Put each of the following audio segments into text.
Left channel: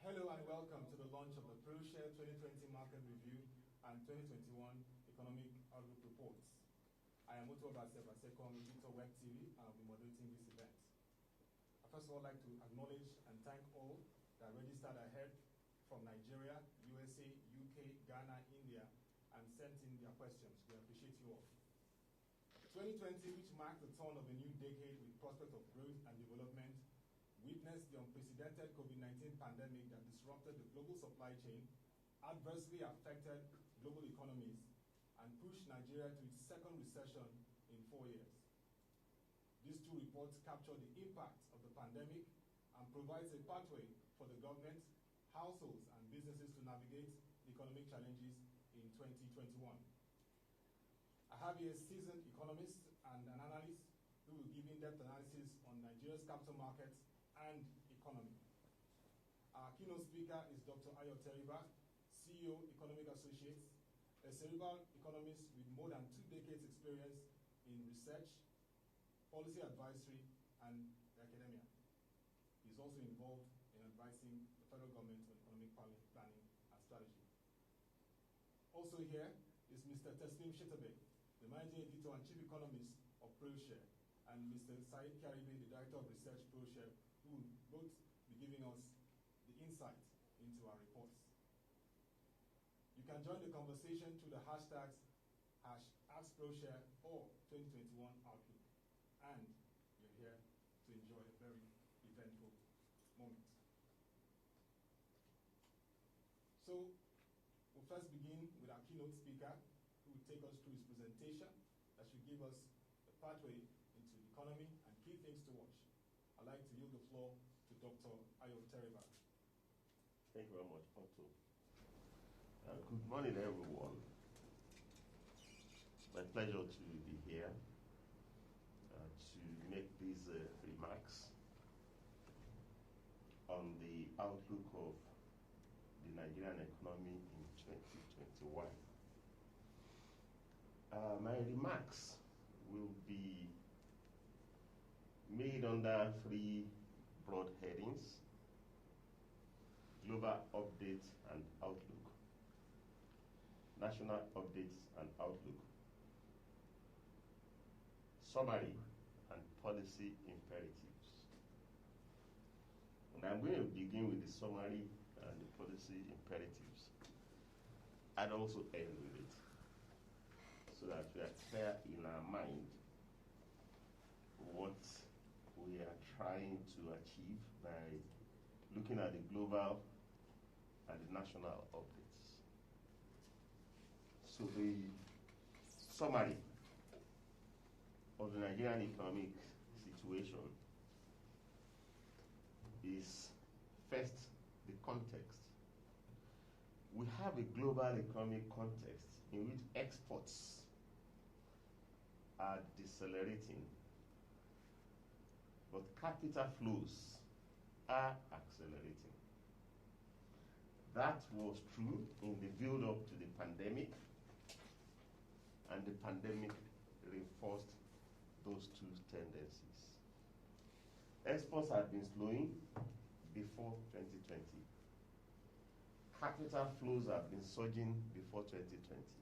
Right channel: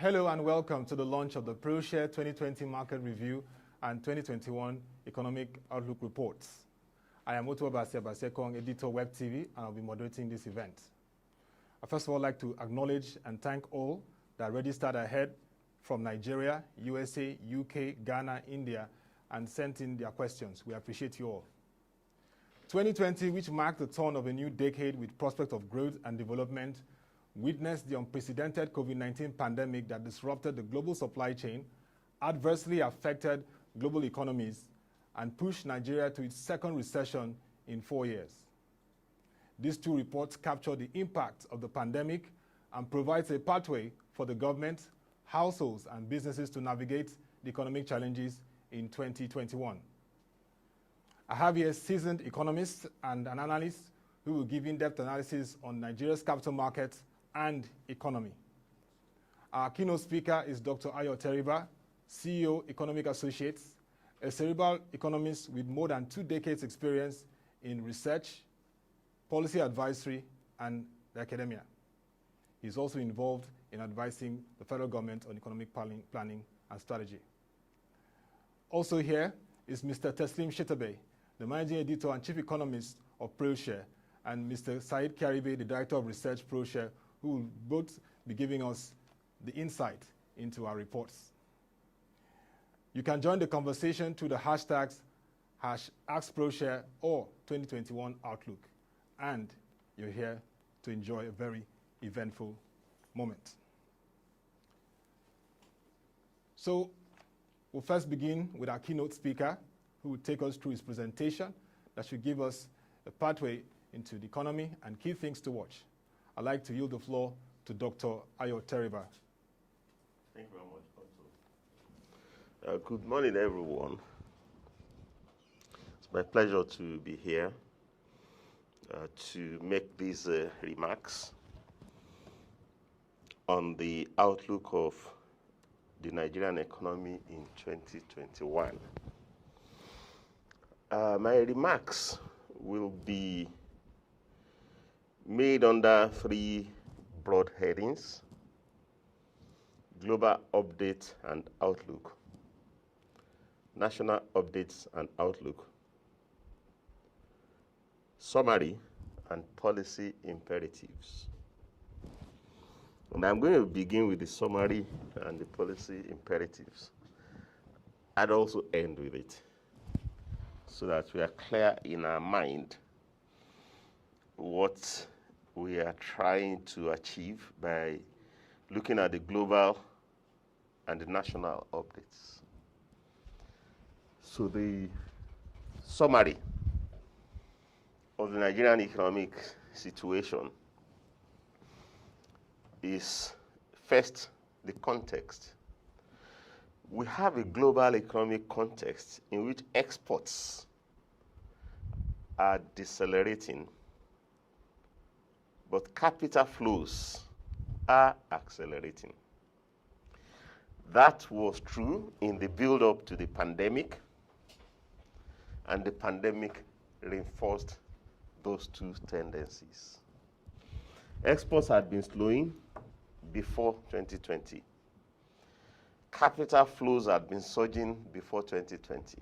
Hello and welcome to the launch of the Proshare 2020 Market Review and 2021 Economic Outlook Reports. I am Oto Basekong, editor WebTV, and I'll be moderating this event. I first of all like to acknowledge and thank all that registered ahead from Nigeria, USA, UK, Ghana, India, and sent in their questions. We appreciate you all. 2020, which marked the turn of a new decade with prospect of growth and development, witnessed the unprecedented COVID-19 pandemic that disrupted the global supply chain, adversely affected global economies, and pushed Nigeria to its second recession in 4 years. These two reports capture the impact of the pandemic and provides a pathway for the government, households, and businesses to navigate the economic challenges in 2021. I have here seasoned economists and an analyst who will give in-depth analysis on Nigeria's capital markets and economy. Our keynote speaker is Dr. Ayo Teriba, CEO, Economic Associates, a cerebral economist with more than 2 decades experience in research, policy advisory, and the academia. He's also involved in advising the federal government on economic planning and strategy. Also here is Mr. Teslim Shitta-Bey, the managing editor and chief economist of Proshare, and Mr. Saheed Kiaribe, the director of research Proshare, who will both be giving us the insight into our reports. You can join the conversation through the hashtags #AskProshare or 2021 Outlook, and you're here to enjoy a very eventful moment. So we'll first begin with our keynote speaker, who will take us through his presentation that should give us a pathway into the economy and key things to watch. I'd like to yield the floor to Dr. Ayo Teriba. Thank you very much, Otto. Good morning, everyone. It's my pleasure to be here to make these remarks on the outlook of the Nigerian economy in 2021. My remarks will be made under 3 broad headings: global update and outlook, national updates and outlook, summary, and policy imperatives. And I'm going to begin with the summary and the policy imperatives. I'd also end with it, so that we are clear in our mind what we are trying to achieve by looking at the global and the national updates. So the summary of the Nigerian economic situation is first the context. We have a global economic context in which exports are decelerating, but capital flows are accelerating. That was true in the build-up to the pandemic, and the pandemic reinforced those two tendencies. Exports had been slowing before 2020. Capital flows had been surging before 2020.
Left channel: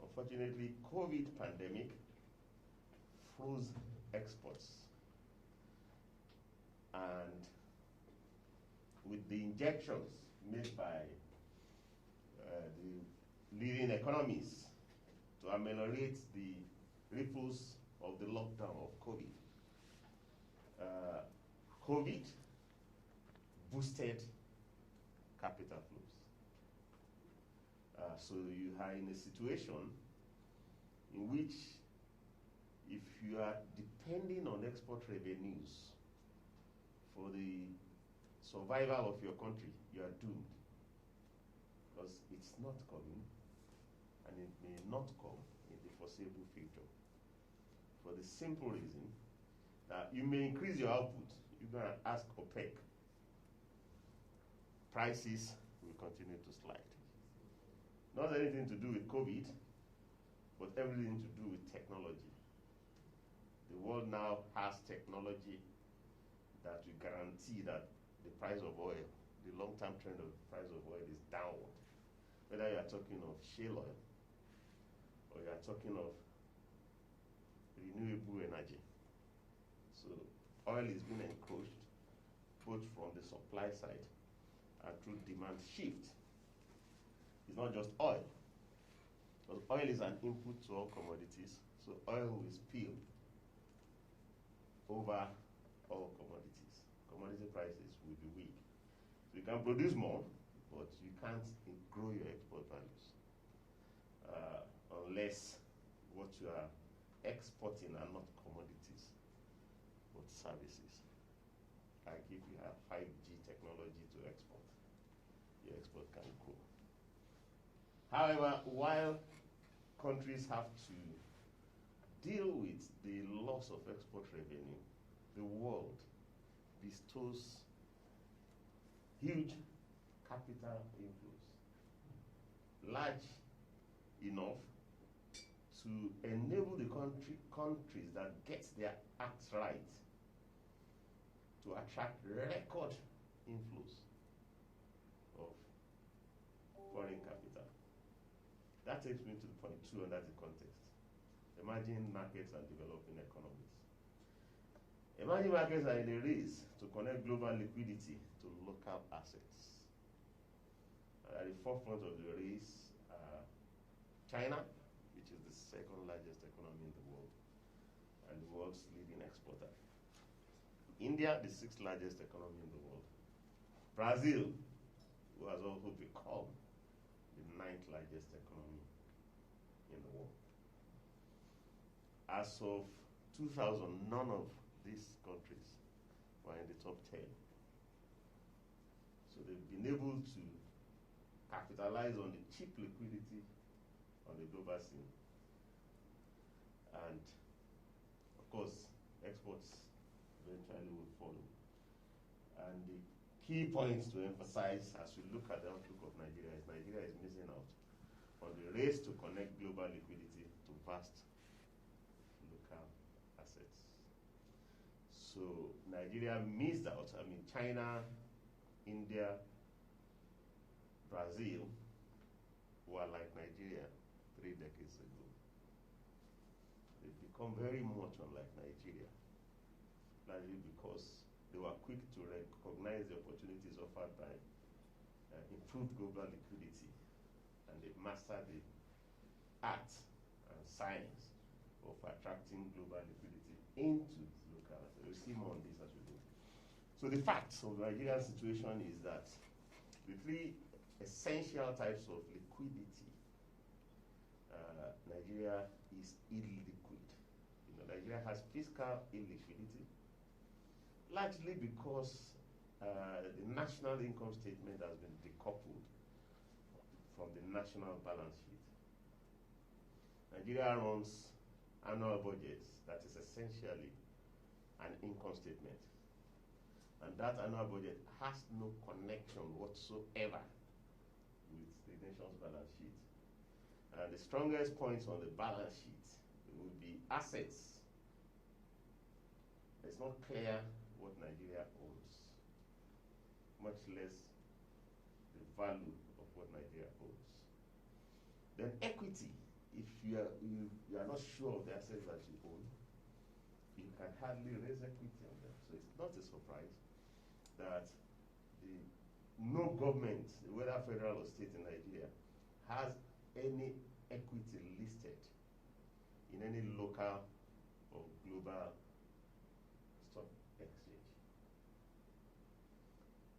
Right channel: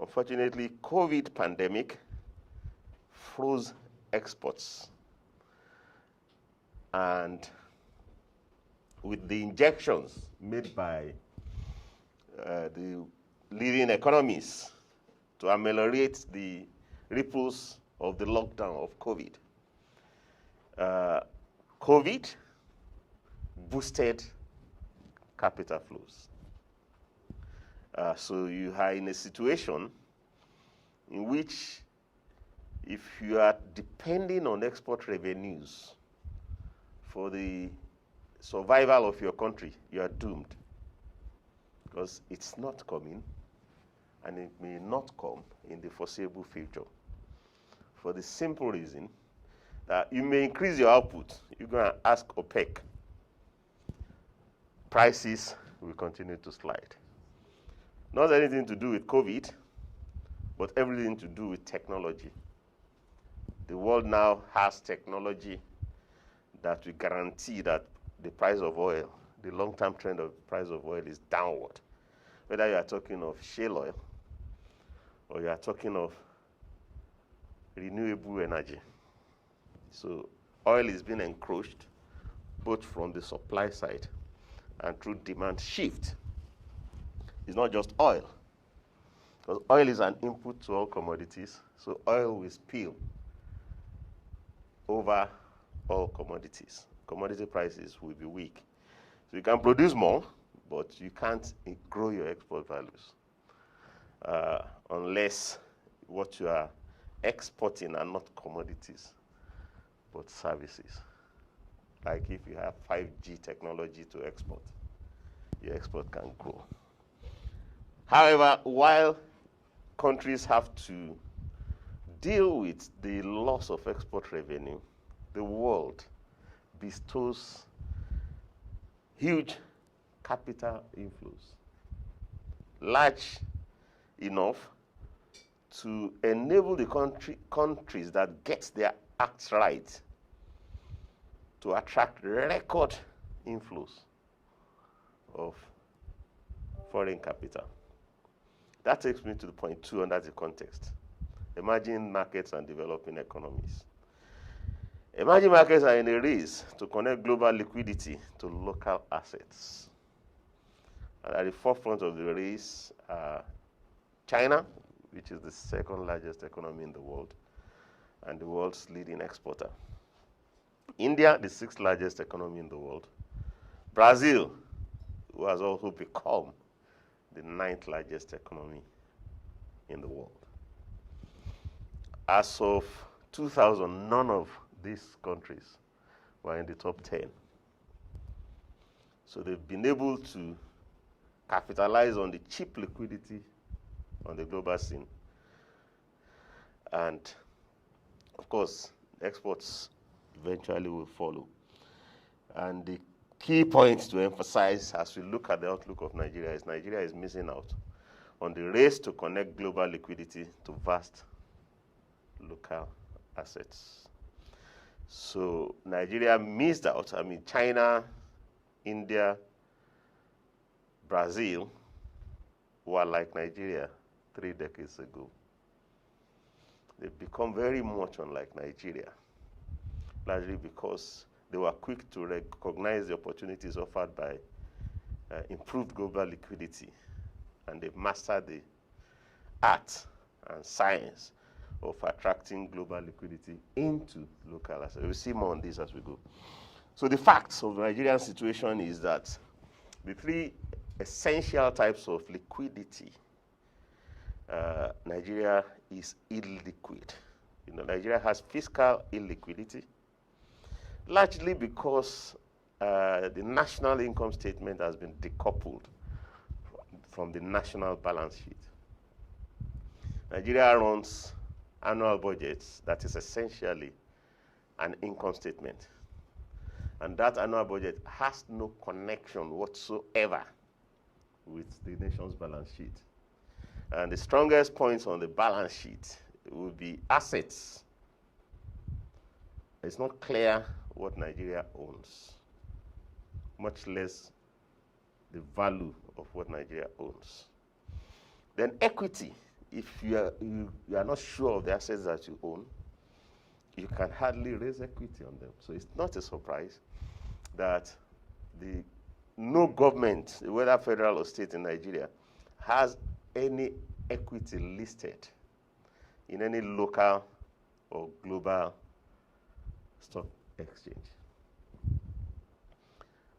Unfortunately, COVID pandemic froze exports. And with the injections made by the leading economies to ameliorate the ripples of the lockdown of COVID, COVID boosted capital flows. So you are in a situation in which, if you are depending on export revenues for the survival of your country, you are doomed, because it's not coming, and it may not come in the foreseeable future, for the simple reason that you may increase your output. You're going to ask OPEC. Prices will continue to slide. Not anything to do with COVID, but everything to do with technology. The world now has technology that will guarantee that the price of oil, the long-term trend of the price of oil, is downward. Whether you are talking of shale oil or you are talking of renewable energy. So oil is being encroached both from the supply side and through demand shift. It's not just oil. Because oil is an input to all commodities, so oil will spill over all commodities. Commodity prices will be weak. So you can produce more, but you can't grow your export values unless what you are exporting are not commodities, but services. Like if you have 5G technology to export, your export can grow. However, while countries have to deal with the loss of export revenue, the world bestows huge capital inflows, large enough to enable the countries that get their acts right to attract record inflows of foreign capital. That takes me to the point 2 under the context: emerging markets and developing economies. Emerging markets are in a race to connect global liquidity to local assets. And at the forefront of the race are China, which is the second largest economy in the world and the world's leading exporter. India, the 6th largest economy in the world. Brazil, who has also become the 9th largest economy in the world. As of 2000, none of these countries were in the top 10. So they've been able to capitalize on the cheap liquidity on the global scene. And of course, exports eventually will follow. And the key point to emphasize as we look at the outlook of Nigeria is missing out on the race to connect global liquidity to vast local assets. So Nigeria missed out. I mean, China, India, Brazil were like Nigeria 3 decades ago. They've become very much unlike Nigeria, largely because they were quick to recognize the opportunities offered by improved global liquidity, and they've mastered the art and science of attracting global liquidity into local assets. We'll see more on this as we go. So the facts of the Nigerian situation is that the 3 essential types of liquidity, Nigeria is illiquid. You know, Nigeria has fiscal illiquidity, largely because the national income statement has been decoupled from the national balance sheet. Nigeria runs annual budgets that is essentially an income statement. And that annual budget has no connection whatsoever with the nation's balance sheet. And the strongest points on the balance sheet will be assets. It's not clear what Nigeria owns, much less the value of what Nigeria owns. Then equity. If you are not sure of the assets that you own, you can hardly raise equity on them. So it's not a surprise that no government, whether federal or state in Nigeria, has any equity listed in any local or global stock exchange.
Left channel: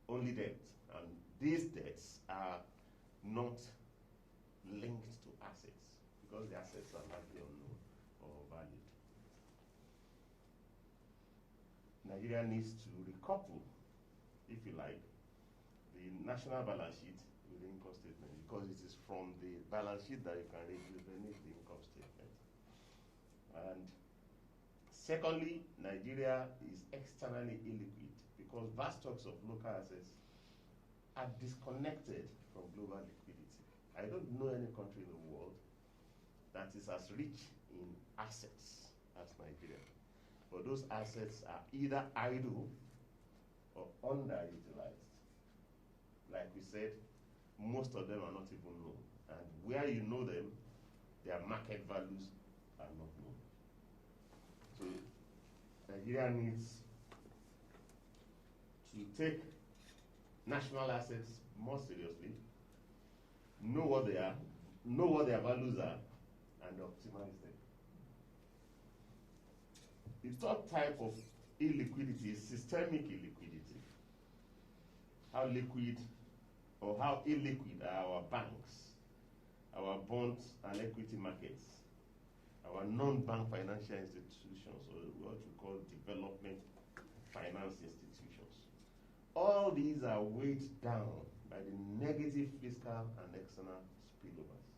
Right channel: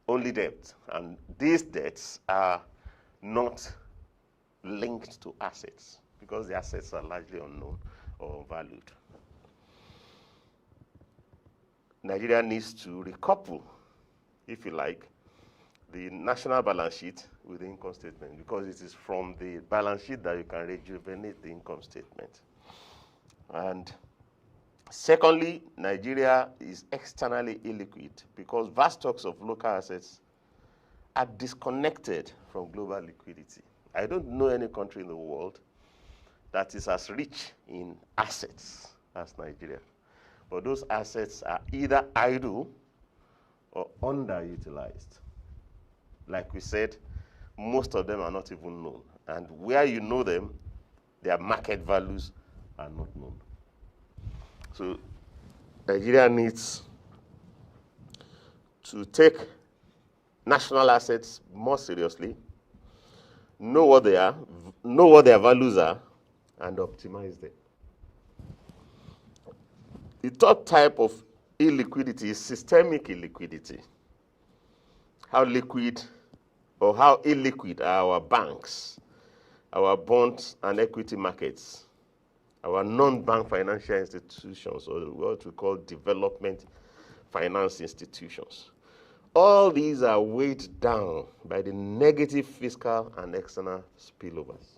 Only debt, and these debts are not linked to assets because the assets are largely unknown or valued. Nigeria needs to recouple, if you like, the national balance sheet with the income statement, because it is from the balance sheet that you can rejuvenate the income statement. And secondly, Nigeria is externally illiquid because vast stocks of local assets are disconnected from global liquidity. I don't know any country in the world that is as rich in assets as Nigeria. But those assets are either idle or underutilized. Like we said, most of them are not even known. And where you know them, their market values are not known. So Nigeria needs to take national assets more seriously know what they are, know what their values are, and optimize them. The third type of illiquidity is systemic illiquidity. How liquid or how illiquid are our banks, our bonds and equity markets, our non-bank financial institutions, or what we call development finance institutions. All these are weighed down by the negative fiscal and external spillovers.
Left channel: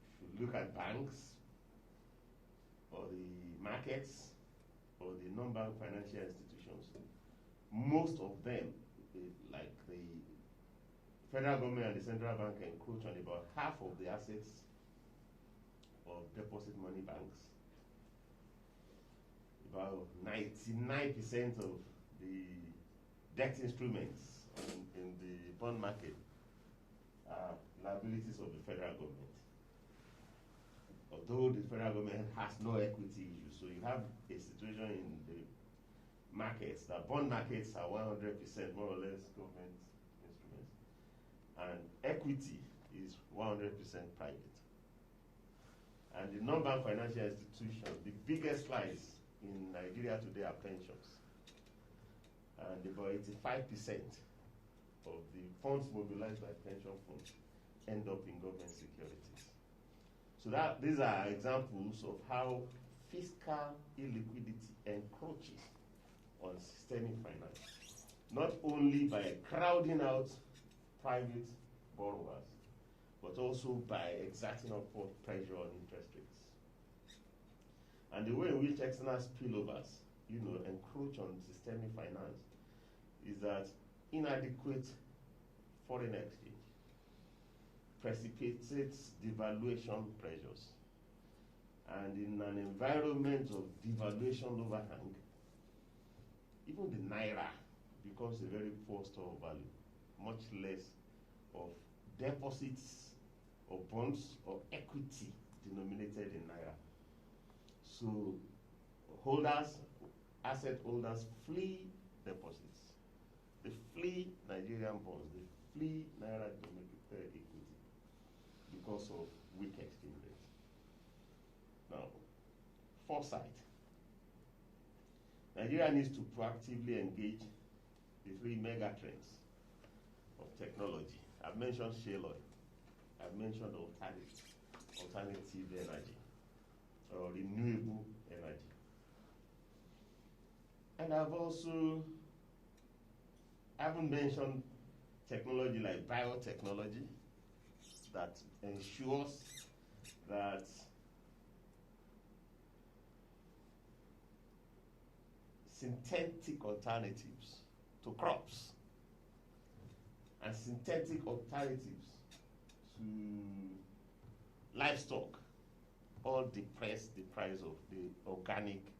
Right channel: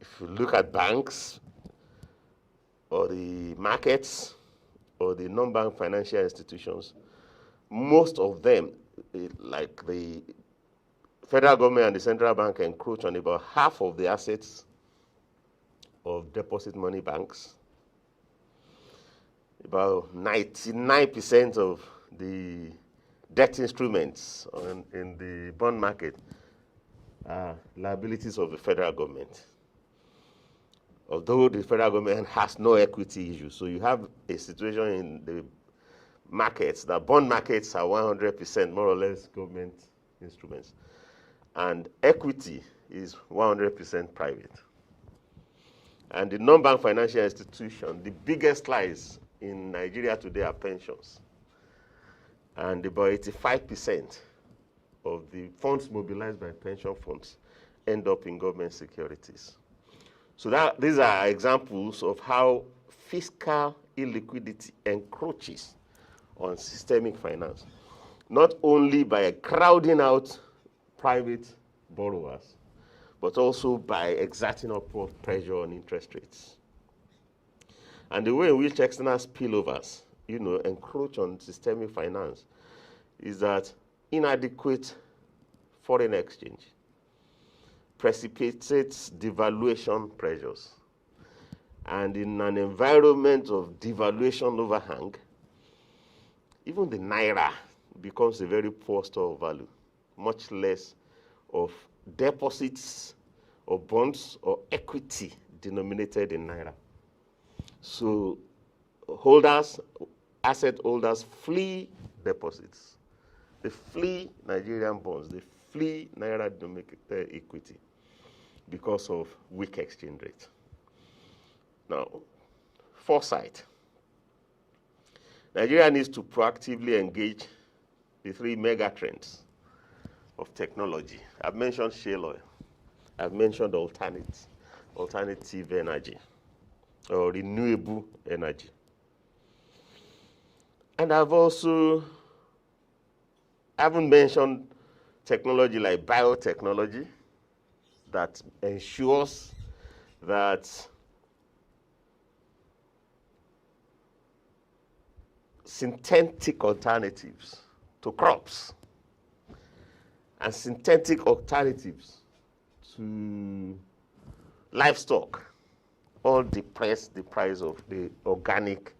If you look at banks, or the markets, or the non-bank financial institutions, most of them, like the federal government and the central bank, encroach on about half of the assets of deposit money banks. About 99% of the debt instruments in the bond market are liabilities of the federal government. Although the federal government has no equity issue. So you have a situation in the markets, the bond markets are 100% more or less government instruments. And equity is 100% private. And the non-bank financial institution, the biggest lies in Nigeria today are pensions. And about 85% of the funds mobilized by pension funds end up in government securities. So these are examples of how fiscal illiquidity encroaches on systemic finance, not only by crowding out private borrowers, but also by exerting upward pressure on interest rates. And the way in which external spillovers, encroach on systemic finance is that inadequate foreign exchange precipitates devaluation pressures. And in an environment of devaluation overhang, even the naira becomes a very poor store of value, much less of deposits or bonds or equity denominated in naira. So asset holders flee deposits. They flee Nigerian bonds. They flee naira denominated equity because of weak exchange rate. Now, foresight. Nigeria needs to proactively engage the three mega trends of technology. I've mentioned shale oil. I've mentioned alternative energy or renewable energy. And I haven't mentioned technology like biotechnology that ensures that synthetic alternatives to crops and synthetic alternatives to livestock all depress the price of the organic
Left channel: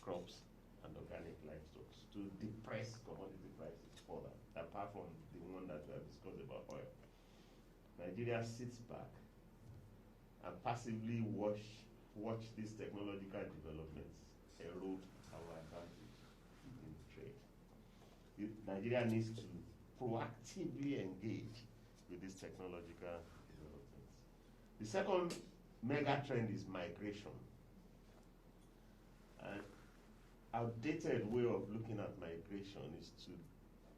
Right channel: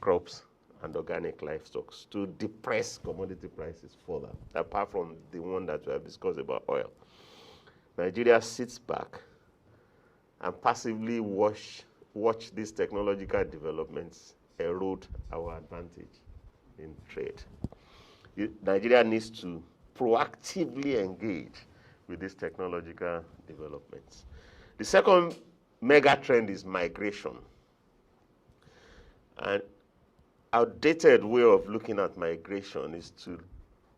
crops and organic livestock, to depress commodity prices further, apart from the one that we have discussed about oil. Nigeria sits back and passively watch these technological developments erode our advantage in trade. Nigeria needs to proactively engage with these technological developments. The second mega trend is migration. And outdated way of looking at migration is to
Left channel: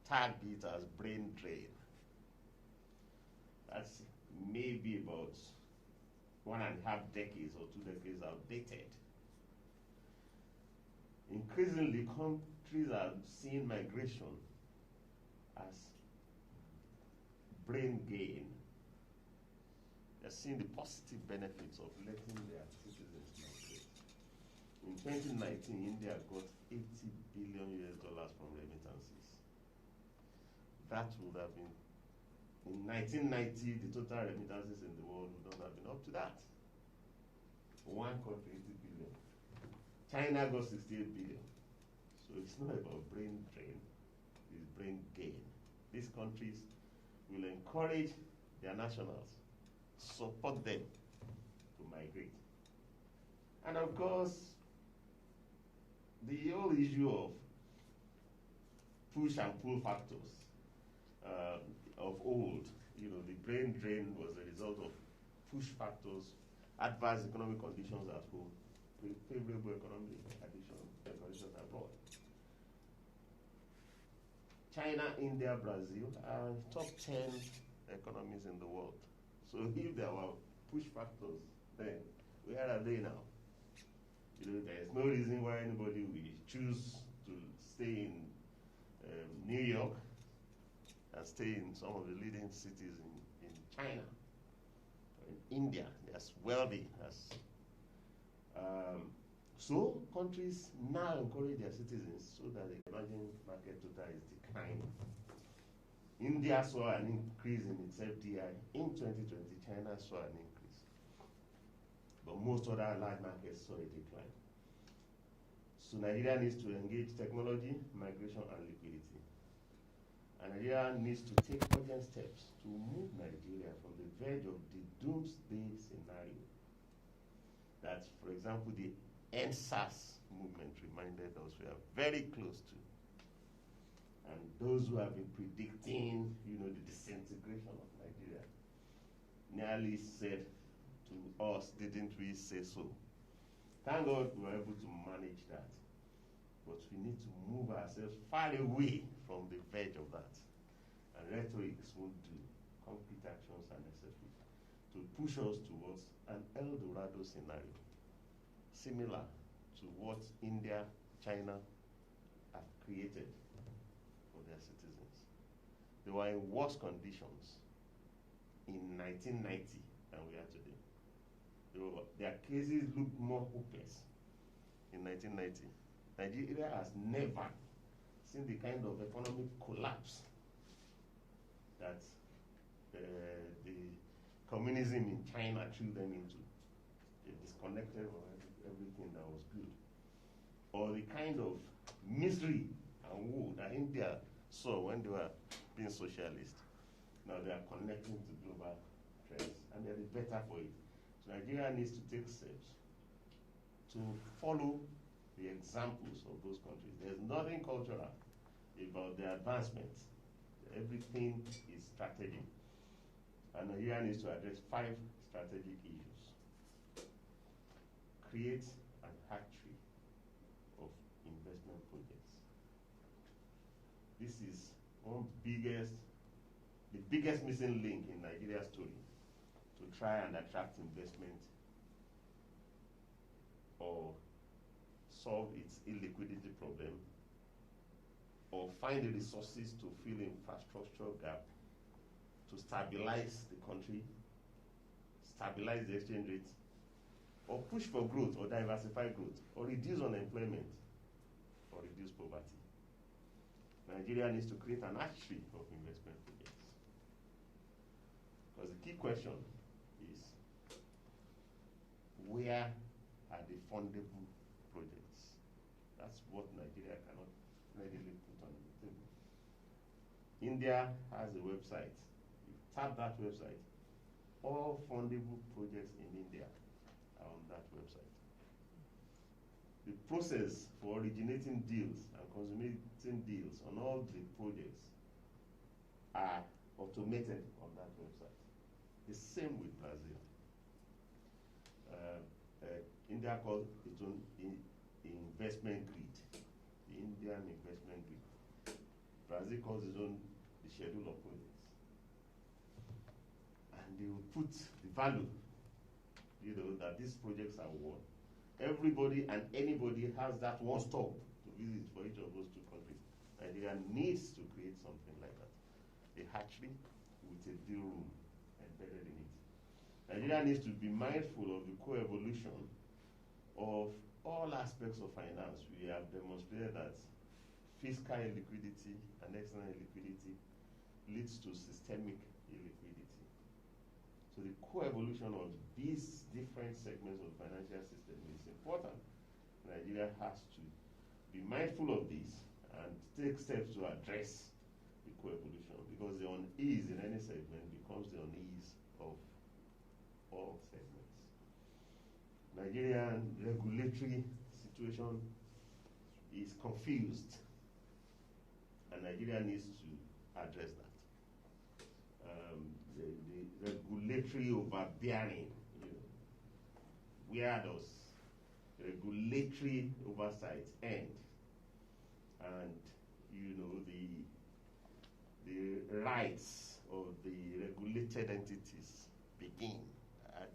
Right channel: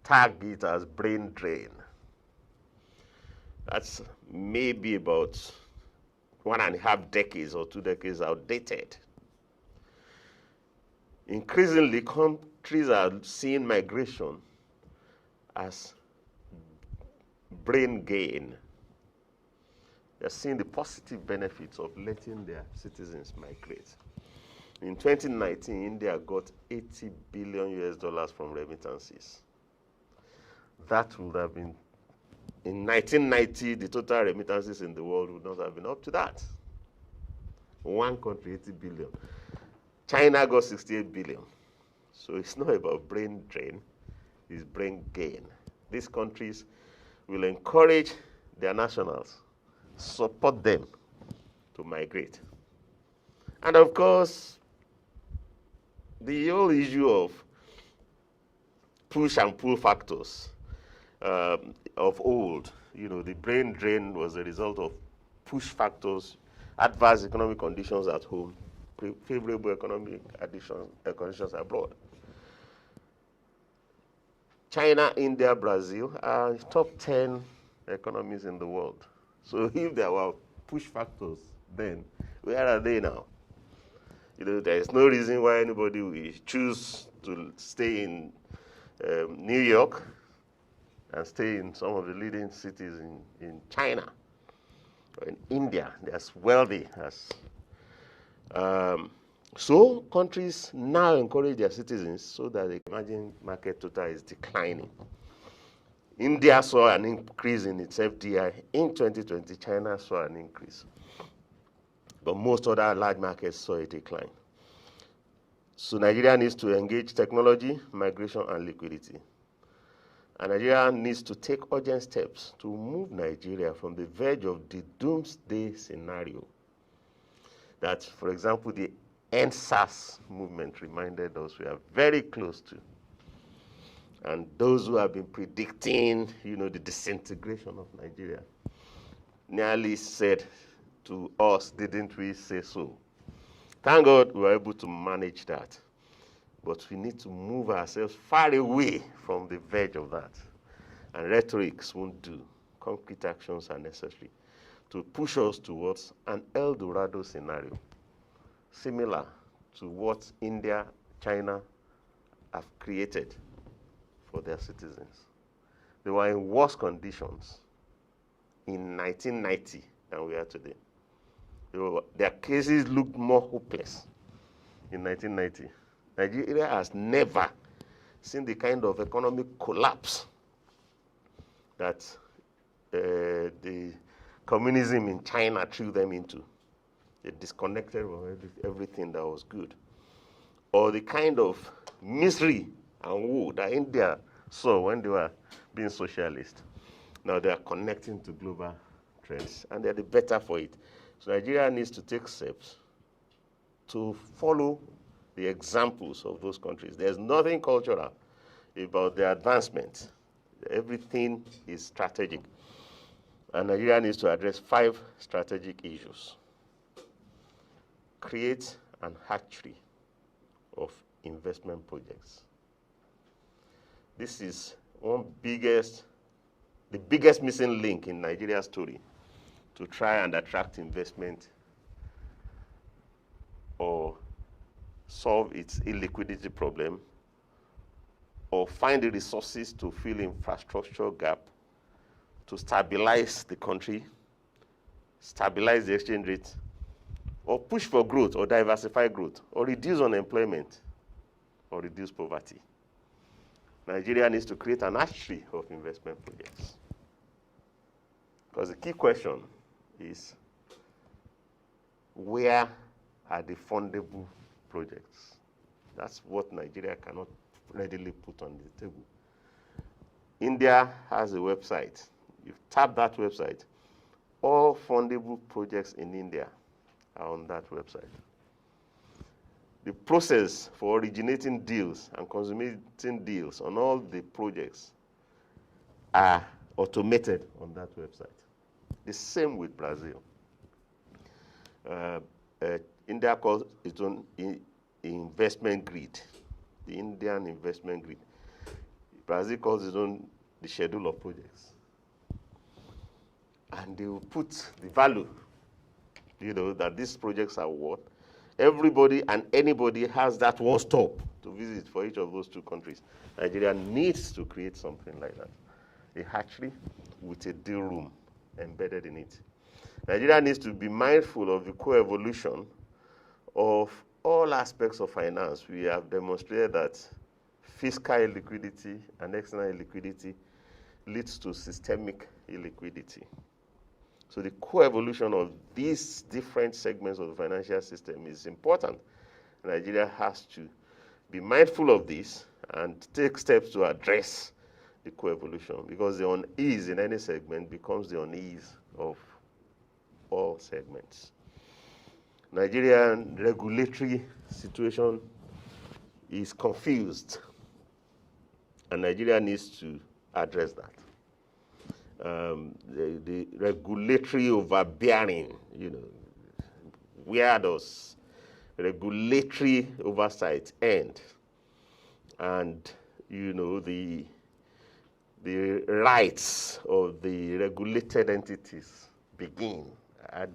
tag it as brain drain. That's maybe about 1.5 decades or 2 decades outdated. Increasingly, countries are seeing migration as brain gain. They're seeing the positive benefits of letting their citizens migrate. In 2019, India got $80 billion from remittances. That would have been, in 1990, the total remittances in the world would not have been up to that. One country, 80 billion. China got 68 billion. So it's not about brain drain, it's brain gain. These countries will encourage their nationals, support them to migrate. And of course, the whole issue of push and pull factors. of old. You know, the brain drain was a result of push factors, adverse economic conditions at home, favorable economic conditions abroad. China, India, Brazil are top 10 economies in the world. So if there were push factors then, where are they now? You know, there is no reason why anybody will choose to stay in New York and stay in some of the leading cities in China or in India. They're as wealthy as. So countries now encourage their citizens so that the emerging market total is declining. India saw an increase in its FDI. In 2020, China saw an increase. But most other large markets saw a decline. So Nigeria needs to engage technology, migration, and liquidity. And Nigeria needs to take urgent steps to move Nigeria from the verge of the doomsday scenario that, for example, the End SARS movement reminded us we are very close to. And those who have been predicting, you know, the disintegration of Nigeria nearly said to us, didn't we say so? Thank God we were able to manage that. But we need to move ourselves far away from the verge of that. And rhetorics won't do. Concrete actions are necessary to push us towards an El Dorado scenario, similar to what India, China have created for their citizens. They were in worse conditions in 1990 than we are today. Their cases looked more hopeless in 1990. Nigeria has never seen the kind of economic collapse that the communism in China threw them into. They disconnected from everything that was good. Or the kind of misery and woe that India saw when they were being socialist. Now they are connecting to global trends, and they're the better for it. So Nigeria needs to take steps to follow the examples of those countries. There's nothing cultural about their advancement. Everything is strategic. And Nigeria needs to address 5 strategic issues. Create an hatchery of investment projects. This is the biggest missing link in Nigeria's story to try and attract investment or solve its illiquidity problem or find the resources to fill infrastructure gap, to stabilize the country, stabilize the exchange rate, or push for growth or diversify growth, or reduce unemployment, or reduce poverty. Nigeria needs to create an hatchery of investment projects. Because the key question is, where are the fundable projects? That's what Nigeria cannot readily put on the table. India has a website. You tap that website. All fundable projects in India are on that website. The process for originating deals and consummating deals on all the projects are automated on that website. The same with Brazil. India calls its own investment grid, the Indian investment grid. Brazil calls its own the schedule of projects. And they will put the value, that these projects are worth. Everybody and anybody has that one stop to visit for each of those 2 countries. Nigeria needs to create something like that. A hatchery with a deal room embedded in it. Nigeria needs to be mindful of the co-evolution of all aspects of finance. We have demonstrated that fiscal illiquidity and external illiquidity leads to systemic illiquidity. So the co-evolution of these different segments of the financial system is important. Nigeria has to be mindful of this and take steps to address the co-evolution, because the unease in any segment becomes the unease of all segments. Nigerian regulatory situation is confused, and Nigeria needs to address that. the regulatory overbearing, where does regulatory oversight end? And, the rights of the regulated entities begin. And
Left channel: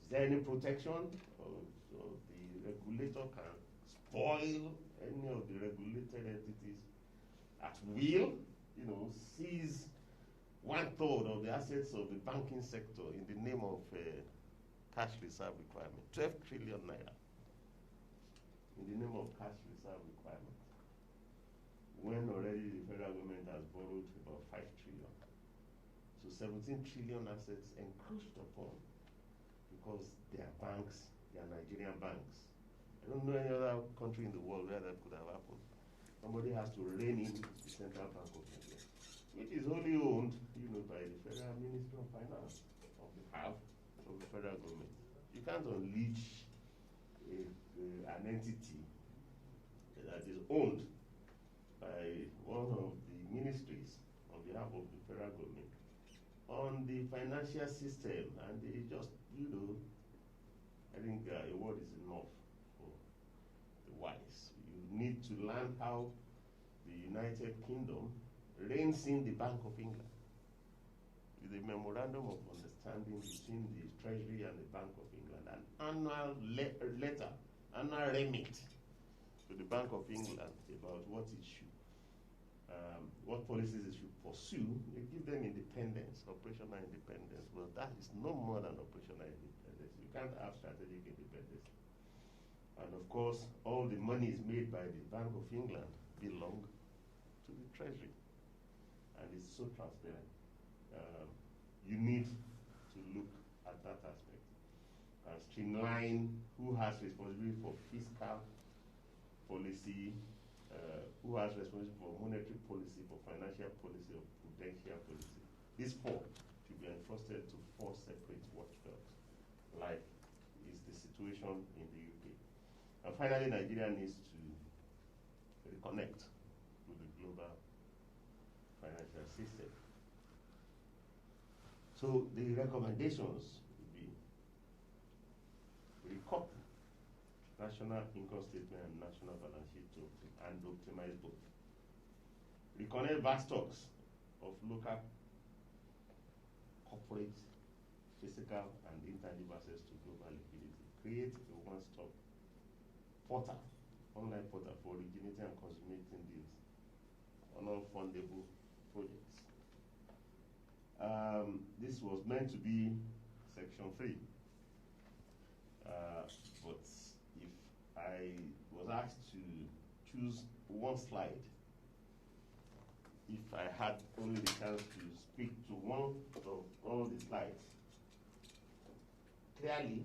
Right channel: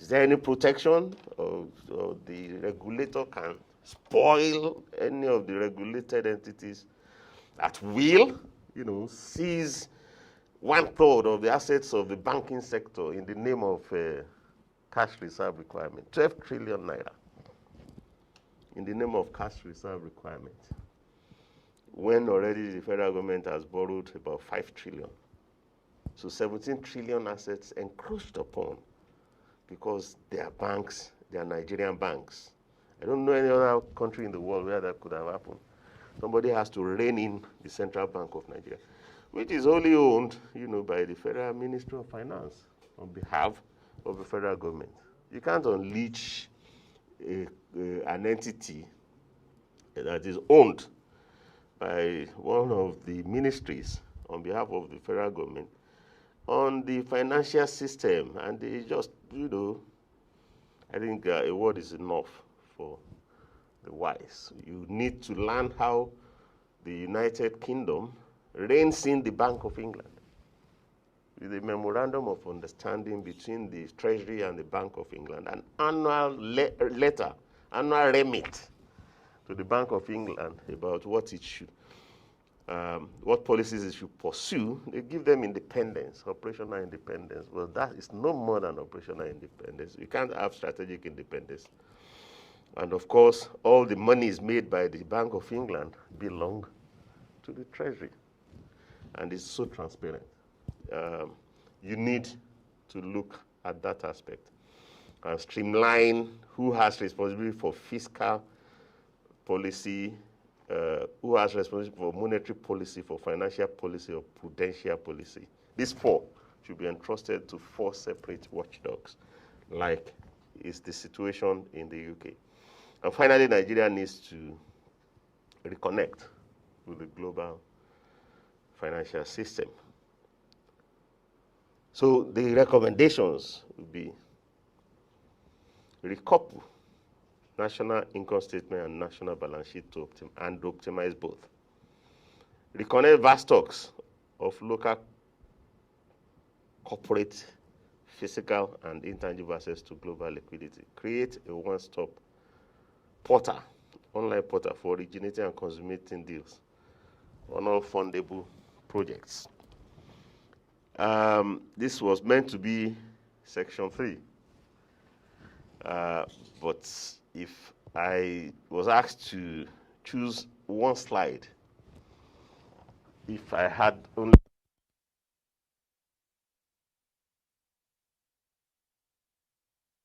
is there any protection or the regulator can spoil any of the regulated entities at will, seize 1/3 of the assets of the banking sector in the name of cash reserve requirement, 12 trillion naira in the name of cash reserve requirement, when already the federal government has borrowed about 5 trillion. So 17 trillion assets encroached upon because they are banks, they are Nigerian banks. I don't know any other country in the world where that could have happened. Somebody has to rein in the Central Bank of Nigeria, which is only owned, by the Federal Ministry of Finance on behalf of the federal government. You can't unleash an entity that is owned by one of the ministries on behalf of the federal government on the financial system. And they just, I think a word is enough for the wise. You need to learn how the United Kingdom reins in the Bank of England with a memorandum of understanding between the Treasury and the Bank of England, an annual letter, annual remit to the Bank of England about what it should, what policies it should pursue. They give them independence, operational independence. Well, that is no more than operational independence. You can't have strategic independence. And of course, all the monies made by the Bank of England belong to the Treasury. And it's so transparent. You need to look at that aspect and streamline who has responsibility for fiscal policy, who has responsibility for monetary policy, for financial policy, or prudential policy. These 4 should be entrusted to 4 separate watchdogs, like is the situation in the UK. And finally, Nigeria needs to reconnect with the global financial system. So the recommendations would be recouple national income statement and national balance sheet to optimize both. Reconnect vast stocks of local corporate, physical, and intangible access to global liquidity. Create a one-stop portal, online portal for originating and consummating deals on all fundable projects. This was meant to be section 3. But if I was asked to choose one slide, if I had only the chance to speak to one of all the slides, clearly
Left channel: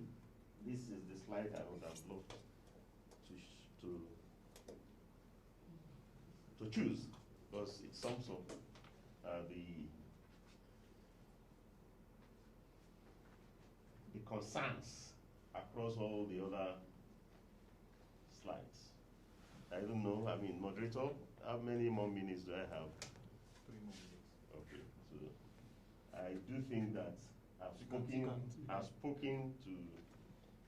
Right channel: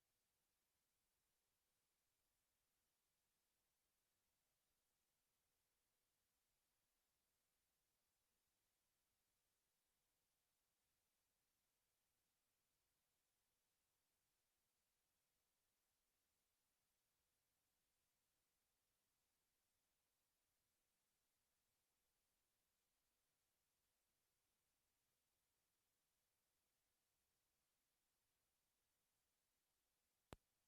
this is the slide I would have loved to choose, because it sums up the concerns across all the other slides. I don't know, moderator, how many more minutes do I have? 3 more minutes. Okay, so I do think that I've spoken to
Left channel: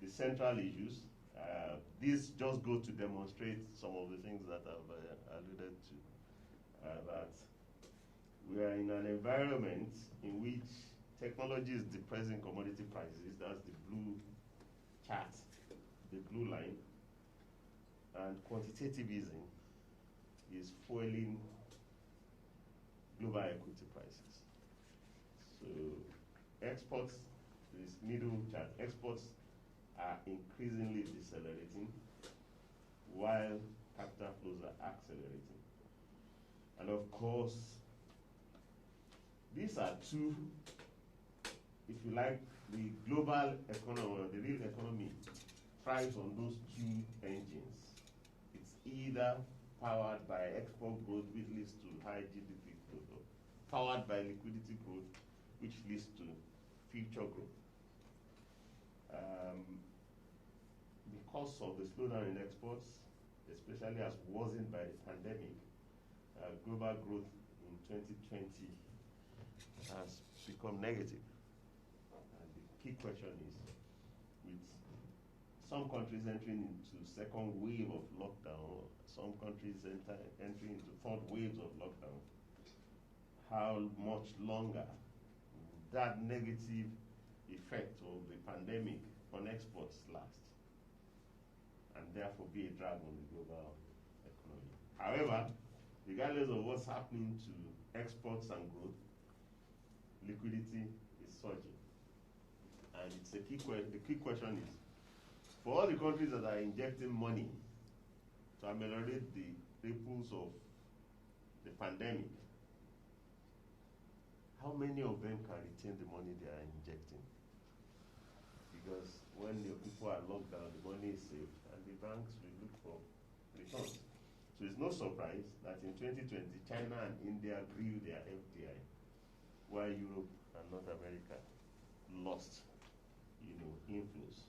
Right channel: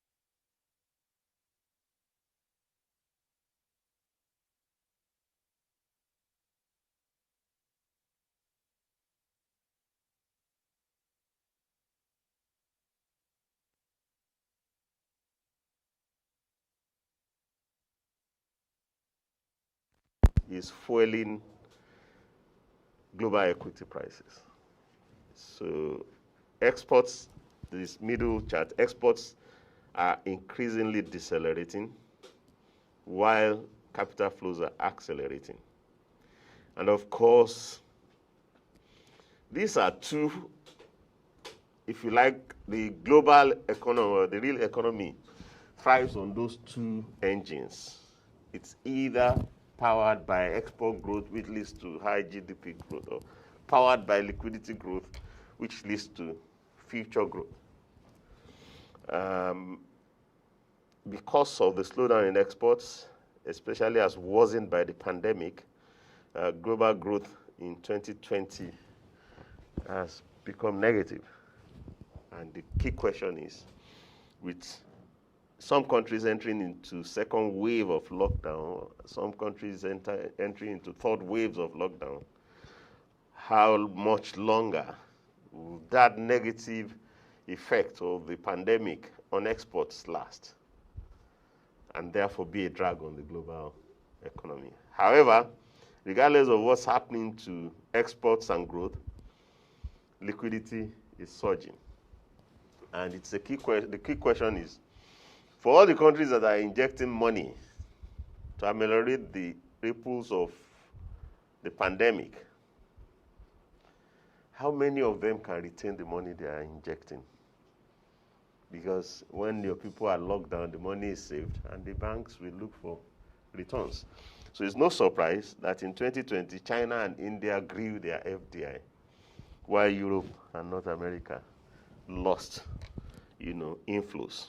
the central issues. This just goes to demonstrate some of the things that I've alluded to. That we are in an environment in which technology is depressing commodity prices. That's the blue chart, the blue line. And quantitativism is fueling global equity prices. So exports, this middle chart, exports are increasingly decelerating while capital flows are accelerating. And of course, these are 2, if you like, the global economy, or the real economy, thrives on those 2 engines. It's either powered by export growth, which leads to high GDP growth, or powered by liquidity growth, which leads to future growth. Because of the slowdown in exports, especially as worsened by the pandemic, global growth in 2020 has become negative. And the key question is, with some countries entering into second wave of lockdown, some countries entering into third waves of lockdown, how much longer will that negative effect of the pandemic on exports last, and therefore be a drag on the global economy? However, regardless of what's happening to exports and growth, liquidity is surging. And it's the key question is, for all the countries that are injecting money to ameliorate the ripples of the pandemic, how many of them can retain the money they are injecting? Because when your people are locked down, the money is saved, and the banks will look for returns. So it's no surprise that in 2020, China and India grew their FDI, while Europe and North America lost, inflows.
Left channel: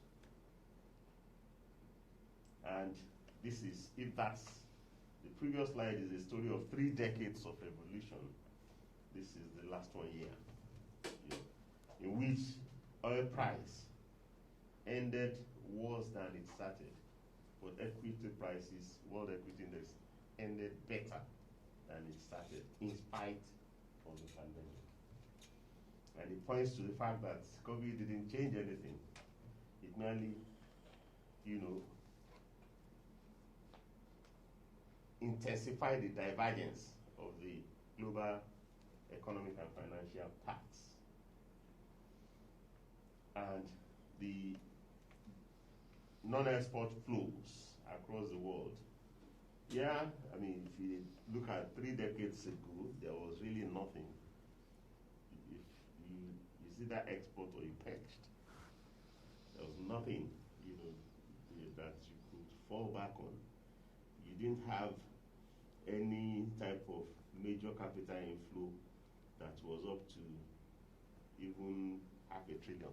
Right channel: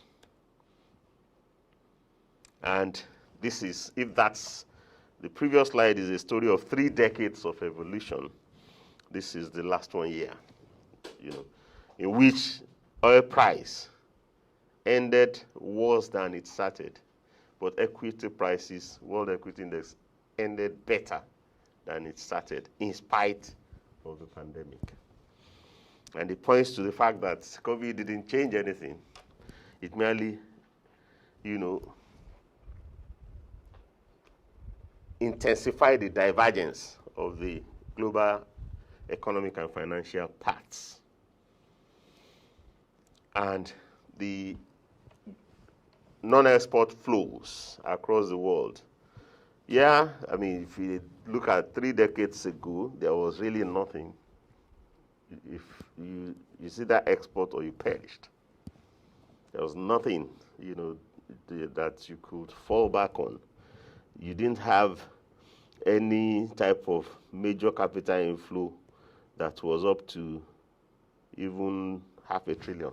And this is, if that's, the previous slide is a story of 3 decades of evolution. This is the last 1 year, in which oil price ended worse than it started, but equity prices, World Equity Index, ended better than it started, in spite of the pandemic. And it points to the fact that COVID didn't change anything. It merely, intensified the divergence of the global economic and financial paths. And the non-export flows across the world. Yeah, I mean, if you look at 3 decades ago, there was really nothing. If you see that export or you perished. There was nothing, that you could fall back on. You didn't have any type of major capital inflow that was up to even $500 billion.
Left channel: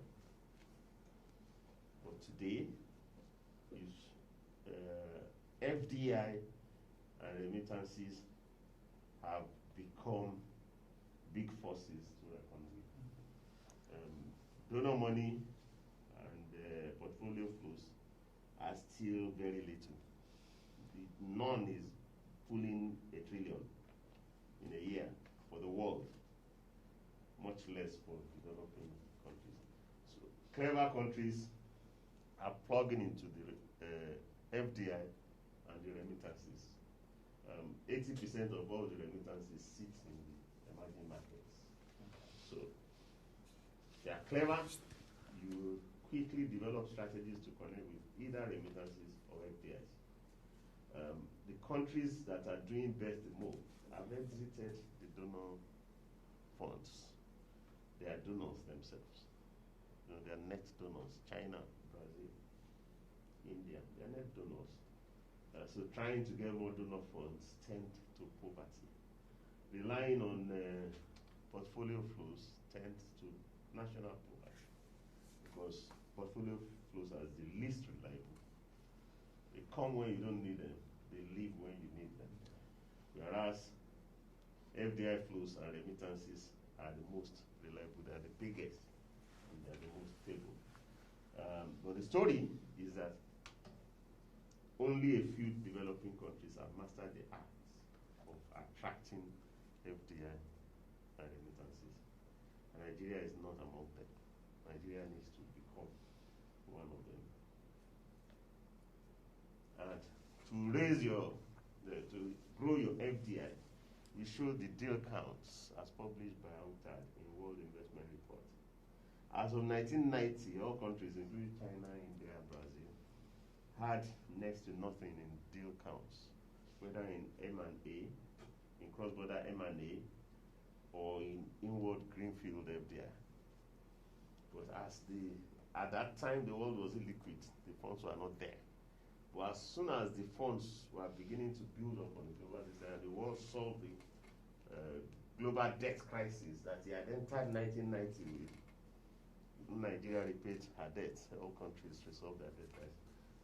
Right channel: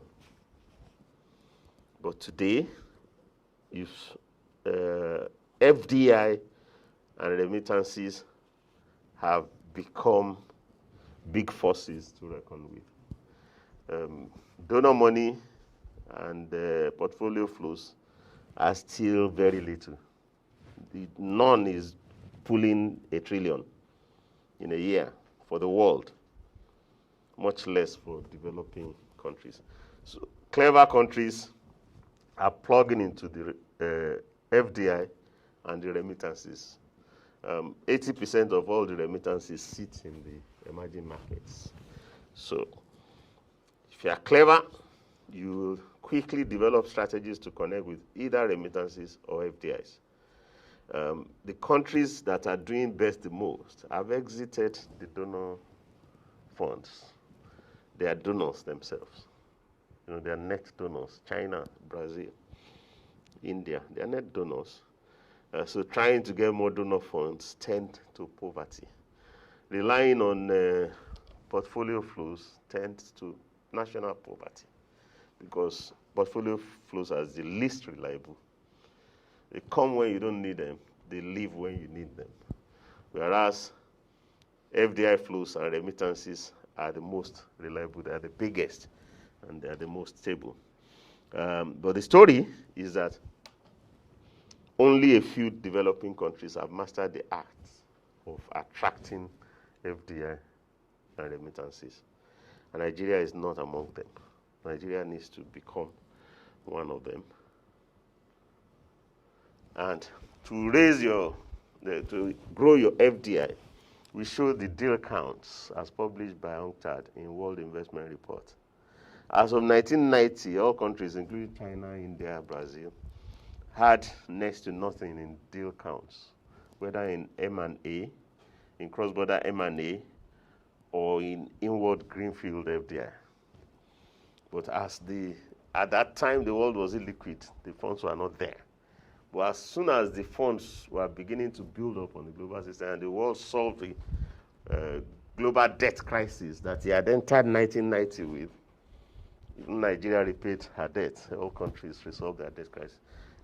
But today, if FDI and remittances have become big forces to reckon with. Donor money and portfolio flows are still very little. None is pulling $1 trillion in a year for the world, much less for developing countries. So clever countries are plugging into the FDI and the remittances. 80% of all the remittances sit in the emerging markets. So if you are clever, you will quickly develop strategies to connect with either remittances or FDIs. The countries that are doing best the most have exited the donor funds. They are donors themselves. They are net donors. China, Brazil, India, they are net donors. So trying to get more donor funds tend to poverty. Relying on portfolio flows tends to national poverty, because portfolio flows are the least reliable. They come when you don't need them. They leave when you need them. Whereas FDI flows and remittances are the most reliable. They are the biggest, and they are the most stable. But the story is that only a few developing countries have mastered the art of attracting FDI and remittances. And Nigeria is not among them. Nigeria needs to become one of them. And to grow your FDI, we show the deal counts as published by UNCTAD in World Investment Report. As of 1990, all countries, including China, India, Brazil, had next to nothing in deal counts, whether in M&A, in cross-border M&A, or in inward greenfield FDI. But at that time, the world was illiquid. The funds were not there. But as soon as the funds were beginning to build up on the global system, and the world solved the global debt crisis that he had entered 1990 with, even Nigeria repaid her debt. All countries resolved their debt crisis.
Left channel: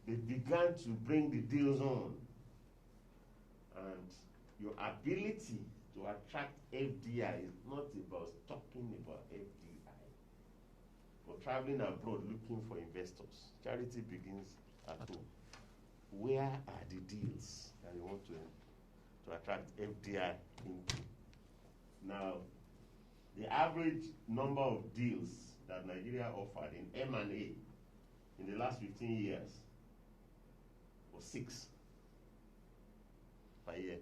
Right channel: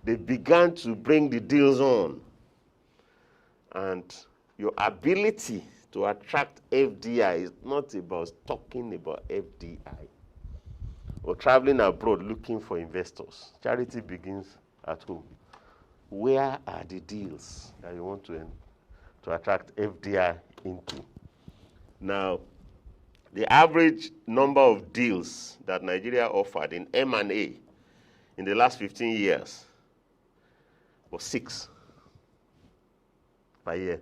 They began to bring the deals on. And your ability to attract FDI is not about talking about FDI or traveling abroad looking for investors. Charity begins at home. Where are the deals that you want to attract FDI into? Now, the average number of deals that Nigeria offered in M&A in the last 15 years was 6 per year,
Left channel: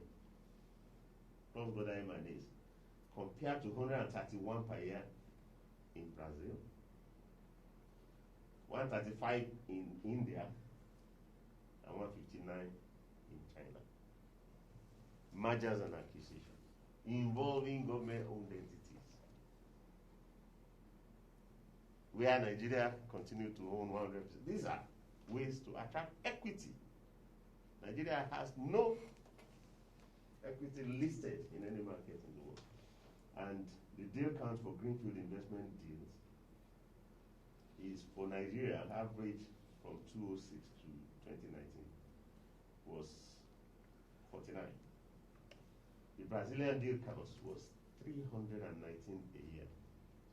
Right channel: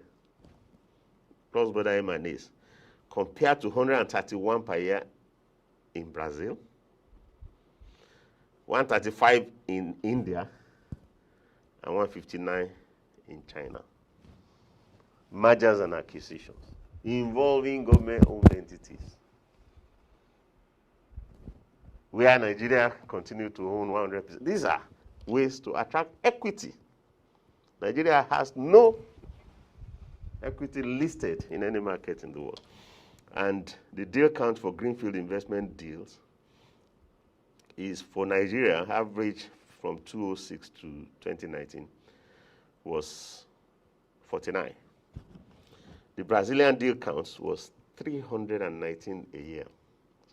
cross-border M&As, compared to 131 per year in Brazil, 135 in India, and 159 in China. Mergers and acquisitions involving government-owned entities, where Nigeria continues to own 100%. These are ways to attract equity. Nigeria has no equity listed in any market in the world. And the deal count for greenfield investment deals is, for Nigeria, average from 2006 to 2019 was 49. The Brazilian deal counts was 319 a year.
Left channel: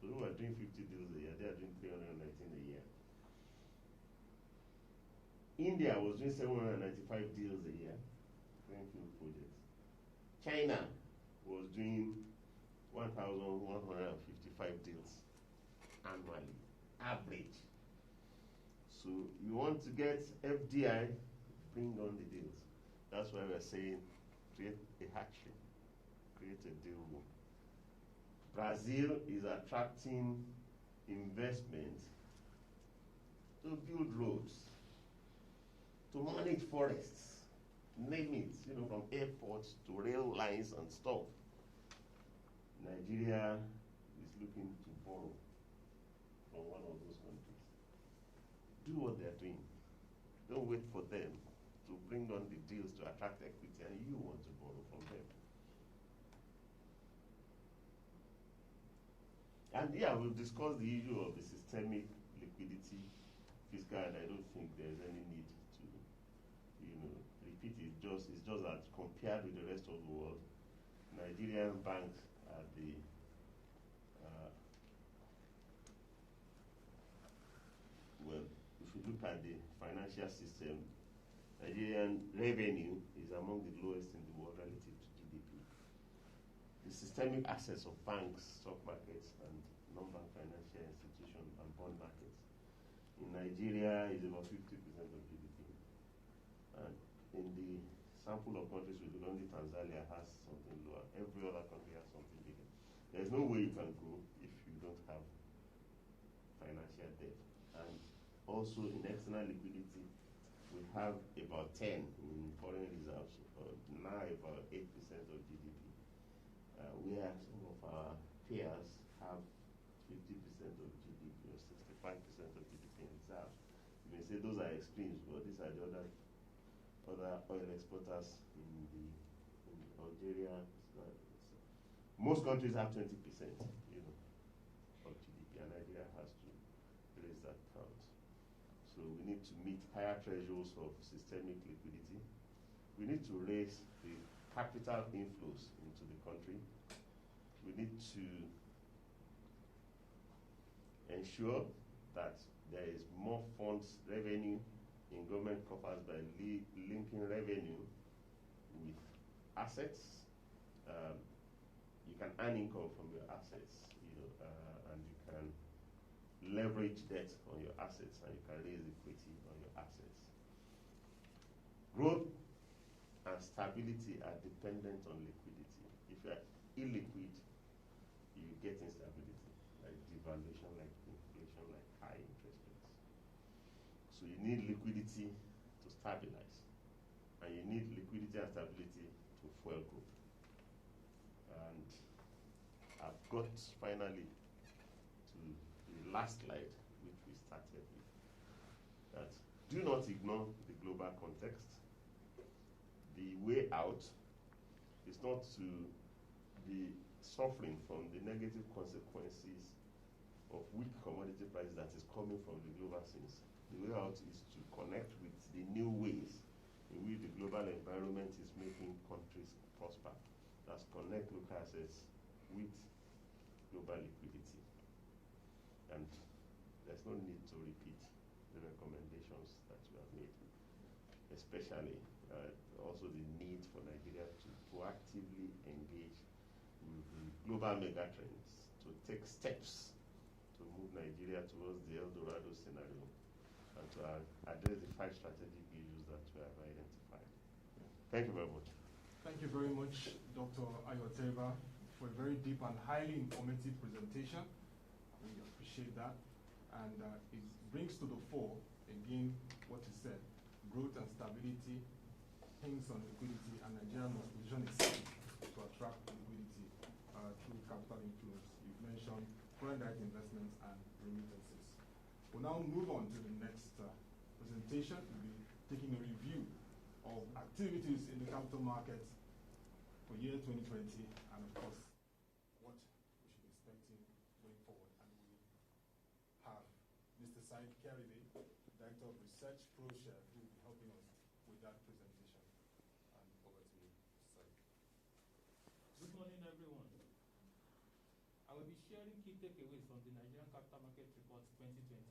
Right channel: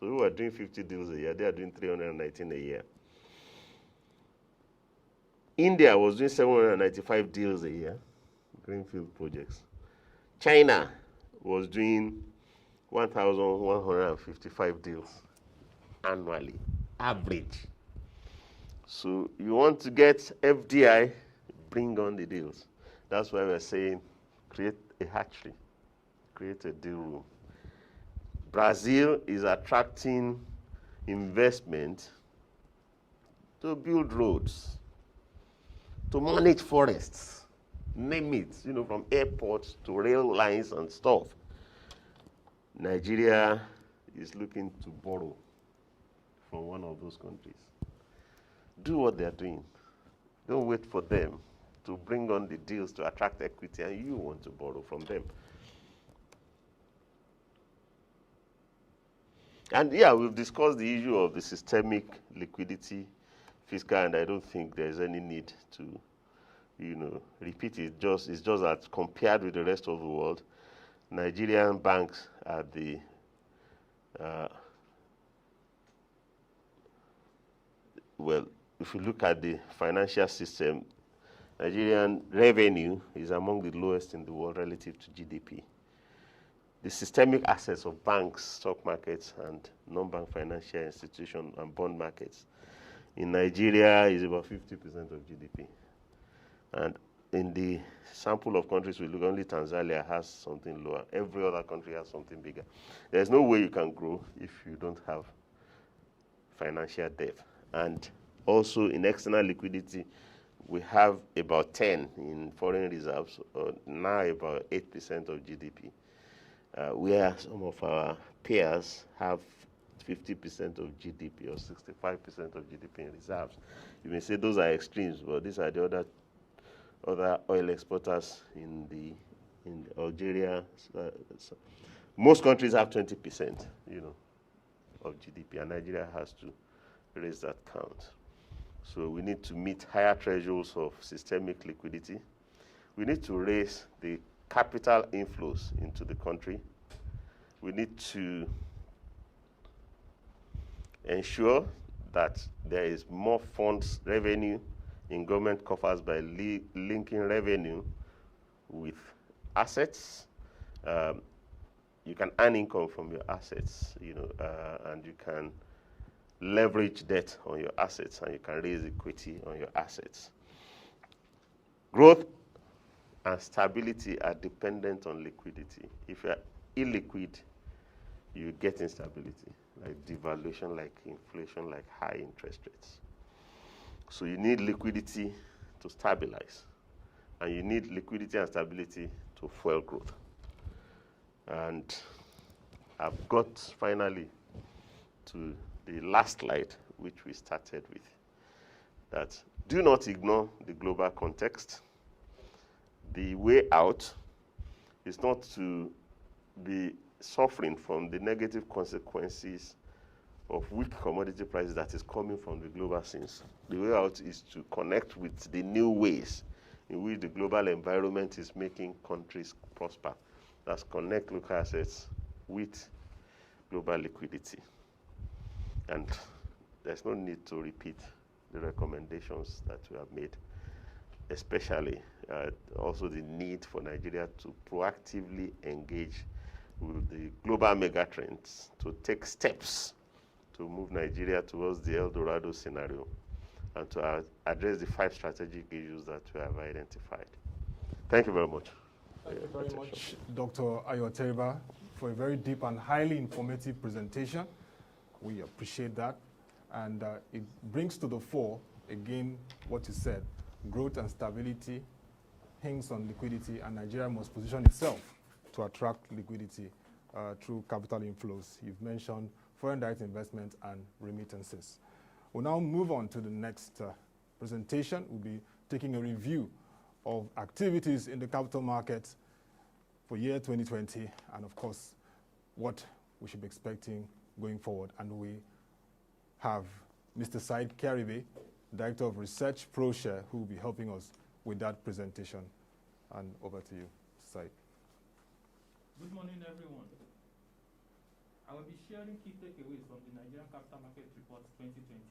So we were doing 50 deals a year. They are doing 319 a year. India was doing 795 deals a year, greenfield projects. China was doing 1,155 deals annually, average. So you want to get FDI, bring on the deals. That's why we're saying create a hatchery, create a deal room. Brazil is attracting investment to build roads, to manage forests, name it, from airports to rail lines and stuff. Nigeria is looking to borrow from one of those countries. Do what they're doing. Don't wait for them to bring on the deals to attract equity and you want to borrow from them. And yeah, we've discussed the issue of the systemic liquidity, fiscal, and I don't think there's any need to, repeat it. It's just that compared with the rest of the world, Nigerian banks are the if you look at the financial system, Nigerian revenue is among the lowest in the world relative to GDP. The systemic assets of banks, stock markets, and non-bank financial institutions and bond markets in Nigeria is about 50% of GDP. And in the sample of countries we look, only Tanzania has something lower. Every other country has something bigger. There's no way you can grow if you don't have financial depth. And also in external liquidity, we have about 10 in foreign reserves, or now about 8% of GDP. Where some of our peers have 50% of GDP or 65% of GDP in reserves. You may say those are extremes, but these are the other oil exporters in Algeria. Most countries have 20%, of GDP, and Nigeria has to raise that count. So we need to meet higher thresholds of systemic liquidity. We need to raise the capital inflows into the country. We need to ensure that there is more funds revenue in government coffers by linking revenue with assets. You can earn income from your assets, and you can leverage debt on your assets, and you can raise equity on your assets. Growth and stability are dependent on liquidity. If you're illiquid, you get instability, like devaluation, like inflation, like high interest rates. So you need liquidity to stabilize, and you need liquidity and stability to fuel growth. And I've got finally to the last slide, which we started with, that do not ignore the global context. The way out is not to be suffering from the negative consequences of weak commodity prices that is coming from the global scenes. The way out is to connect with the new ways in which the global environment is making countries prosper. that connect local assets with global liquidity. And there's no need to repeat the recommendations that we have made, especially also the need for Nigeria to proactively engage with the global megatrends to take steps to move Nigeria towards the El Dorado scenario and to address the 5 strategic issues that we have identified. Thank you very much. Thank you very much, Dr. Ayo Teriba, for a very deep and highly informative presentation. We appreciate that. And it brings to the fore, again, what you said, growth and stability hinges on liquidity, and Nigeria must position itself to attract liquidity through capital inflows. You've mentioned foreign direct investment and remittances. We'll now move on to the next presentation. We'll be taking a review of activities in the capital markets for year 2020, and of course, what we should be expecting going forward. And we have Mr. Saheed Kiaribe, Director of Research, Proshare, who will be helping us with that presentation. And over to you, Saheed. Good morning, everyone. I will be sharing key takeaways from the Nigerian Capital Market Report 2020.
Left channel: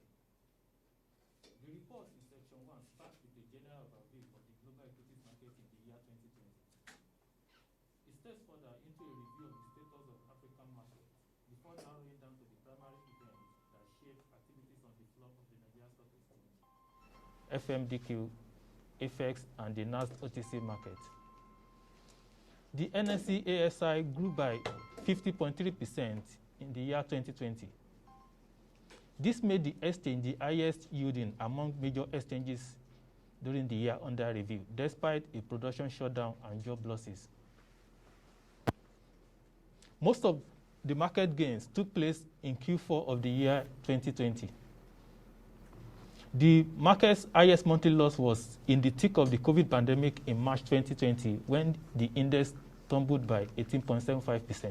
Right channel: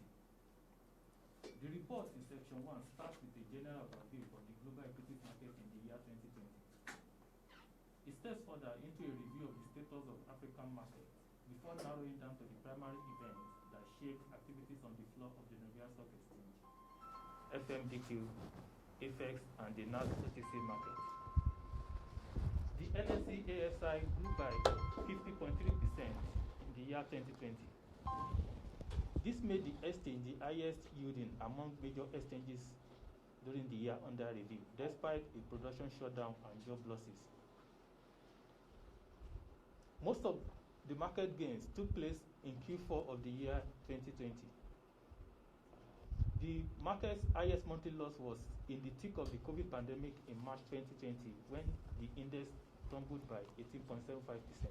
The report in section 1 starts with a general overview of the global equities market in the year 2020. It steps further into a review of the status of African markets before narrowing down to the primary events that shape activities on the floor of the Nigerian Stock Exchange, FMDQ, FX, and the NASDAQ OTC market. The NSE ASI grew by 50.3% in the year 2020. This made the exchange the highest yielding among major exchanges during the year under review, despite a production shutdown and job losses. Most of the market gains took place in Q4 of the year 2020. The market's highest monthly loss was in the thick of the COVID pandemic in March 2020, when the index tumbled by 18.75%.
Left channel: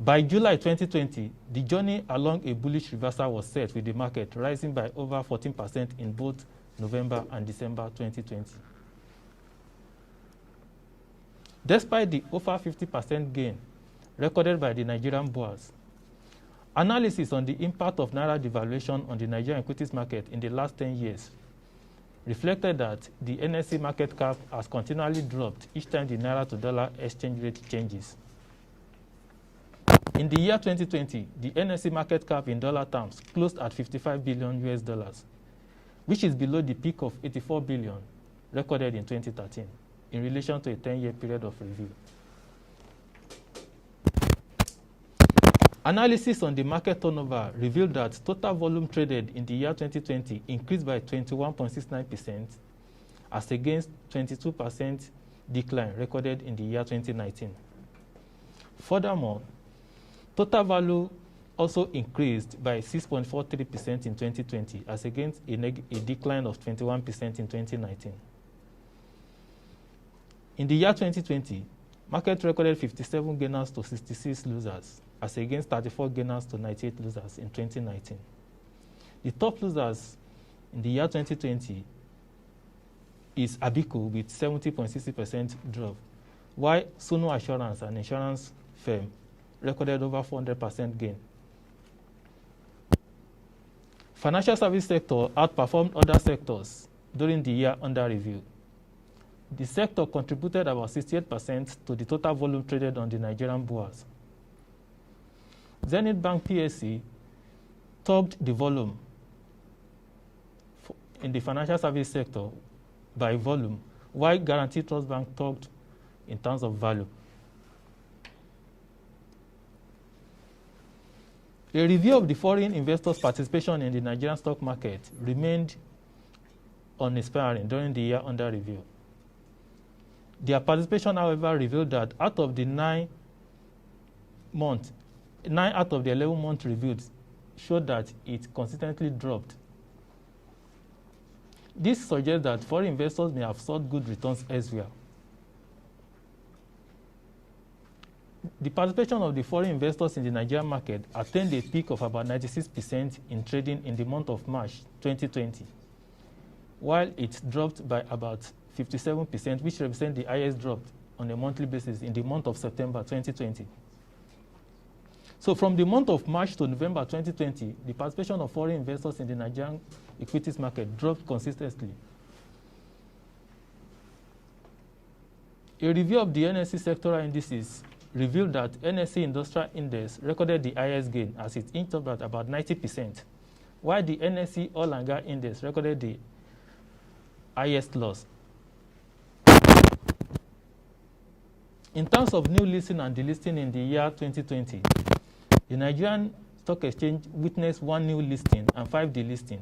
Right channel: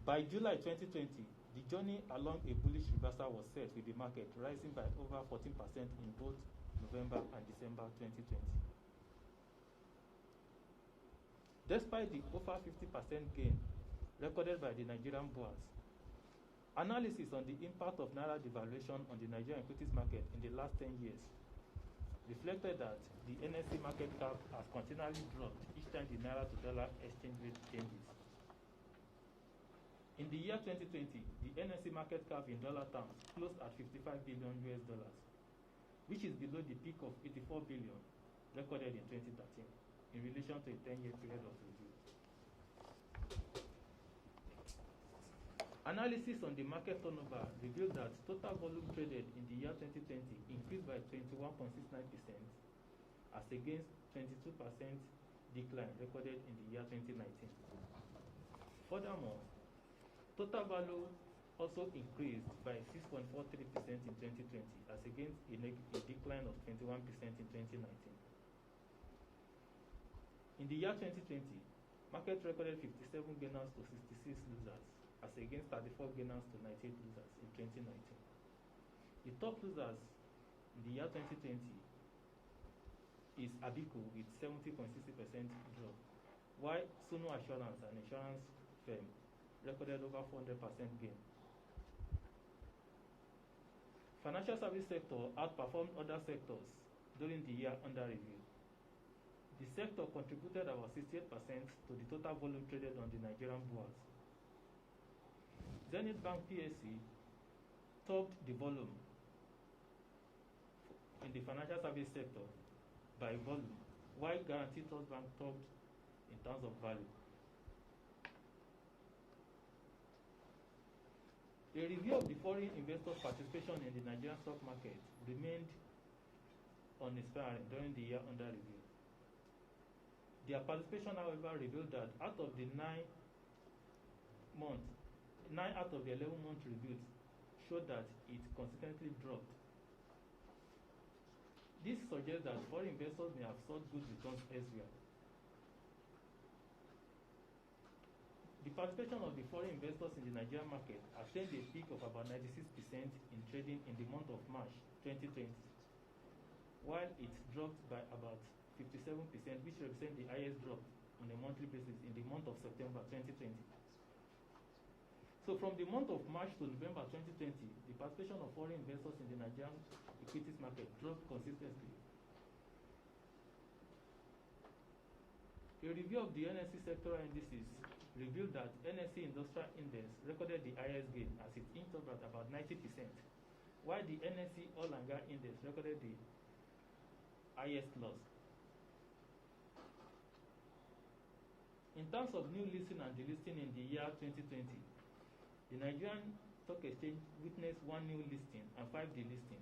By July 2020, the journey along a bullish reversal was set, with the market rising by over 14% in both November and December 2020. Despite the over 50% gain recorded by the Nigerian bourse, analysis on the impact of Naira devaluation on the Nigerian equities market in the last 10 years reflected that the NSE market cap has continually dropped each time the Naira to dollar exchange rate changes. In the year 2020, the NSE market cap in dollar terms closed at $55 billion, which is below the peak of $84 billion recorded in 2013 in relation to a 10-year period of review. Analysis on the market turnover revealed that total volume traded in the year 2020 increased by 21.69% as against 22% decline recorded in the year 2019. Furthermore, total value also increased by 6.43% in 2020 as against a decline of 21% in 2019. In the year 2020, market recorded 57 gainers to 66 losers, as against 34 gainers to 98 losers in 2019. The top losers in the year 2020 is Abico with 70.60% drop, while Sunu Assurance, an insurance firm, recorded over 400% gain. Financial service sector outperformed other sectors during the year under review. The sector contributed about 68% to the total volume traded on the Nigerian bourse. Zenith Bank PSC topped the volume in the financial service sector by volume, while Guaranty Trust Bank topped in terms of value. A review of the foreign investors' participation in the Nigerian stock market remained uninspiring during the year under review. Their participation, however, revealed that out of the 9 out of the 11 months reviewed showed that it consistently dropped. This suggests that foreign investors may have sought good returns elsewhere. The participation of the foreign investors in the Nigerian market attained a peak of about 96% in trading in the month of March 2020, while it dropped by about 57%, which represents the highest drop on a monthly basis in the month of September 2020. So from the month of March to November 2020, the participation of foreign investors in the Nigerian equities market dropped consistently. A review of the NSE sectoral indices revealed that NSE Industrial Index recorded the highest gain as it inched up at about 90%, while the NSE Oil and Gas Index recorded the highest loss. In terms of new listing and delisting in the year 2020, the Nigerian Stock Exchange witnessed 1 new listing and 5 delisting,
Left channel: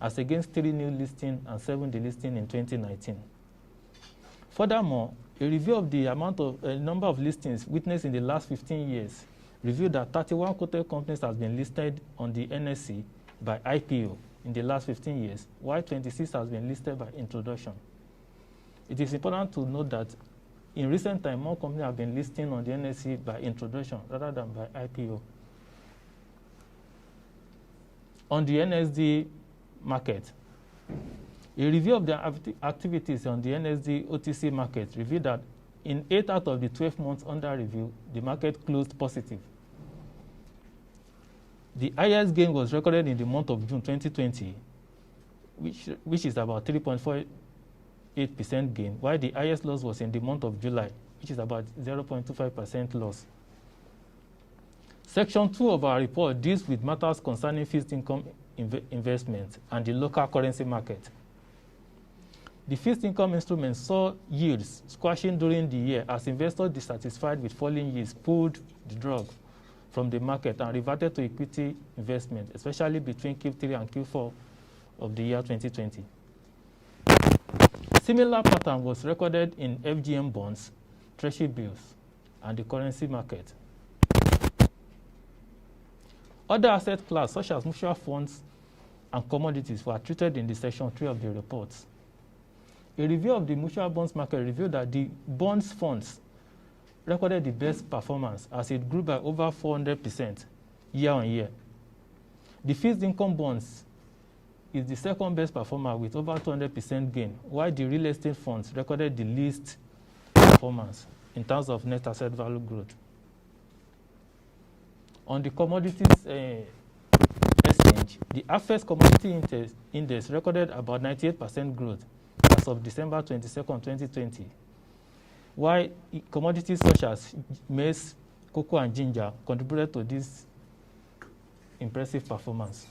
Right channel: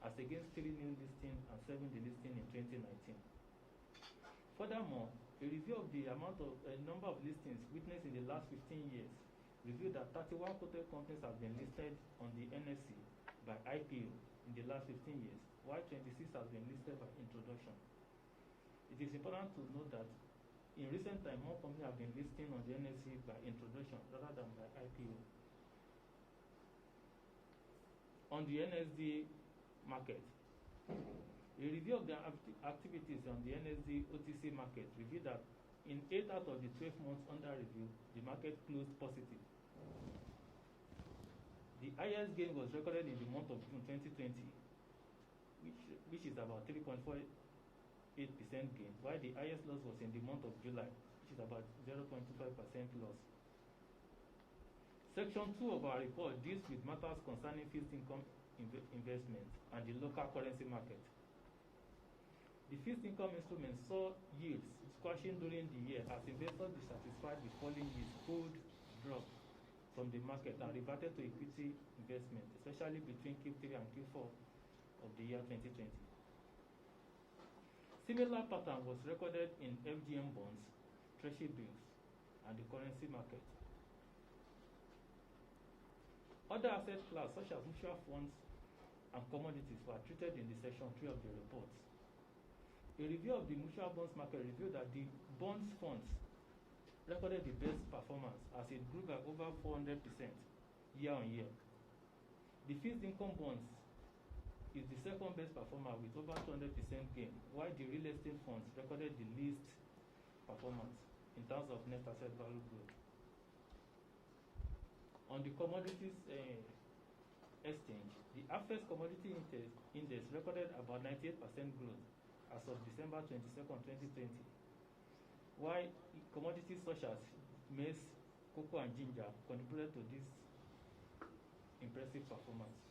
as against 3 new listings and 7 delisting in 2019. Furthermore, a review of the number of listings witnessed in the last 15 years revealed that 31 quoted companies have been listed on the NSE by IPO in the last 15 years, while 26 has been listed by introduction. It is important to note that in recent time, more companies have been listing on the NSE by introduction rather than by IPO. On the NSD market, a review of the activities on the NSD OTC market revealed that in 8 out of the 12 months under review, the market closed positive. The highest gain was recorded in the month of June 2020, which is about 3.48% gain, while the highest loss was in the month of July, which is about 0.25% loss. Section 2 of our report deals with matters concerning fixed income investment and the local currency market. The fixed income instruments saw yields squashing during the year as investors dissatisfied with falling yields pulled the drug from the market and reverted to equity investment, especially between Q3 and Q4 of the year 2020. Similar pattern was recorded in FGM bonds, treasury bills, and the currency market. Other asset classes, such as mutual funds and commodities, were treated in the Section 3 of the report. A review of the mutual bonds market revealed that the bonds funds recorded the best performance as it grew by over 400% year on year. The fixed income bonds is the second best performer with over 200% gain, while the real estate funds recorded the least performance in terms of net asset value growth. On the commodities exchange, the AFES commodity index recorded about 98% growth as of December 22nd, 2020, while commodities such as maize, cocoa, and ginger contributed to this impressive performance.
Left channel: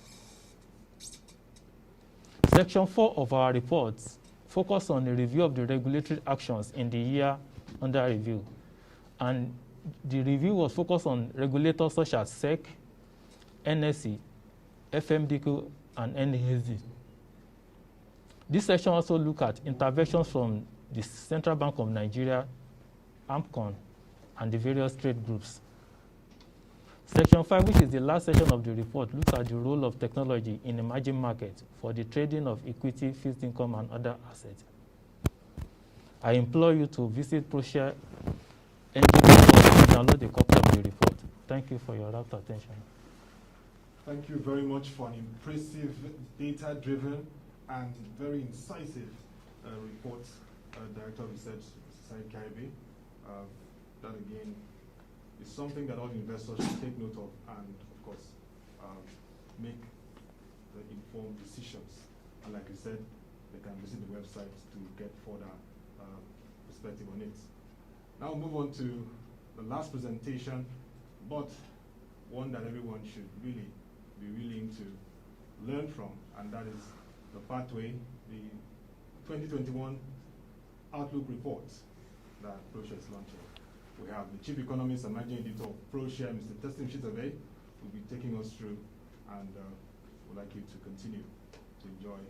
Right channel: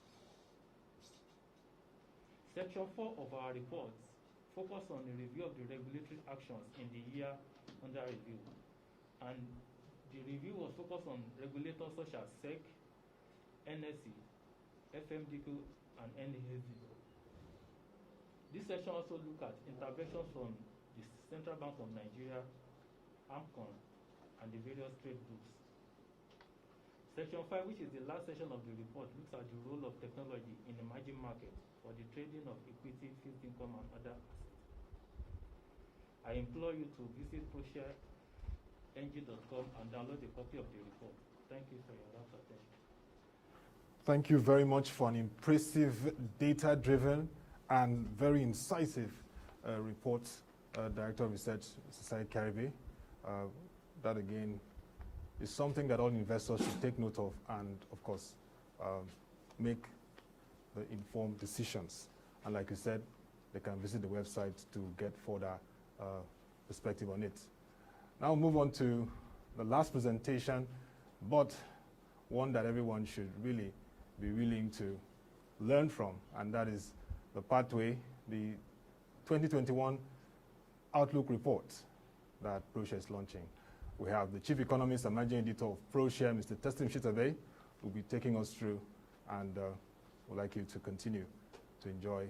Section 4 of our report focused on a review of the regulatory actions in the year under review, and the review was focused on regulators such as SEC, NSE, FMDQ, and NASD. This section also looked at interventions from the Central Bank of Nigeria, AMCON, and the various trade groups. Section 5, which is the last section of the report, looks at the role of technology in emerging markets for the trading of equity, fixed income, and other assets. I implore you to visit Proshare Nigeria and download a copy of the report. Thank you for your rapt attention. Thank you very much for an impressive, data-driven, and very incisive report, Director of Research, Mr. Saheed Kiaribe. That again is something that all investors should take note of and, of course, make the informed decisions. And like you said, they can visit the website to get further perspective on it. Now move on to the last presentation, but one that everyone should really be willing to learn from, and that is the pathway, the 2021 Outlook report that Proshare is launching. We have the Chief Economist and Managing Editor of Proshare, Mr. Teslim Shitta-Bey, who will be taking us through, and would like you to continue to enjoy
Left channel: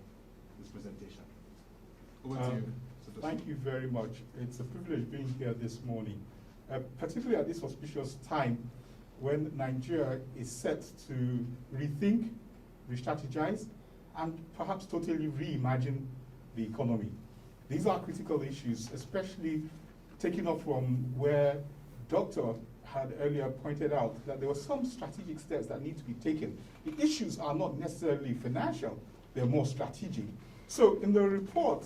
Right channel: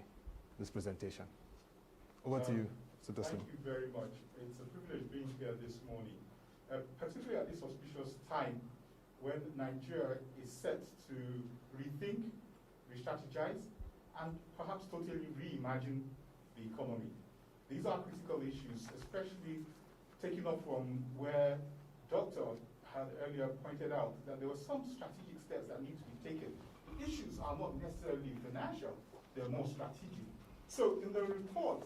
this presentation. Over to you, Mr. Teslim. Thank you very much. It's a privilege being here this morning, particularly at this auspicious time when Nigeria is set to rethink, re-strategize, and perhaps totally reimagine the economy. These are critical issues, especially taking off from where Dr. had earlier pointed out that there were some strategic steps that need to be taken. The issues are not necessarily financial, they're more strategic. So in the report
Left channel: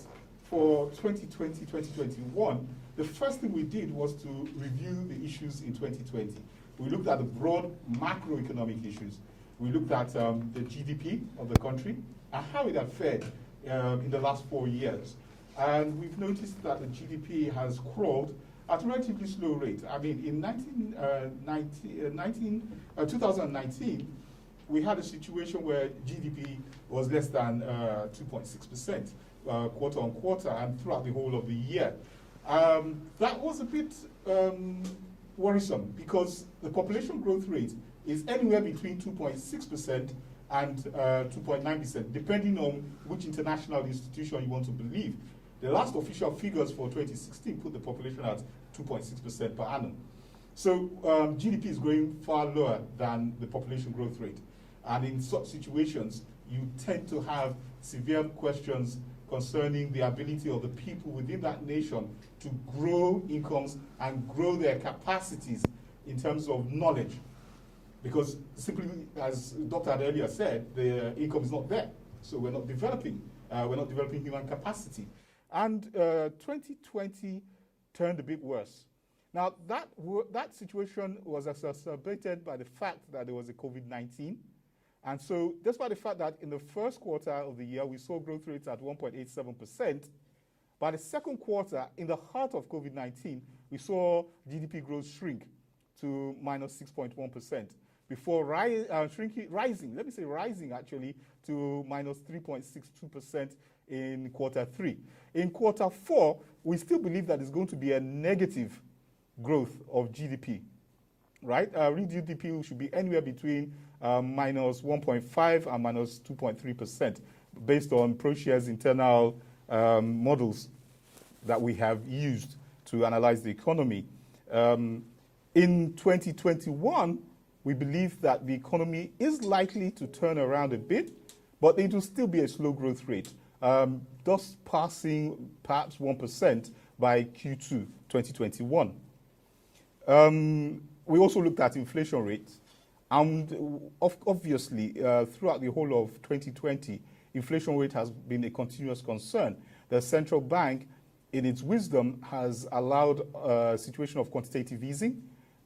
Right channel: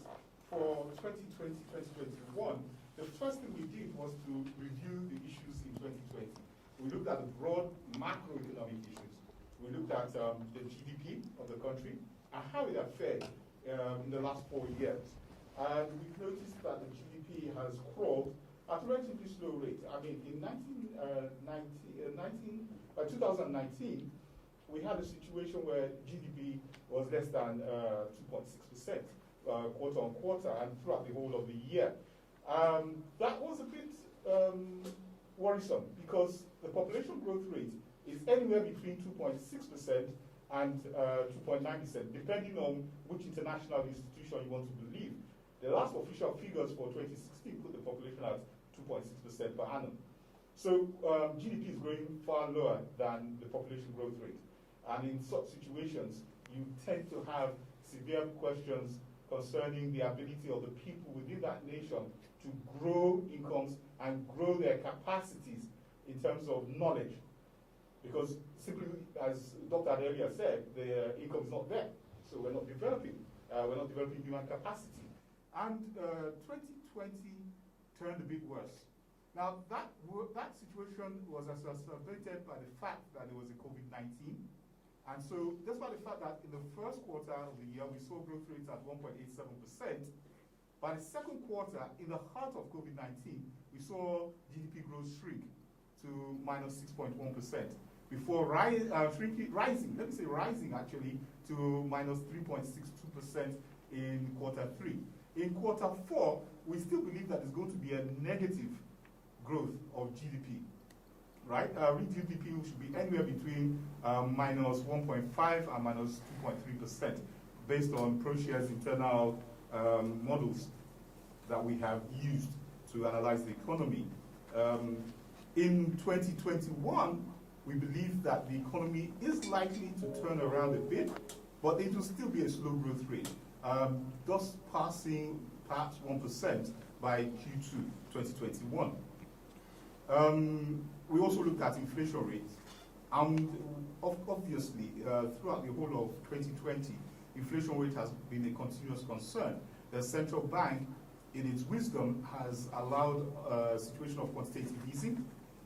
for 2020-2021, the first thing we did was to review the issues in 2020. We looked at the broad macroeconomic issues. We looked at the GDP of the country and how it had fared in the last 4 years. And we've noticed that the GDP has crawled at a relatively slow rate. I mean, in 2019, we had a situation where GDP was less than 2.6% quarter on quarter and throughout the whole of the year. That was a bit worrisome because the population growth rate is anywhere between 2.6% and 2.9%, depending on which international institution you want to believe. The last official figures for 2016 put the population at 2.6% per annum. So GDP is growing far lower than the population growth rate. And in such situations, you tend to have severe questions concerning the ability of the people within that nation to grow incomes and grow their capacities in terms of knowledge. Because simply, as the doctor had earlier said, the income is not there. So we're not developing human capacity. And 2020 turned a bit worse. Now, that situation was exacerbated by the fact that there was a COVID-19. And so, despite the fact that in the first quarter of the year, we saw growth rates at 1.87%, by the second quarter, in the heart of COVID-19, we saw GDP growth shrink to minus 6.1%, before rising actually to minus 3.62% in quarter 3. In quarter 4, we still believe that there's going to be a negative growth of GDP, right? Real GDP should be anywhere between minus 1.5 and minus 2.3%, based on Proshare's internal models that we have used to analyze the economy. In 2021, we believe that the economy is likely to turn around a bit, but it will still be a slow growth rate, thus passing perhaps 1% by Q2 2021. We also looked at inflation rates, and obviously throughout the whole of 2020, inflation rate has been a continuous concern. The central bank, in its wisdom, has allowed a situation of quantitative easing,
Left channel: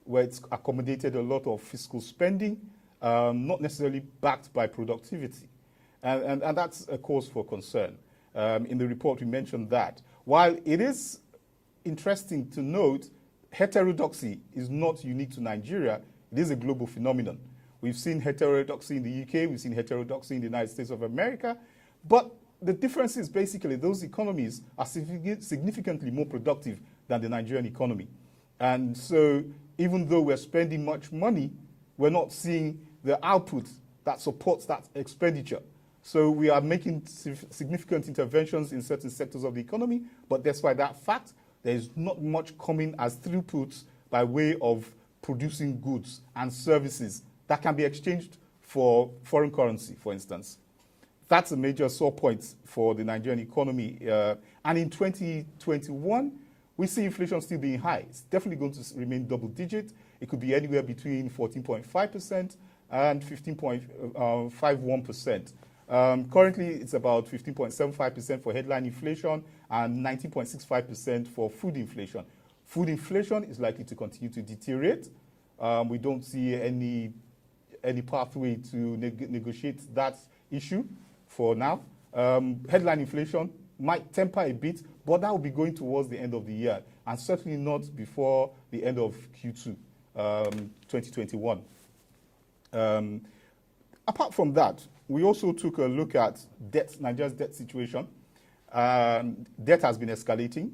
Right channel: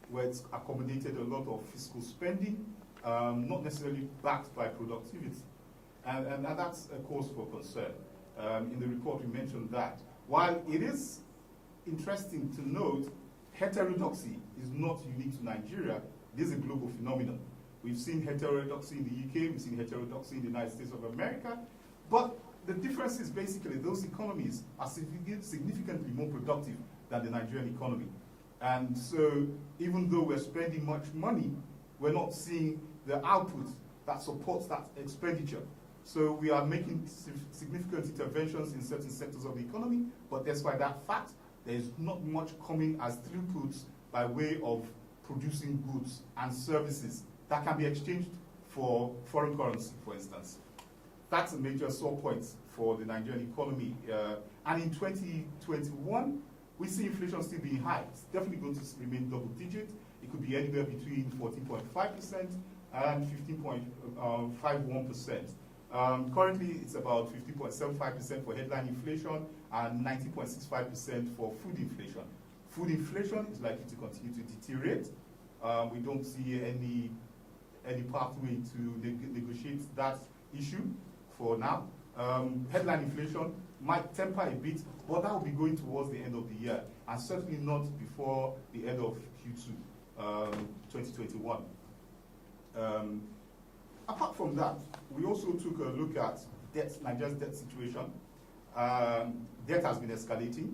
where it's accommodated a lot of fiscal spending, not necessarily backed by productivity. And that's a cause for concern. In the report, we mentioned that. While it is interesting to note, heterodoxy is not unique to Nigeria. It is a global phenomenon. We've seen heterodoxy in the UK, we've seen heterodoxy in the United States of America, but the difference is basically those economies are significantly more productive than the Nigerian economy. And so even though we're spending much money, we're not seeing the output that supports that expenditure. So we are making significant interventions in certain sectors of the economy, but despite that fact, there's not much coming as throughputs by way of producing goods and services that can be exchanged for foreign currency, for instance. That's a major sore point for the Nigerian economy. And in 2021, we see inflation still being high. It's definitely going to remain double digit. It could be anywhere between 14.5% and 15.51%. Currently, it's about 15.75% for headline inflation and 19.65% for food inflation. Food inflation is likely to continue to deteriorate. We don't see any pathway to negotiate that issue for now. Headline inflation might temper a bit, but that will be going towards the end of the year, and certainly not before the end of Q2 2021. Apart from that, we also took a look at debt, Nigeria's debt situation. Debt has been escalating.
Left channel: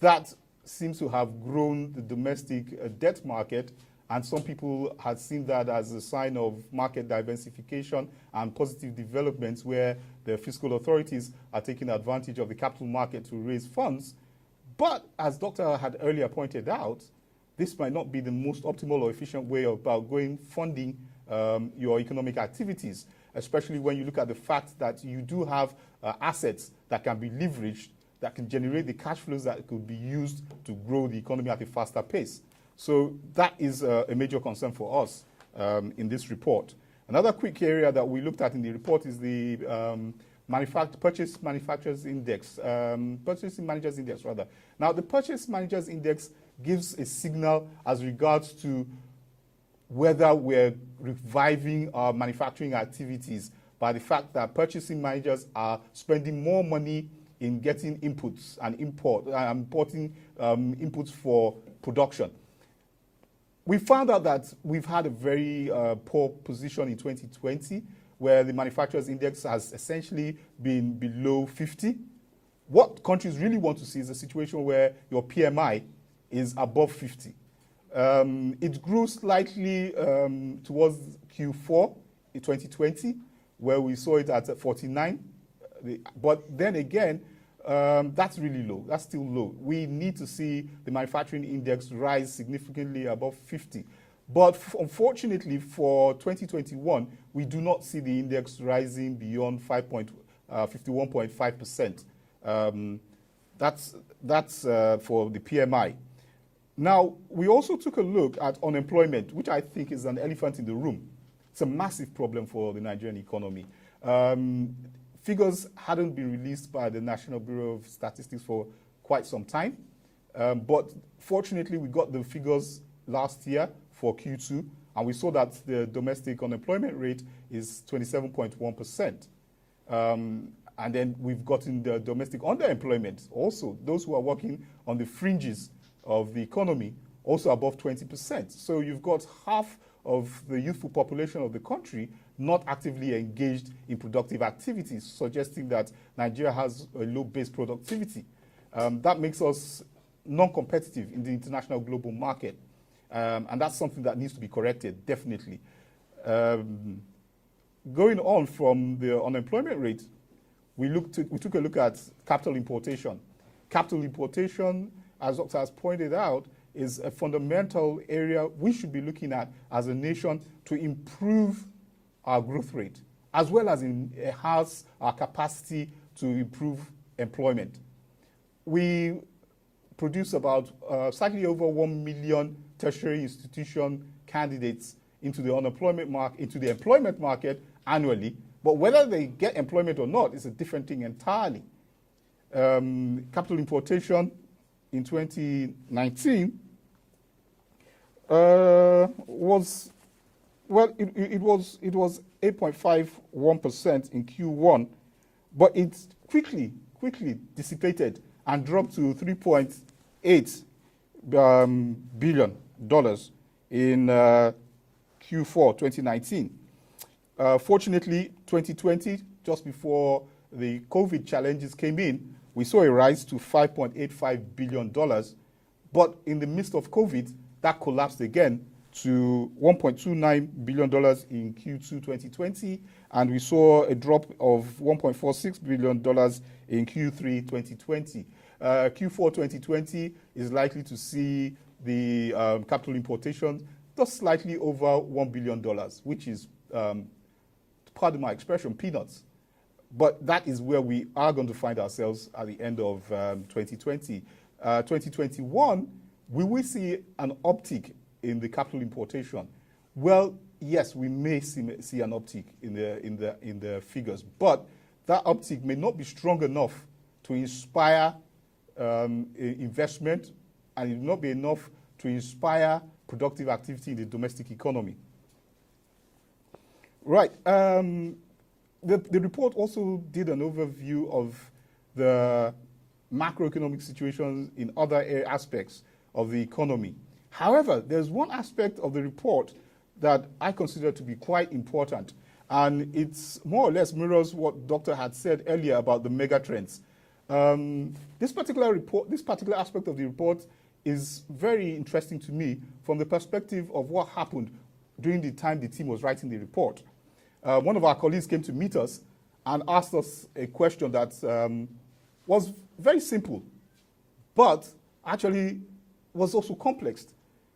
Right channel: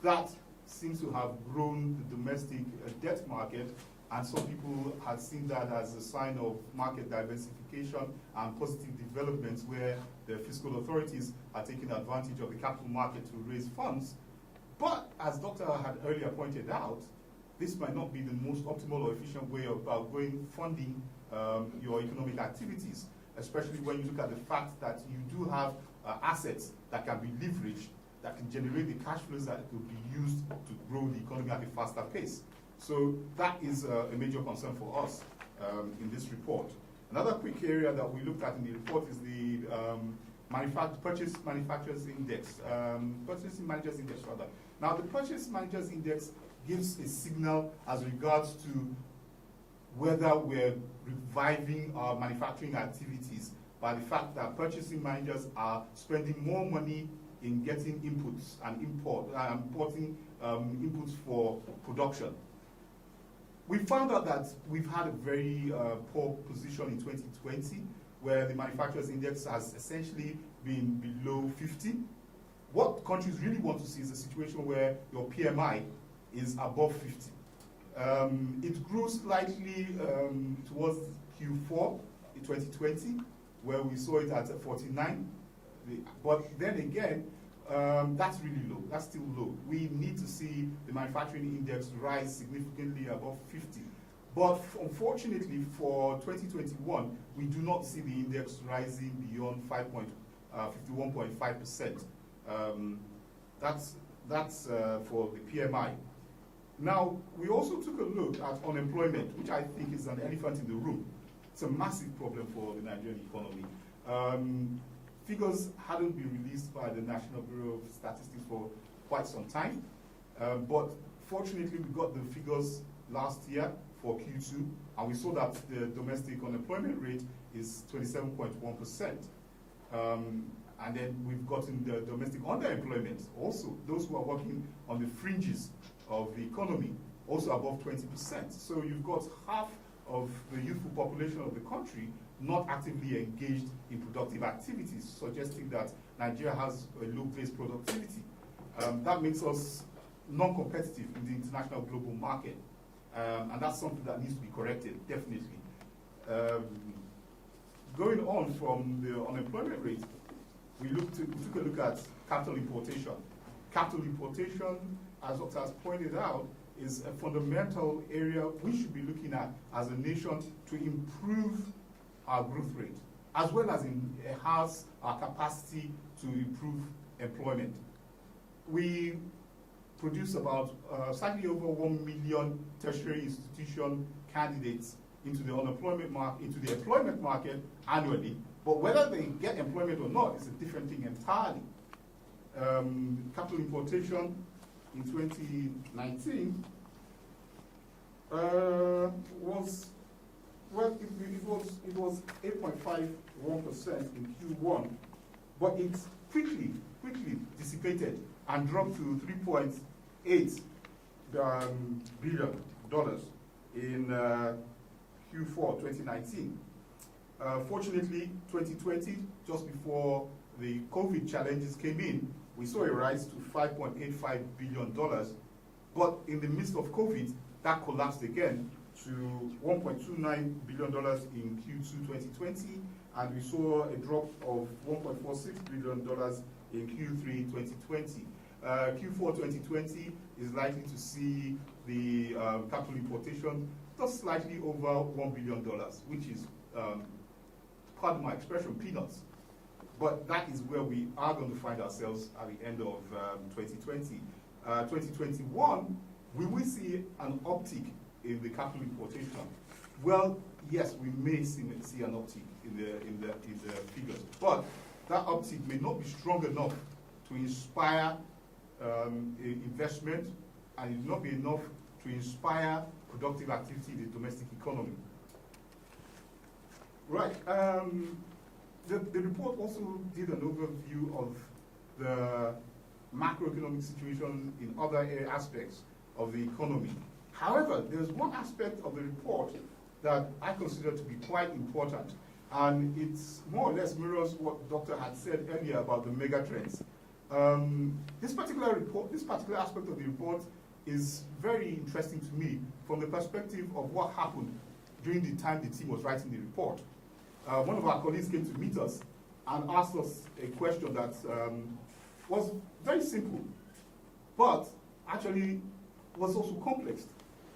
That seems to have grown the domestic debt market, and some people have seen that as a sign of market diversification and positive developments where the fiscal authorities are taking advantage of the capital market to raise funds. But as Dr. had earlier pointed out, this might not be the most optimal or efficient way about funding your economic activities, especially when you look at the fact that you do have assets that can be leveraged, that can generate the cash flows that could be used to grow the economy at a faster pace. So that is a major concern for us in this report. Another quick area that we looked at in the report is the Purchase Manufacturers Index, Purchasing Managers Index rather. Now the Purchase Managers Index gives a signal as regards to whether we're reviving our manufacturing activities by the fact that purchasing managers are spending more money in getting inputs and importing inputs for production. We found out that we've had a very poor position in 2020, where the manufacturers index has essentially been below 50. What countries really want to see is a situation where your PMI is above 50. It grew slightly towards Q4 in 2020, where we saw it at 49. But then again, that's really low. That's still low. We need to see the manufacturing index rise significantly above 50. But unfortunately for 2021, we do not see the index rising beyond 51.5%. That's for the PMI. Now, we also took a look at unemployment, which I think is an elephant in the room. It's a massive problem for the Nigerian economy. Figures hadn't been released by the National Bureau of Statistics for quite some time. But fortunately, we got the figures last year for Q2, and we saw that the domestic unemployment rate is 27.1%. And then we've gotten the domestic underemployment also, those who are working on the fringes of the economy, also above 20%. So you've got half of the youthful population of the country not actively engaged in productive activities, suggesting that Nigeria has a low base productivity. That makes us non-competitive in the international global market. And that's something that needs to be corrected, definitely. Going on from the unemployment rate, we took a look at capital importation. Capital importation, as Dr. has pointed out, is a fundamental area we should be looking at as a nation to improve our growth rate, as well as enhance our capacity to improve employment. We produce about slightly over 1 million tertiary institution candidates into the employment market annually, but whether they get employment or not is a different thing entirely. Capital importation in 2019 was 8.51% in Q1, but it quickly dissipated and dropped to $3.8 billion in Q4 2019. Fortunately, 2020, just before the COVID challenges came in, we saw a rise to $5.85 billion. But in the midst of COVID, that collapsed again to $1.29 billion in Q2 2020, and we saw a drop of $1.46 billion in Q3 2020. Q4 2020 is likely to see the capital importation just slightly over $1 billion, which is, pardon my expression, peanuts. But that is where we are going to find ourselves at the end of 2020. 2021, we will see an uptick in the capital importation. Well, yes, we may see an uptick in the figures, but that uptick may not be strong enough to inspire investment, and it will not be enough to inspire productive activity in the domestic economy. Right. The report also did an overview of the macroeconomic situation in other aspects of the economy. However, there's one aspect of the report that I consider to be quite important, and it's more or less mirrors what Doctor had said earlier about the mega trends. This particular aspect of the report is very interesting to me from the perspective of what happened during the time the team was writing the report. One of our colleagues came to meet us and asked us a question that was very simple, but actually was also complex.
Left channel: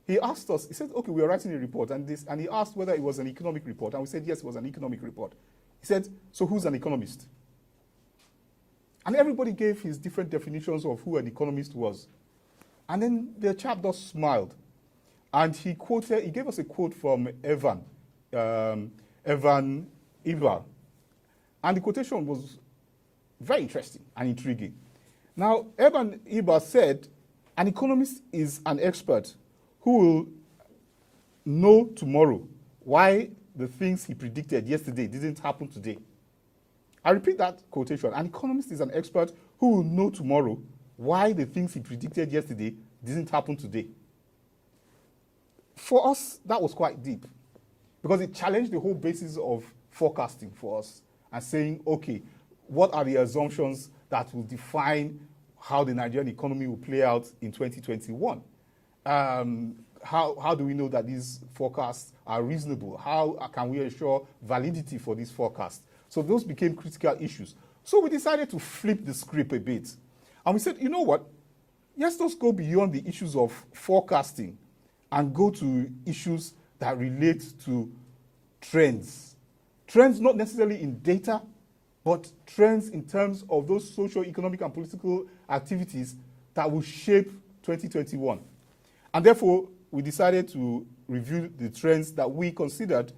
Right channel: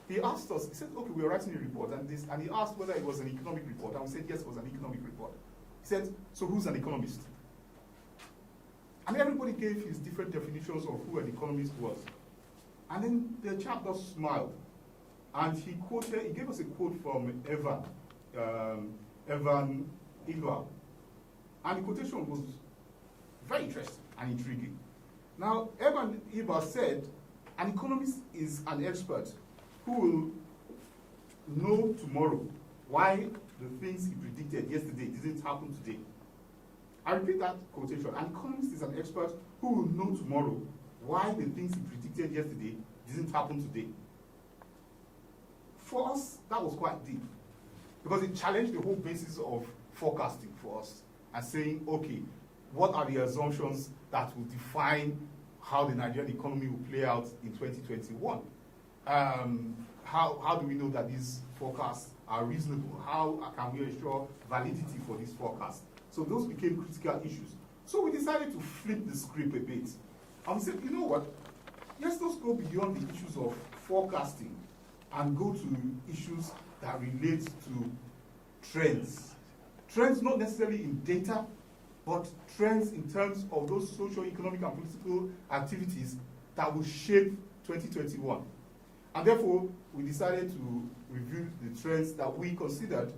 He asked us, he said, okay, we are writing a report, and he asked whether it was an economic report, and we said, yes, it was an economic report. He said, so who's an economist? And everybody gave his different definitions of who an economist was. And then the chap just smiled, and he gave us a quote from Evan Ilval. And the quotation was very interesting and intriguing. Now, Evan Iba said, an economist is an expert who will know tomorrow why the things he predicted yesterday didn't happen today. I repeat that quotation. An economist is an expert who will know tomorrow why the things he predicted yesterday didn't happen today. For us, that was quite deep because it challenged the whole basis of forecasting for us and saying, okay, what are the assumptions that will define how the Nigerian economy will play out in 2021? How do we know that these forecasts are reasonable? How can we ensure validity for these forecasts? So those became critical issues. So we decided to flip the script a bit. And we said, you know what? Let's just go beyond the issues of forecasting and go to issues that relate to trends. Trends not necessarily in data, but trends in terms of those social, economic, and political activities that will shape 2021. And therefore, we decided to review the trends that we considered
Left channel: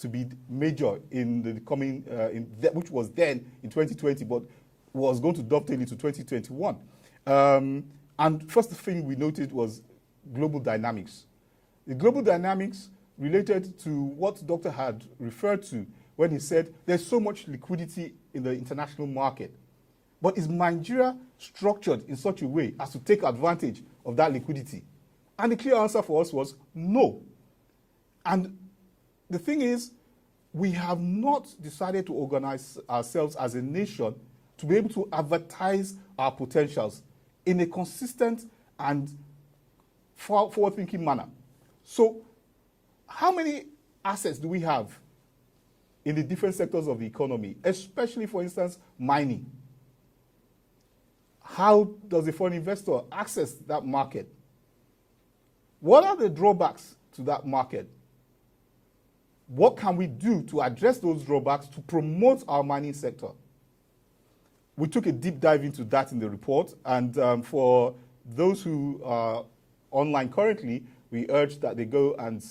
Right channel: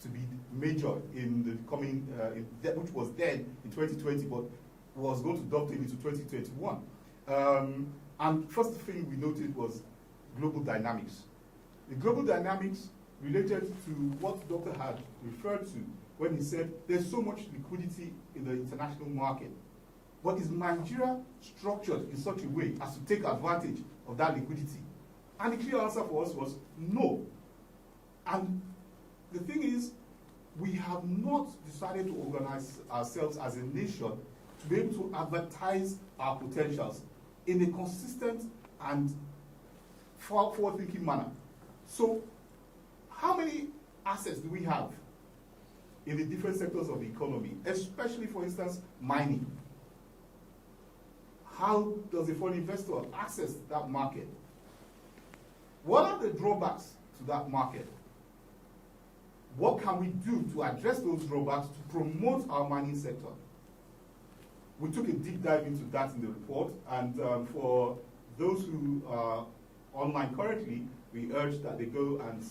to be major in the coming, which was then in 2020, but was going to dovetail into 2021. And first thing we noted was global dynamics. The global dynamics related to what the doctor had referred to when he said there's so much liquidity in the international market. But is Nigeria structured in such a way as to take advantage of that liquidity? And the clear answer for us was no. And the thing is, we have not decided to organize ourselves as a nation to be able to advertise our potentials in a consistent and forward-thinking manner. So, how many assets do we have in the different sectors of the economy, especially, for instance, mining? How does a foreign investor access that market? What are the drawbacks to that market? What can we do to address those drawbacks to promote our mining sector? We took a deep dive into that in the report, and for those who are online currently, we urge that they go and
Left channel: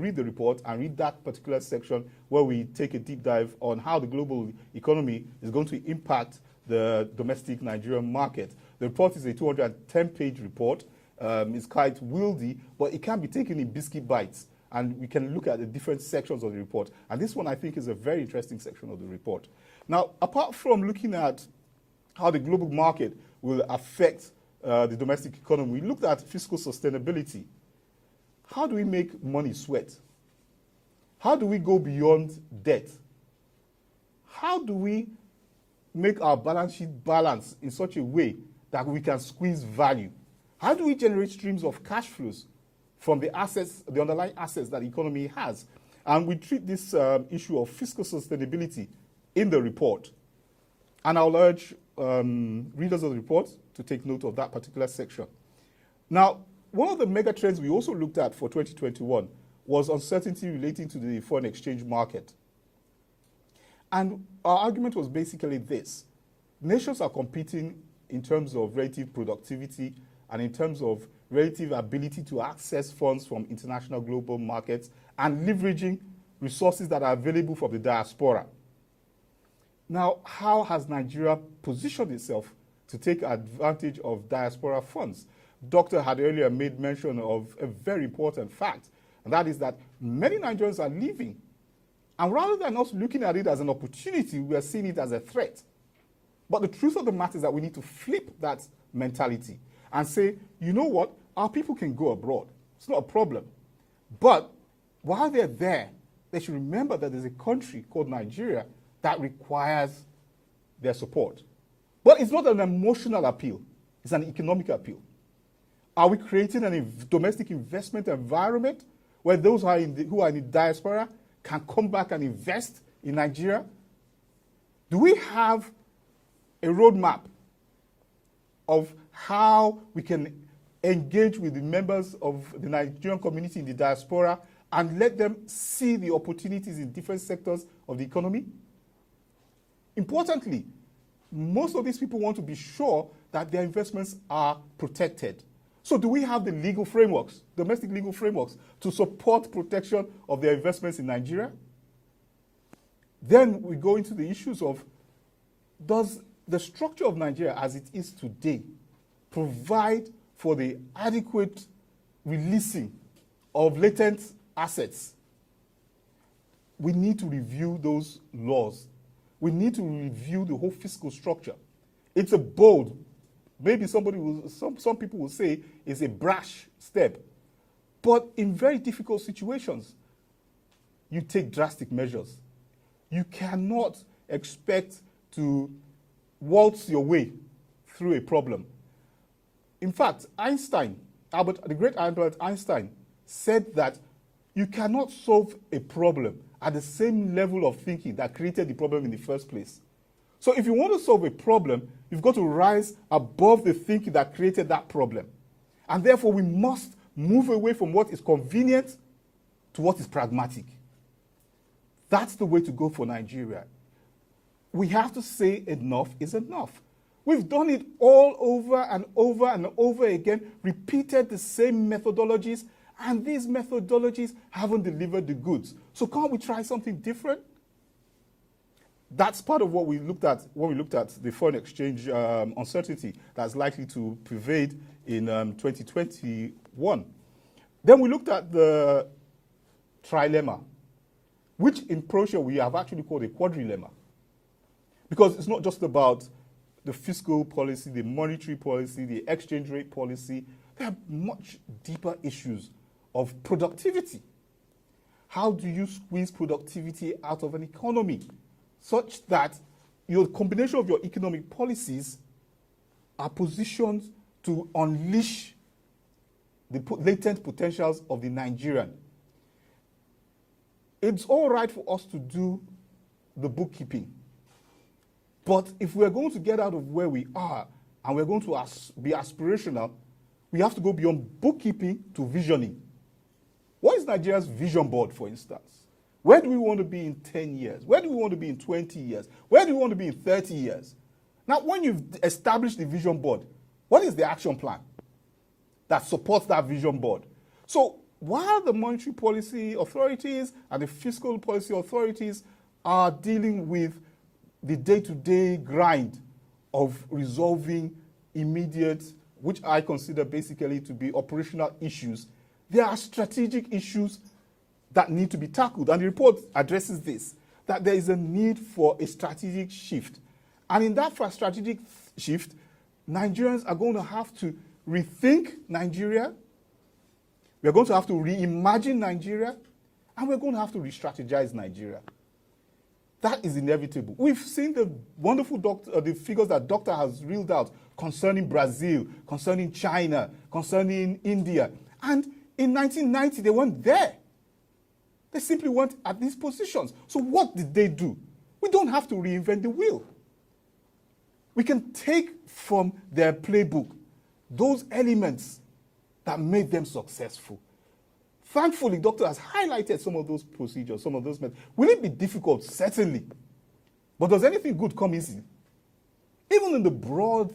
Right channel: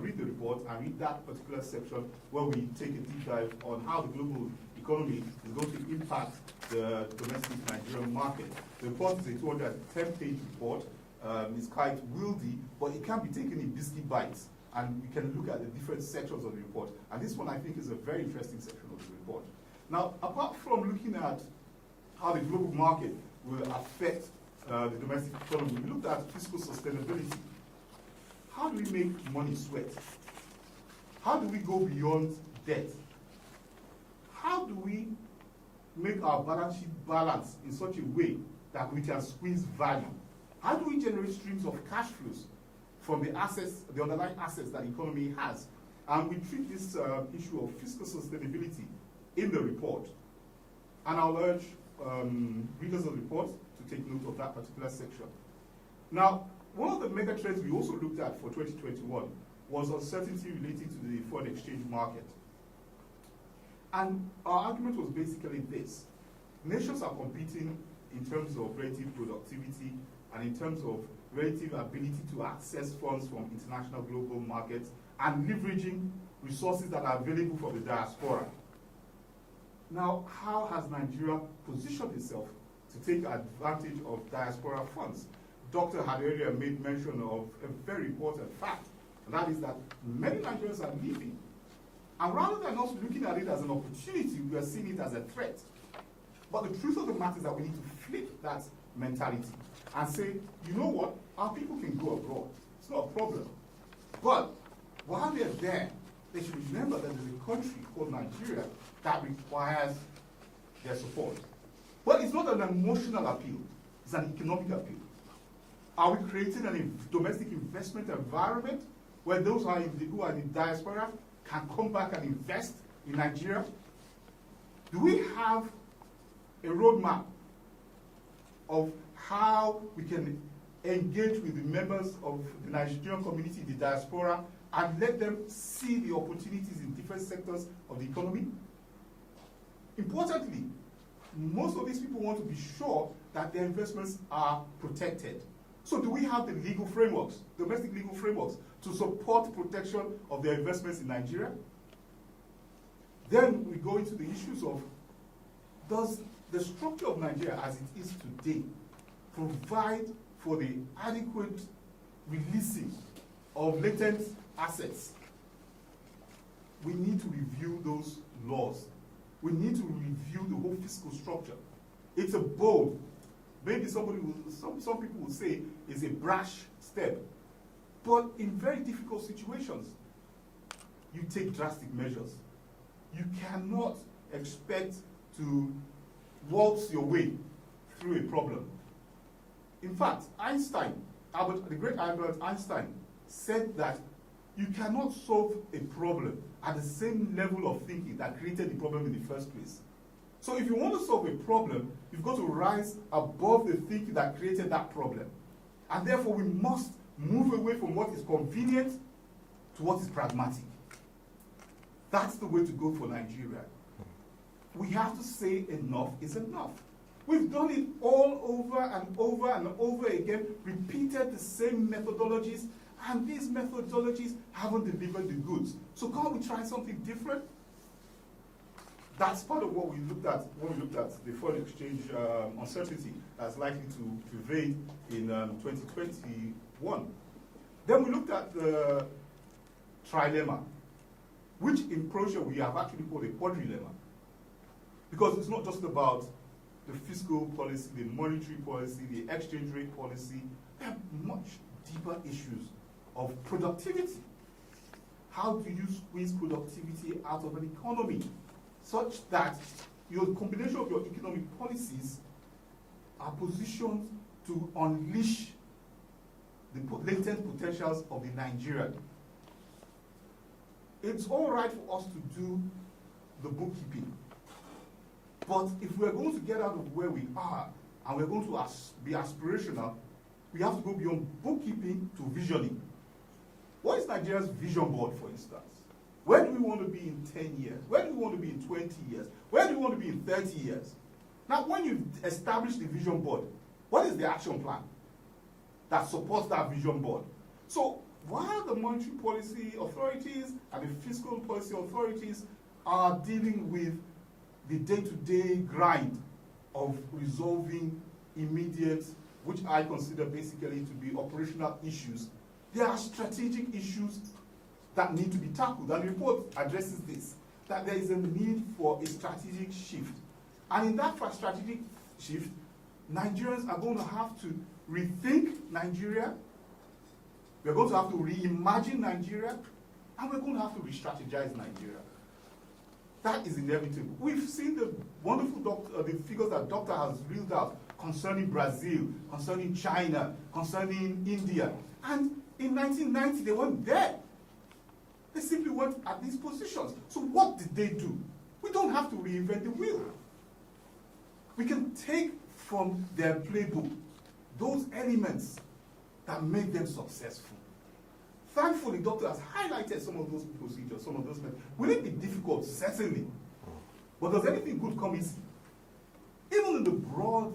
read the report and read that particular section where we take a deep dive on how the global economy is going to impact the domestic Nigerian market. The report is a 210-page report. It's quite wieldy, but it can be taken in biscuit bites, and we can look at the different sections of the report. And this one, I think, is a very interesting section of the report. Now, apart from looking at how the global market will affect the domestic economy, we looked at fiscal sustainability. How do we make money sweat? How do we go beyond debt? How do we make our balance sheet balance in such a way that we can squeeze value? How do we generate streams of cash flows from the assets, the underlying assets that the economy has? And we treat this issue of fiscal sustainability in the report. And I'll urge readers of the report to take note of that particular section. Now, one of the mega trends we also looked at for 2021 was uncertainty relating to the foreign exchange market. And our argument was basically this. Nations are competing in terms of relative productivity and in terms of relative ability to access funds from international global markets and leveraging resources that are available for the diaspora. Now, how has Nigeria positioned itself to take advantage of diaspora funds? Doctor had earlier made mention of a very important fact, and that is that many Nigerians are leaving. And rather than us looking at it as an opportunity, we are seeing it as a threat. But the truth of the matter is that we need to flip that mentality and say, you know what, our people can go abroad. It's not a problem. But while they're there, they should remember that there's a country called Nigeria that requires their support. But it's not an emotional appeal, it's an economic appeal. Are we creating a domestic investment environment where those who are in the diaspora can come back and invest in Nigeria? Do we have a roadmap of how we can engage with the members of the Nigerian community in the diaspora and let them see the opportunities in different sectors of the economy? Importantly, most of these people want to be sure that their investments are protected. So do we have the legal frameworks, domestic legal frameworks, to support protection of their investments in Nigeria? Then we go into the issues of, does the structure of Nigeria as it is today provide for the adequate releasing of latent assets, we need to review those laws. We need to review the whole fiscal structure. It's a bold, maybe some people will say it's a brash step, but in very difficult situations, you take drastic measures. You cannot expect to waltz your way through a problem. In fact, the great Albert Einstein said that you cannot solve a problem at the same level of thinking that created the problem in the first place. So if you want to solve a problem, you've got to rise above the thinking that created that problem. And therefore, we must move away from what is convenient to what is pragmatic. That's the way to go for Nigeria. We have to say enough is enough. We've done it all over and over and over again, repeated the same methodologies, and these methodologies haven't delivered the goods. So can't we try something different? That's part of what we looked at when we looked at the foreign exchange uncertainty that's likely to pervade in 2021. Then we looked at the trilemma, which in Proshare we have actually called a quadrilemma. Because it's not just about the fiscal policy, the monetary policy, the exchange rate policy. There are much deeper issues of productivity. How do you squeeze productivity out of an economy such that your combination of your economic policies are positioned to unleash the latent potentials of the Nigerian? It's all right for us to do the bookkeeping. But if we're going to get out of where we are and we're going to be aspirational, we have to go beyond bookkeeping to visioning. What is Nigeria's vision board, for instance? Where do we want to be in 10 years? Where do we want to be in 20 years? Where do we want to be in 30 years? Now, when you've established the vision board, what is the action plan that supports that vision board? So while the monetary policy authorities and the fiscal policy authorities are dealing with the day-to-day grind of resolving immediate, which I consider basically to be operational issues, there are strategic issues that need to be tackled. And the report addresses this, that there is a need for a strategic shift. And in that strategic shift, Nigerians are going to have to rethink Nigeria, we're going to have to reimagine Nigeria, and we're going to have to re-strategize Nigeria. That is inevitable. We've seen the wonderful the figures that Doctor has reeled out concerning Brazil, concerning China, concerning India. And in 1990, they weren't there. They simply weren't at these positions. So what did they do? We don't have to reinvent the wheel. We can take from their playbook those elements that made them successful. Thankfully, Doctor has highlighted some of those procedures, some of those methods. Will it be difficult? Certainly. But does anything good come easily? Even in the broad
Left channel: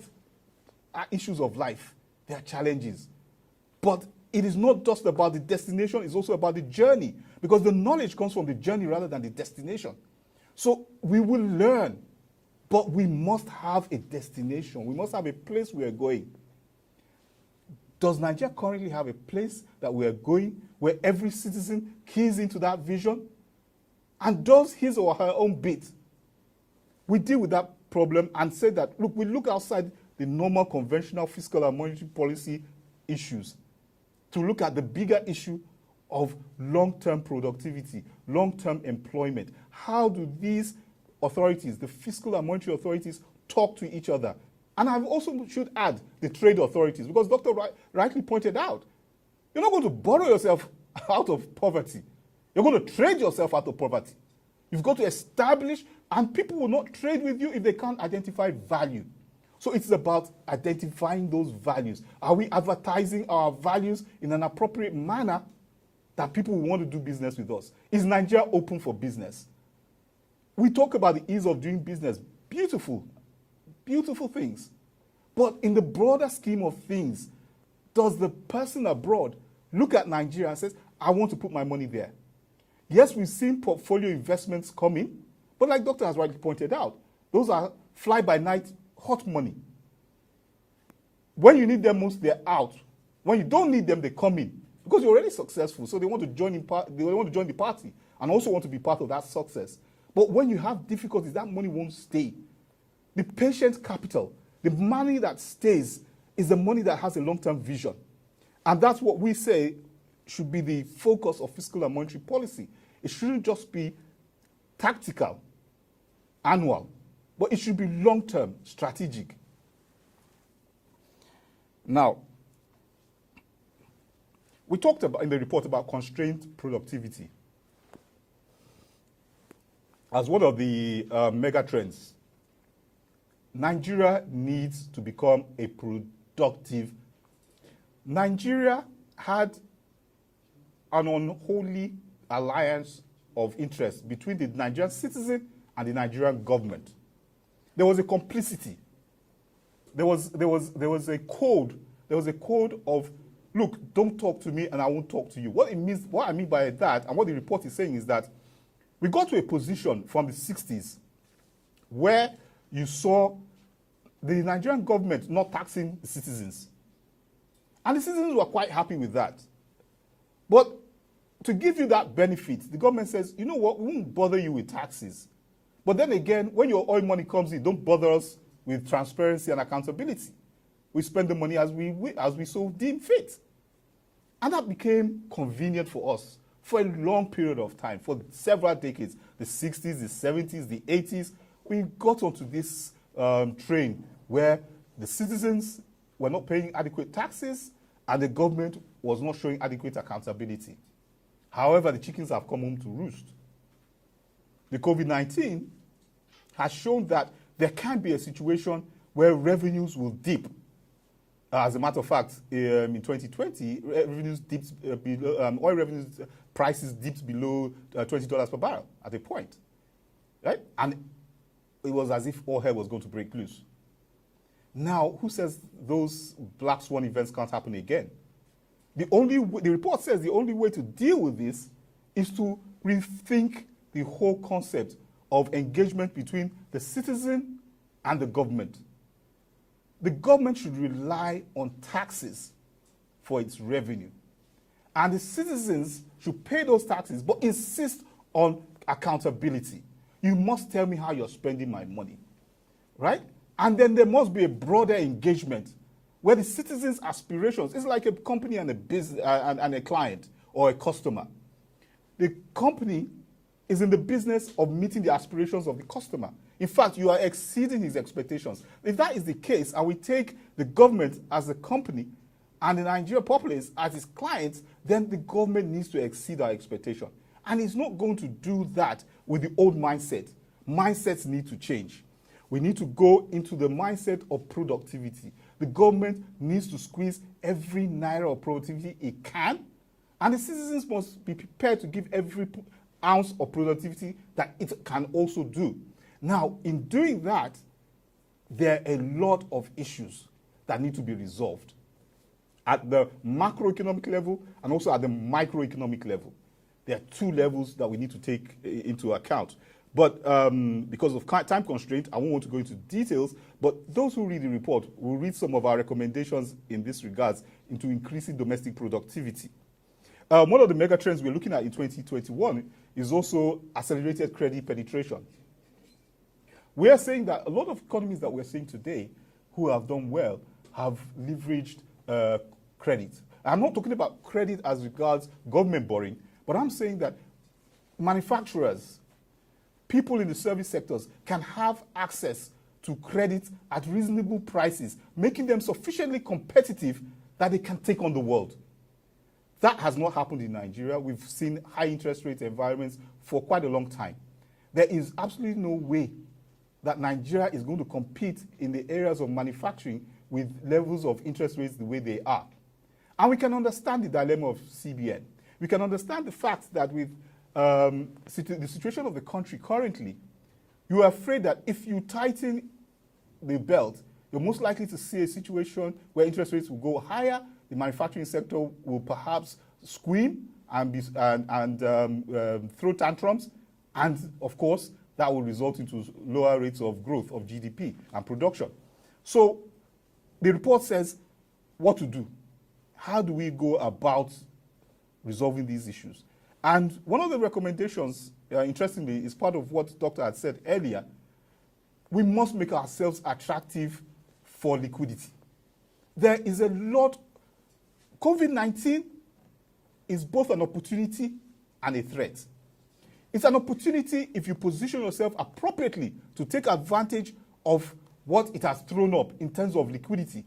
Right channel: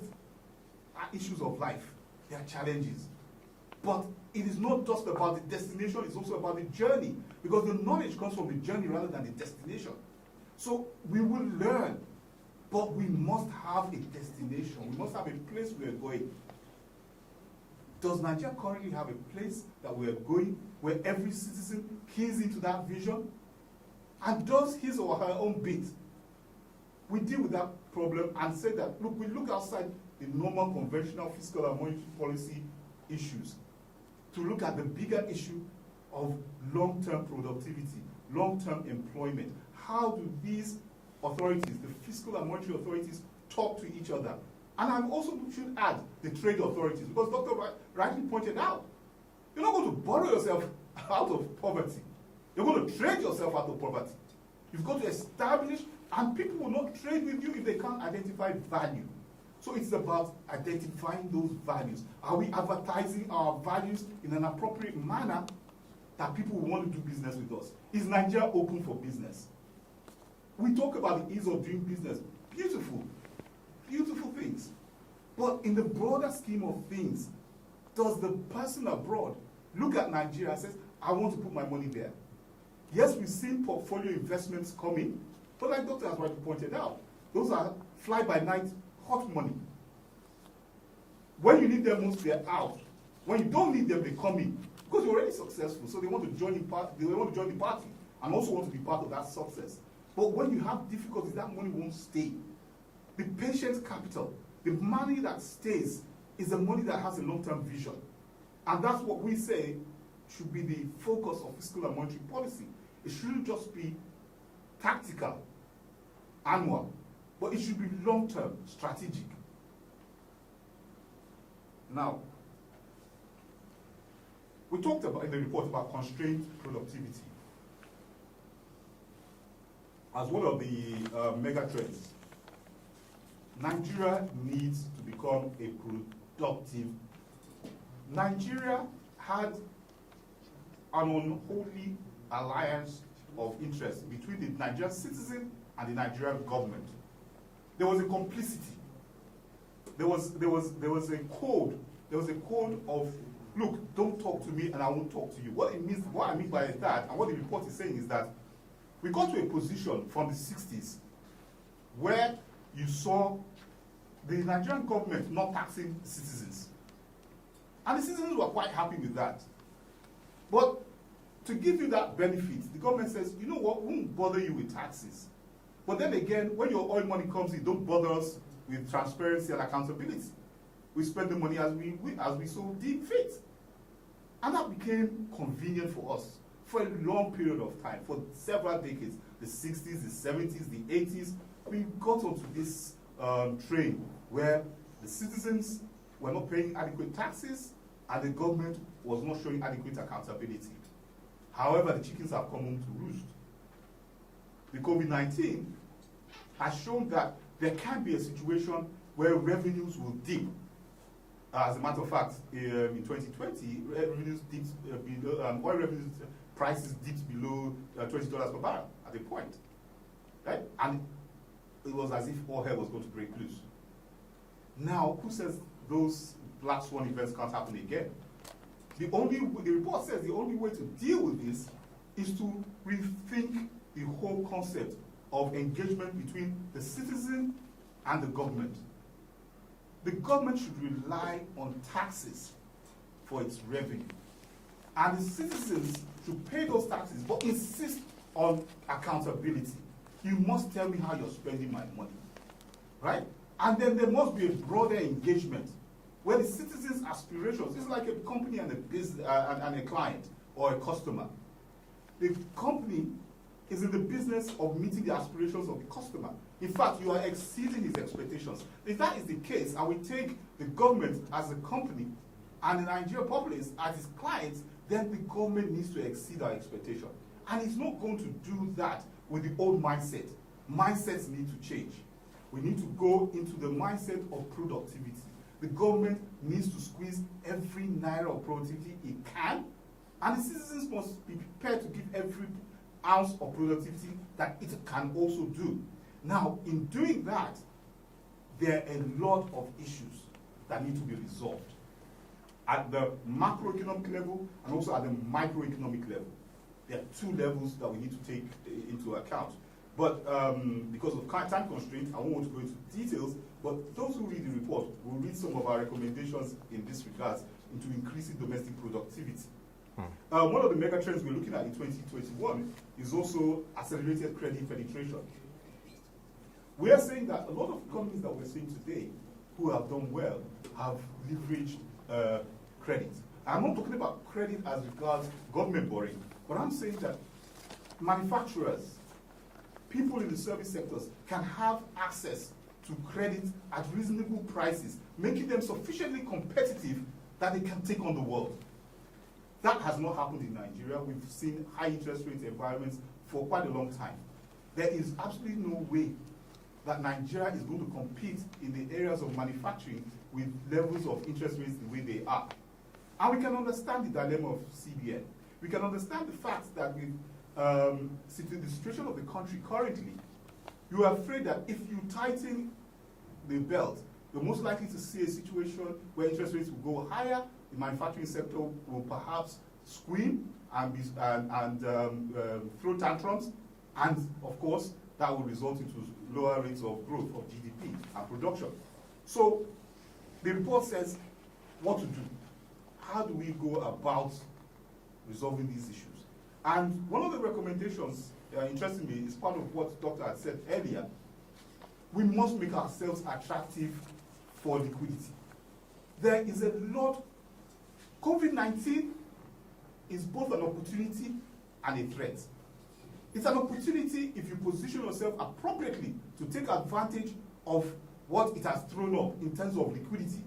issues of life, there are challenges. But it is not just about the destination, it's also about the journey. Because the knowledge comes from the journey rather than the destination. So we will learn, but we must have a destination. We must have a place we are going. Does Nigeria currently have a place that we are going where every citizen keys into that vision and does his or her own bit? We deal with that problem and say that, look, we look outside the normal conventional fiscal and monetary policy issues to look at the bigger issue of long-term productivity, long-term employment. How do these authorities, the fiscal and monetary authorities, talk to each other? And I also should add the trade authorities, because Dr. rightly pointed out, you're not going to borrow yourself out of poverty. You're going to trade yourself out of poverty. You've got to establish, and people will not trade with you if they can't identify value. So it's about identifying those values. Are we advertising our values in an appropriate manner that people will want to do business with us? Is Nigeria open for business? We talk about the ease of doing business. Beautiful. Beautiful things. But in the broader scheme of things, does the person abroad look at Nigeria and says, I want to put my money there? Yes, we've seen portfolio investments come in, but like Doctor has rightly pointed out, those are fly-by-night hot money. When you need them most, they're out. When you don't need them, they come in. Because you're already successful, so they want to join they want to join the party and also want to be part of that success. But when you have difficulties, that money won't stay. The patient capital, the money that stays, is the money that has a long-term vision. And that's what we say should be the focus of fiscal and monetary policy. It shouldn't just be tactical, annual, but it should be long-term, strategic. Now, we talked about in the report about constrained productivity as one of the mega trends. Nigeria needs to become a productive. Nigeria had an unholy alliance of interest between the Nigerian citizen and the Nigerian government. There was a complicity. There was a code. There was a code of, look, don't talk to me and I won't talk to you. What I mean by that, and what the report is saying, is that we got to a position from the 60s where you saw the Nigerian government not taxing the citizens. And the citizens were quite happy with that. But to give you that benefit, the government says, you know what, we won't bother you with taxes. But then again, when your oil money comes in, don't bother us with transparency and accountability. We spend the money as we so deem fit. And that became convenient for us for a long period of time, for several decades, the 60s, the 70s, the 80s. We got onto this train where the citizens were not paying adequate taxes and the government was not showing adequate accountability. However, the chickens have come home to roost. The COVID-19 has shown that there can be a situation where revenues will dip. As a matter of fact, in 2020, revenues dipped below, oil revenues prices dipped below $20 per barrel at a point, right? And it was as if all hell was going to break loose. Now, who says those black swan events can't happen again? The report says the only way to deal with this is to rethink the whole concept of engagement between the citizen and the government. The government should rely on taxes for its revenue. And the citizens should pay those taxes, but insist on accountability. You must tell me how you're spending my money, right? And then there must be a broader engagement where the citizens' aspirations, it's like a company and a business and a client or a customer. The company is in the business of meeting the aspirations of the customer. In fact, you are exceeding his expectations. If that is the case, and we take the government as a company and the Nigerian populace as its clients, then the government needs to exceed our expectation. And it's not going to do that with the old mindset. Mindsets need to change. We need to go into the mindset of productivity. The government needs to squeeze every naira of productivity it can, and the citizens must be prepared to give every ounce of productivity that it can also do. Now, in doing that, there are a lot of issues that need to be resolved at the macroeconomic level and also at the microeconomic level. There are two levels that we need to take into account. But because of time constraint, I won't want to go into details, but those who read the report will read some of our recommendations in this regards into increasing domestic productivity. One of the mega trends we're looking at in 2021 is also accelerated credit penetration. We are saying that a lot of economies that we're seeing today who have done well have leveraged credit. I'm not talking about credit as regards government borrowing, but I'm saying that manufacturers, people in the service sectors can have access to credit at reasonable prices, making them sufficiently competitive that they can take on the world. That has not happened in Nigeria. We've seen high interest rate environments for quite a long time. There is absolutely no way that Nigeria is going to compete in the areas of manufacturing with levels of interest rates the way they are. And we can understand the dilemma of CBN. We can understand the fact that with the situation of the country currently, you are afraid that if you tighten the belt, you're most likely to see a situation where interest rates will go higher, the manufacturing sector will perhaps scream and throw tantrums, and of course, that will result into lower rates of growth of GDP and production. So the report says what to do. How do we go about resolving these issues? And one of the recommendations, interestingly, is part of what Dr. had said earlier. We must make ourselves attractive for liquidity. There is a lot. COVID-19 is both an opportunity and a threat. It's an opportunity if you position yourself appropriately to take advantage of what it has thrown up in terms of liquidity.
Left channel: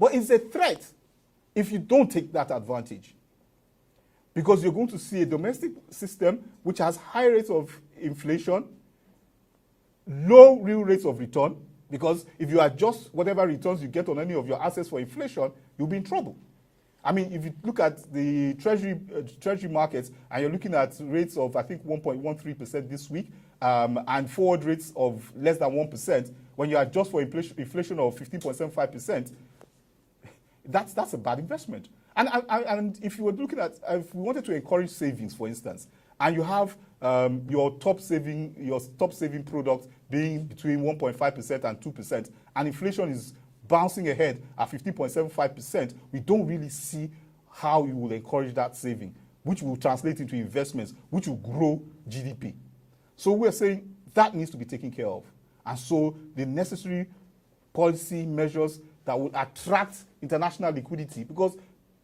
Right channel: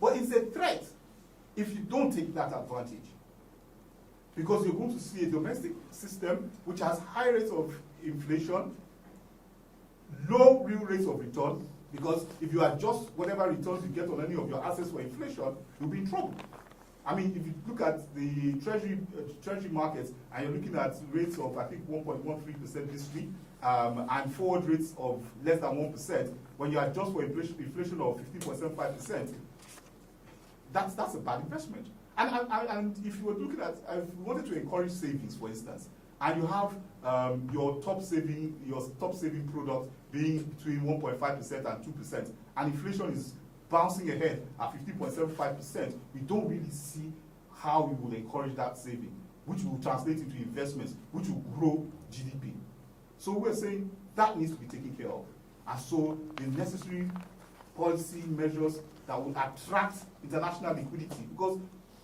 But it's a threat if you don't take that advantage. Because you're going to see a domestic system which has high rates of inflation, low real rates of return, because if you adjust whatever returns you get on any of your assets for inflation, you'll be in trouble. I mean, if you look at the treasury markets, and you're looking at rates of, I think, 1.13% this week, and forward rates of less than 1%, when you adjust for inflation of 15.75%, that's a bad investment. And if you were looking at, if we wanted to encourage savings, for instance, and you have your top saving product being between 1.5% and 2%, and inflation is bouncing ahead at 15.75%, we don't really see how you will encourage that saving, which will translate into investments, which will grow GDP. So we're saying that needs to be taken care of. And so the necessary policy measures that will attract international liquidity, because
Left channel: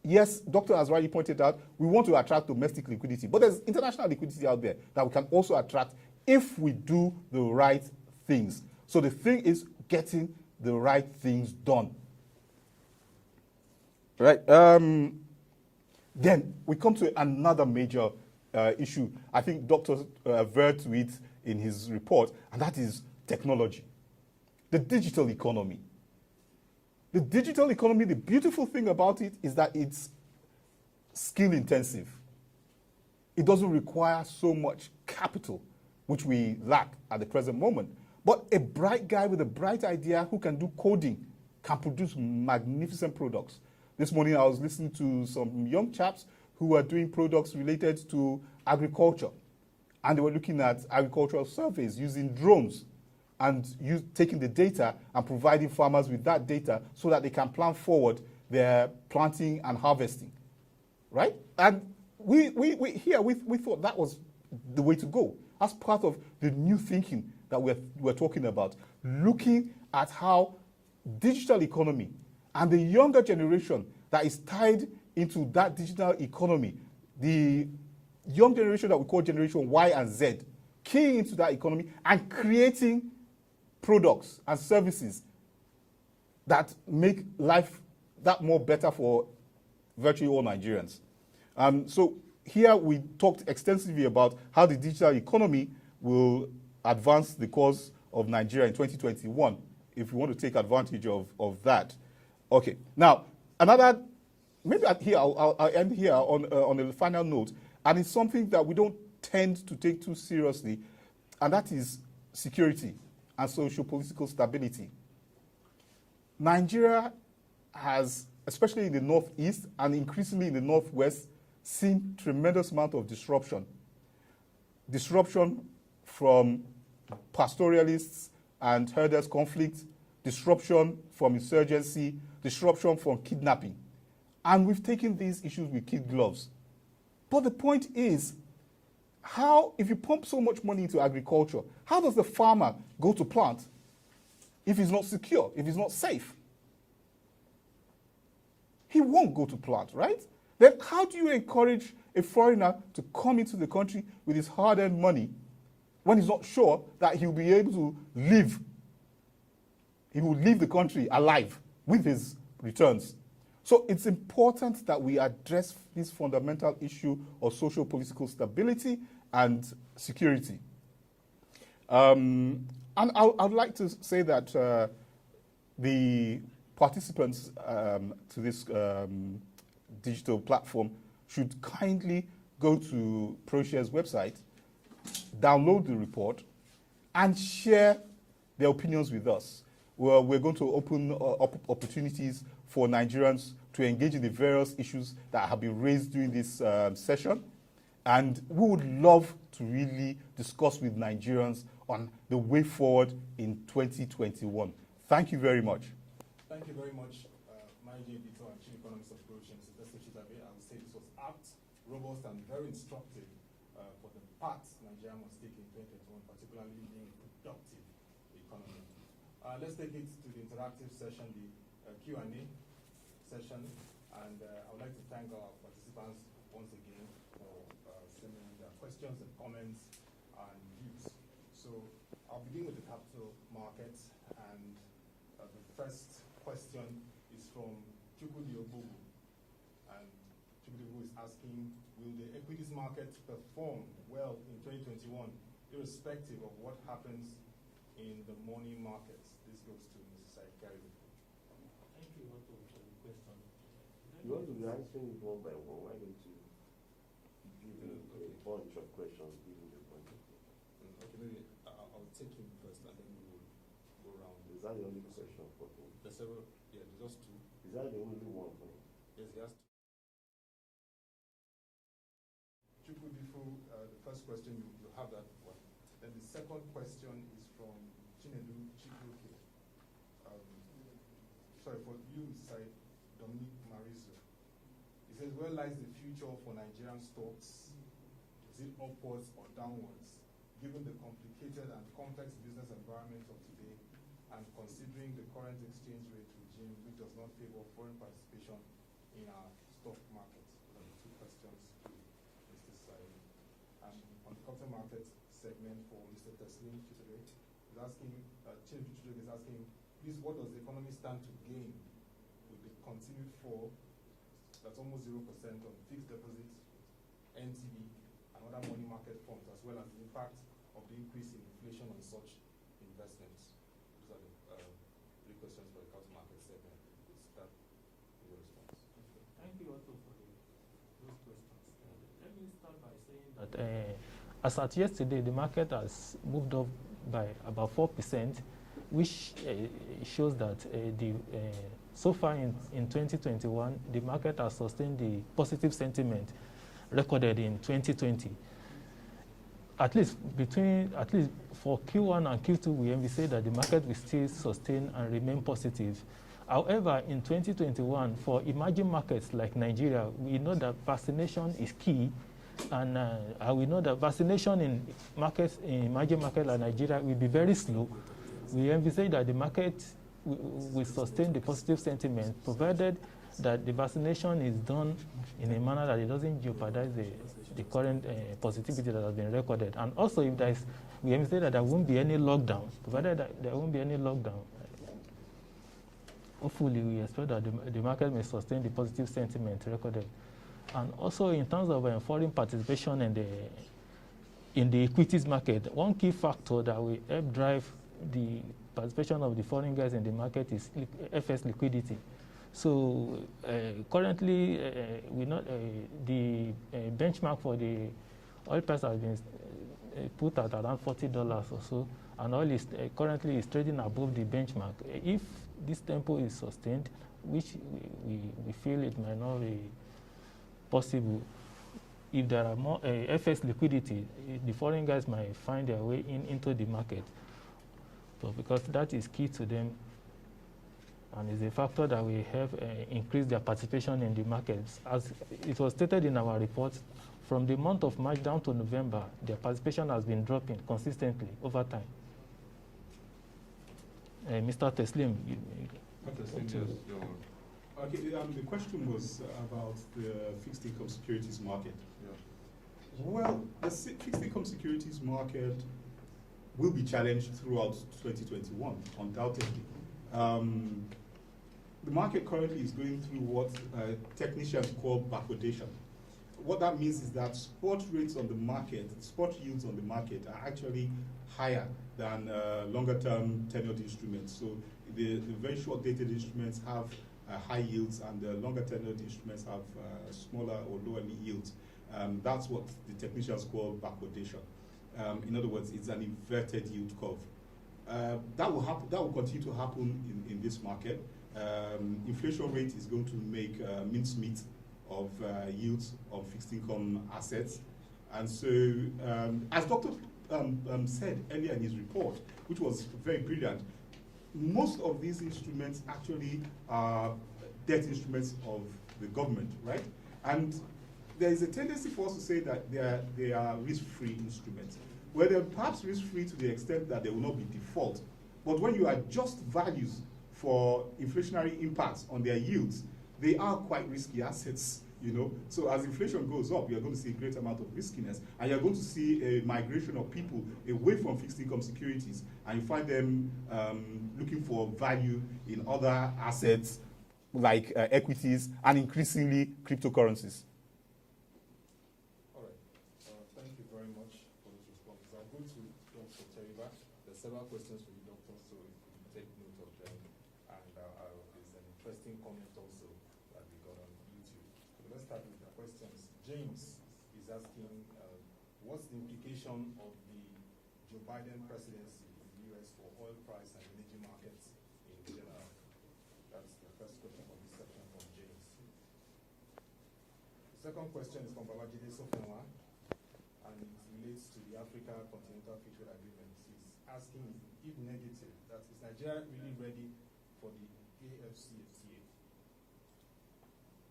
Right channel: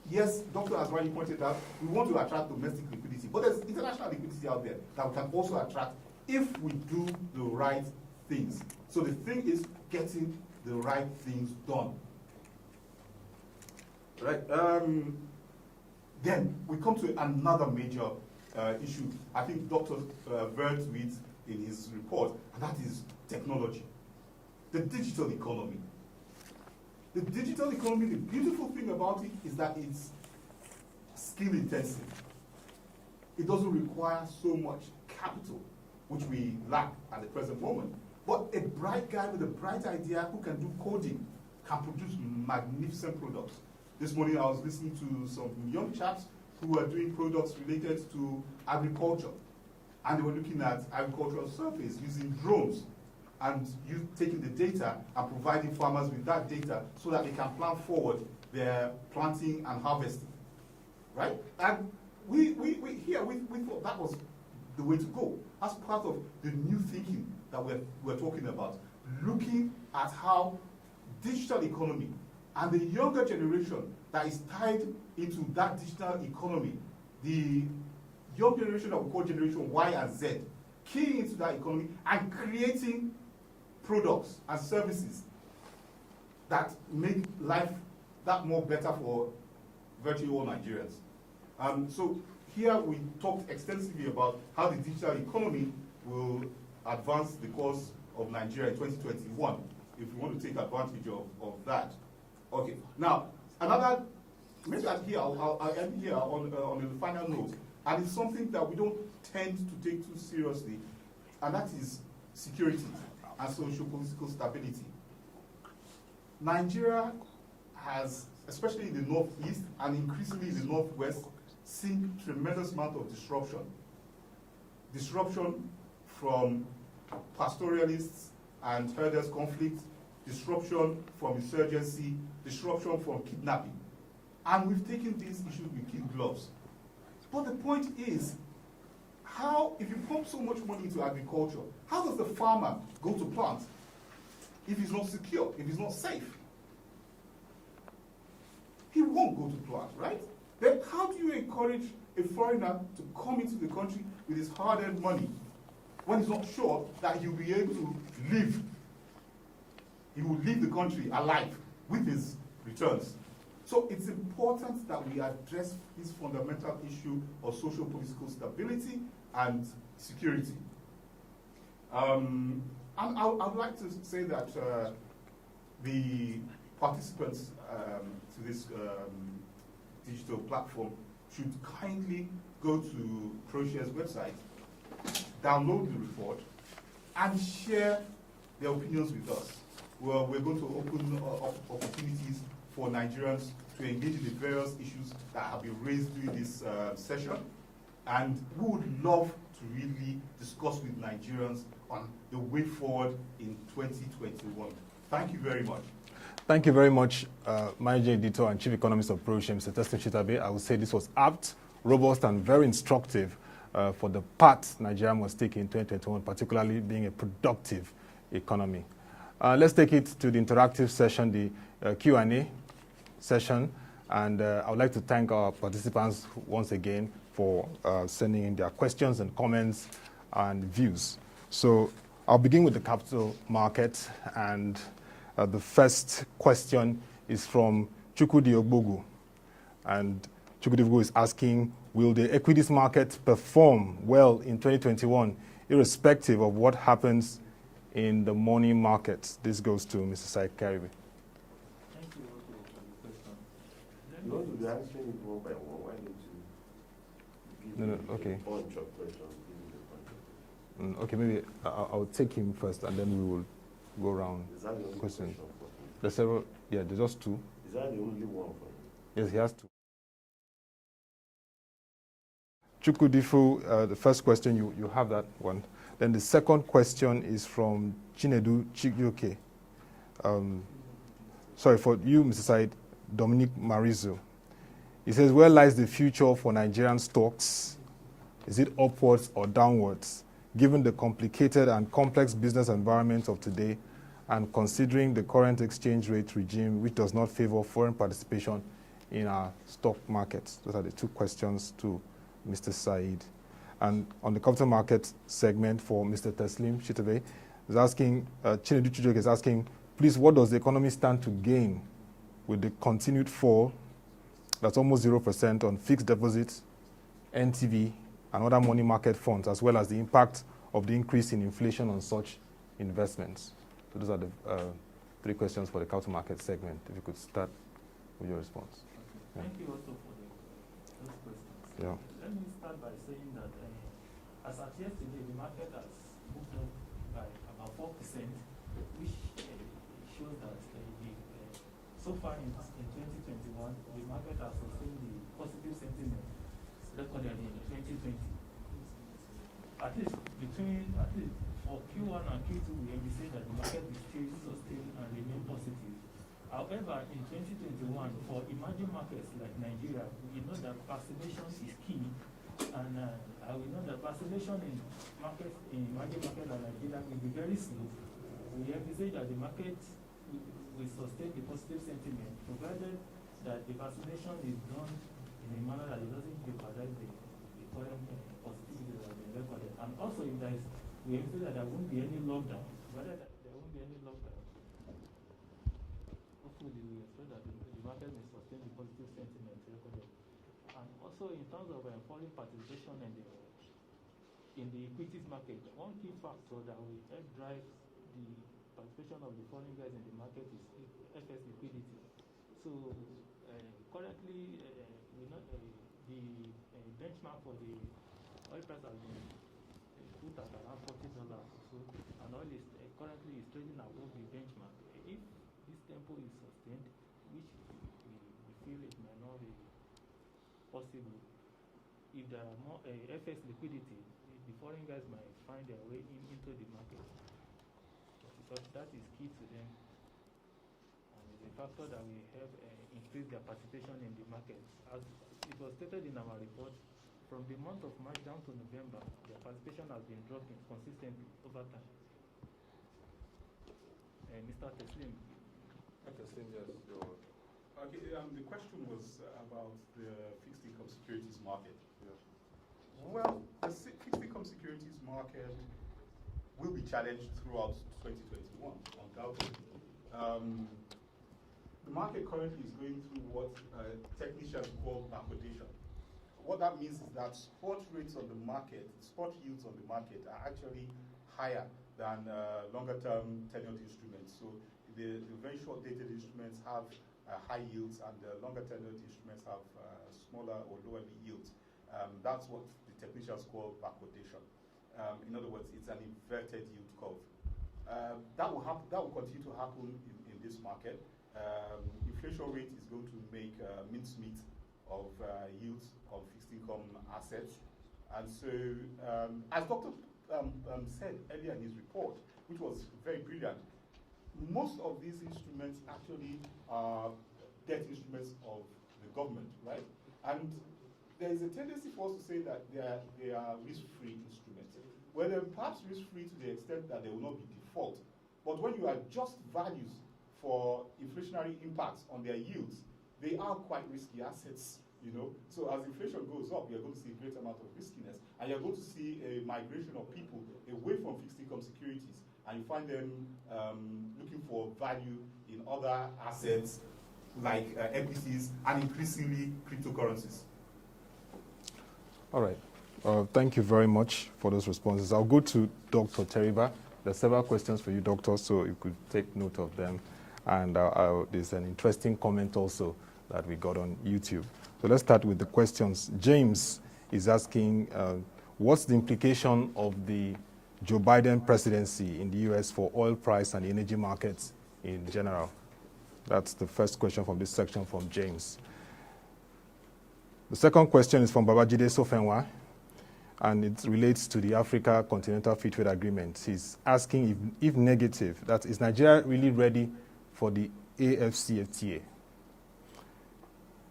yes, Doctor has already pointed out, we want to attract domestic liquidity, but there's international liquidity out there that we can also attract if we do the right things. So the thing is getting the right things done. Right. Then we come to another major issue. I think Dr. referred to it in his report, and that is technology. The digital economy. The digital economy, the beautiful thing about it is that it's skill intensive. It doesn't require so much capital, which we lack at the present moment. But a bright guy with a bright idea who can do coding can produce magnificent products. This morning I was listening to some young chaps who were doing products related to agriculture. And they were looking at agricultural surveys using drones and taking the data and providing farmers with that data so that they can plan forward their planting and harvesting, right? And we thought that was the way to go. That's part of the new thinking that we're talking about, looking at how digital economy and the younger generation that is tied into that digital economy, the young generation that we call Generation Y and Z, keying into that economy and creating products and services that make life that more better for virtually all Nigerians. So here we talked extensively about how the digital economy will advance the cause of Nigeria in 2021, if we want to take advantage of that. Okay, now, maybe here, I'll end here on a final note, and it's something that we don't tend to take too seriously, and that is security and socio-political stability. Nigeria has, especially in the northeast and increasingly in the northwest, seen tremendous amount of disruption. Disruption from pastoralists and herders conflict, disruption from insurgency, disruption from kidnapping. And we've taken these issues with kid gloves. But the point is, if you pump so much money into agriculture, how does the farmer go to plant if he's not secure, if he's not safe? He won't go to plant, right? Then how do you encourage a foreigner to come into the country with his hard-earned money when he's not sure that he'll be able to live? He will leave the country alive with his returns. So it's important that we address this fundamental issue of socio-political stability and security. And I'd like to say that the participants to this digital platform should kindly go to Proshare's website, download the report, and share their opinions with us. Well, we're going to open opportunities for Nigerians to engage in the various issues that have been raised during this session. And we would love to really discuss with Nigerians on the way forward in 2021. Thank you very much. Thank you very much, Managing Editor and Chief Economist of Proshare, Mr. Teslim Shitta-Bey. I would say this was apt, robust, and very instructive for the path Nigeria must take in 2021, particularly being a productive economy. Let's take it to the interactive session, the Q&A session. And I would like to thank our participants once again for sending in their questions and comments and views. So I'll begin with the capital market, and the first question is from Chukudi Ogbogu. And Chukudi Ogbogu is asking, will the equities market perform well in 2021, irrespective of what happens in the money markets? This goes to Mr. Saheed Kiaribe. You want to be answering it one by one. Why don't you give okay. a bunch of questions? Give me a bunch of questions. Okay, maybe I'll take him first, and then we will go around. Is that the only question for him? There's several. Yeah, there's just two. Is that the only one for him? Yes, he has two. Chukwudifu, the first question, you have that one. Then the second question is from Chinedu Chigyoke. Sorry, for you, Mr. Said, Dominic Marizo. He says, where lies the future for Nigerian stocks? Is it upwards or downwards, given the complicated and complex business environment of today and considering the current exchange rate regime, which does not favor foreign participation in our stock markets? Those are the two questions to Mr. Said. And on the capital market segment for Mr. Teslim Shitta-Bey, is asking, Chinedu Chijok is asking, please, what does the economy stand to gain with the continued fall, that's almost 0% on fixed deposits, NTV, and other money market funds, as well as the impact of the increase in inflation on such investments? So those are the three questions for the capital market segment. If you could start with your response. Okay. Thank you also for those questions. Yeah. Let me start by saying that as at yesterday, the market has moved up by about 4%, which shows that so far in 2021, the market has sustained the positive sentiment recorded in 2020. At least for Q1 and Q2, we envisage that the market will still sustain and remain positive. However, in 2021, for emerging markets like Nigeria, we know that vaccination is key, and we know that vaccination in emerging markets like Nigeria will be very slow. We envisage that the market will sustain the positive sentiment, provided that the vaccination is done in a manner that it doesn't jeopardize the current positivity that has been recorded. And also, if there is, we envisage that there won't be any lockdown, provided that there won't be any lockdown. Hopefully, we expect that the market may sustain the positive sentiment recorded. And also, in terms of foreign participation in the equities market, one key factor that will help drive the participation of the foreign guys in the market is FS liquidity. So currently, we know the benchmark for the oil price has been put at around $40 or so, and oil is currently is trading above the benchmark. If this tempo is sustained, which we feel it might not be possible, if there are more FX liquidity, the foreign guys might find their way into the market. So because that is key to them, and is a factor that will help increase their participation in the markets. As it was stated in our report, from the month of March down to November, their participation has been dropping consistently over time. Mr. Teslim, Okay, the question was about the fixed income securities market. Yeah. Well, the fixed income securities market will be challenged throughout 2021, undoubtedly. The market currently is going through what technicians call backwardation. What that means is that spot rates on the market, spot yields on the market are actually higher than longer-term tenured instruments. So the very short-dated instruments have high yields, and the longer-tenured instruments have smaller or lower yields. That's what the technicians call backwardation. In other words, it's an inverted yield curve. That will continue to happen in this market. Inflation rate is going to make mincemeat of yields of fixed income assets. And so, as Dr. Said earlier in his report, which was very brilliant, most of these instruments actually are debt instruments of the government, right? And there is a tendency for us to say that they are risk-free instruments, where they're perhaps risk-free to the extent that they will not be default. But when you adjust values for inflationary impacts on their yields, they are quite risky assets, you know. So as inflation goes up, you're going to see a great amount of riskiness, and you're going to see a migration of people away from fixed income securities, and you find them looking for value in other assets like equities and increasingly cryptocurrencies. All right. Thank you very much for those responses. I'll go to Dr. Teriba. There are several questions for you, Doctor, so you could take note of them. And there's an interesting comment also that we got on YouTube. So let's start with the questions. James is asking, what's the implication of the Joe Biden presidency in the U.S. for oil price and energy markets in general? That's the first question from this section from James. The second question is from Babajide Sofenwa, and it relates to the Africa Continental Free Trade Agreement. He's asking if negative, that is Nigeria really ready for the AFCFTA?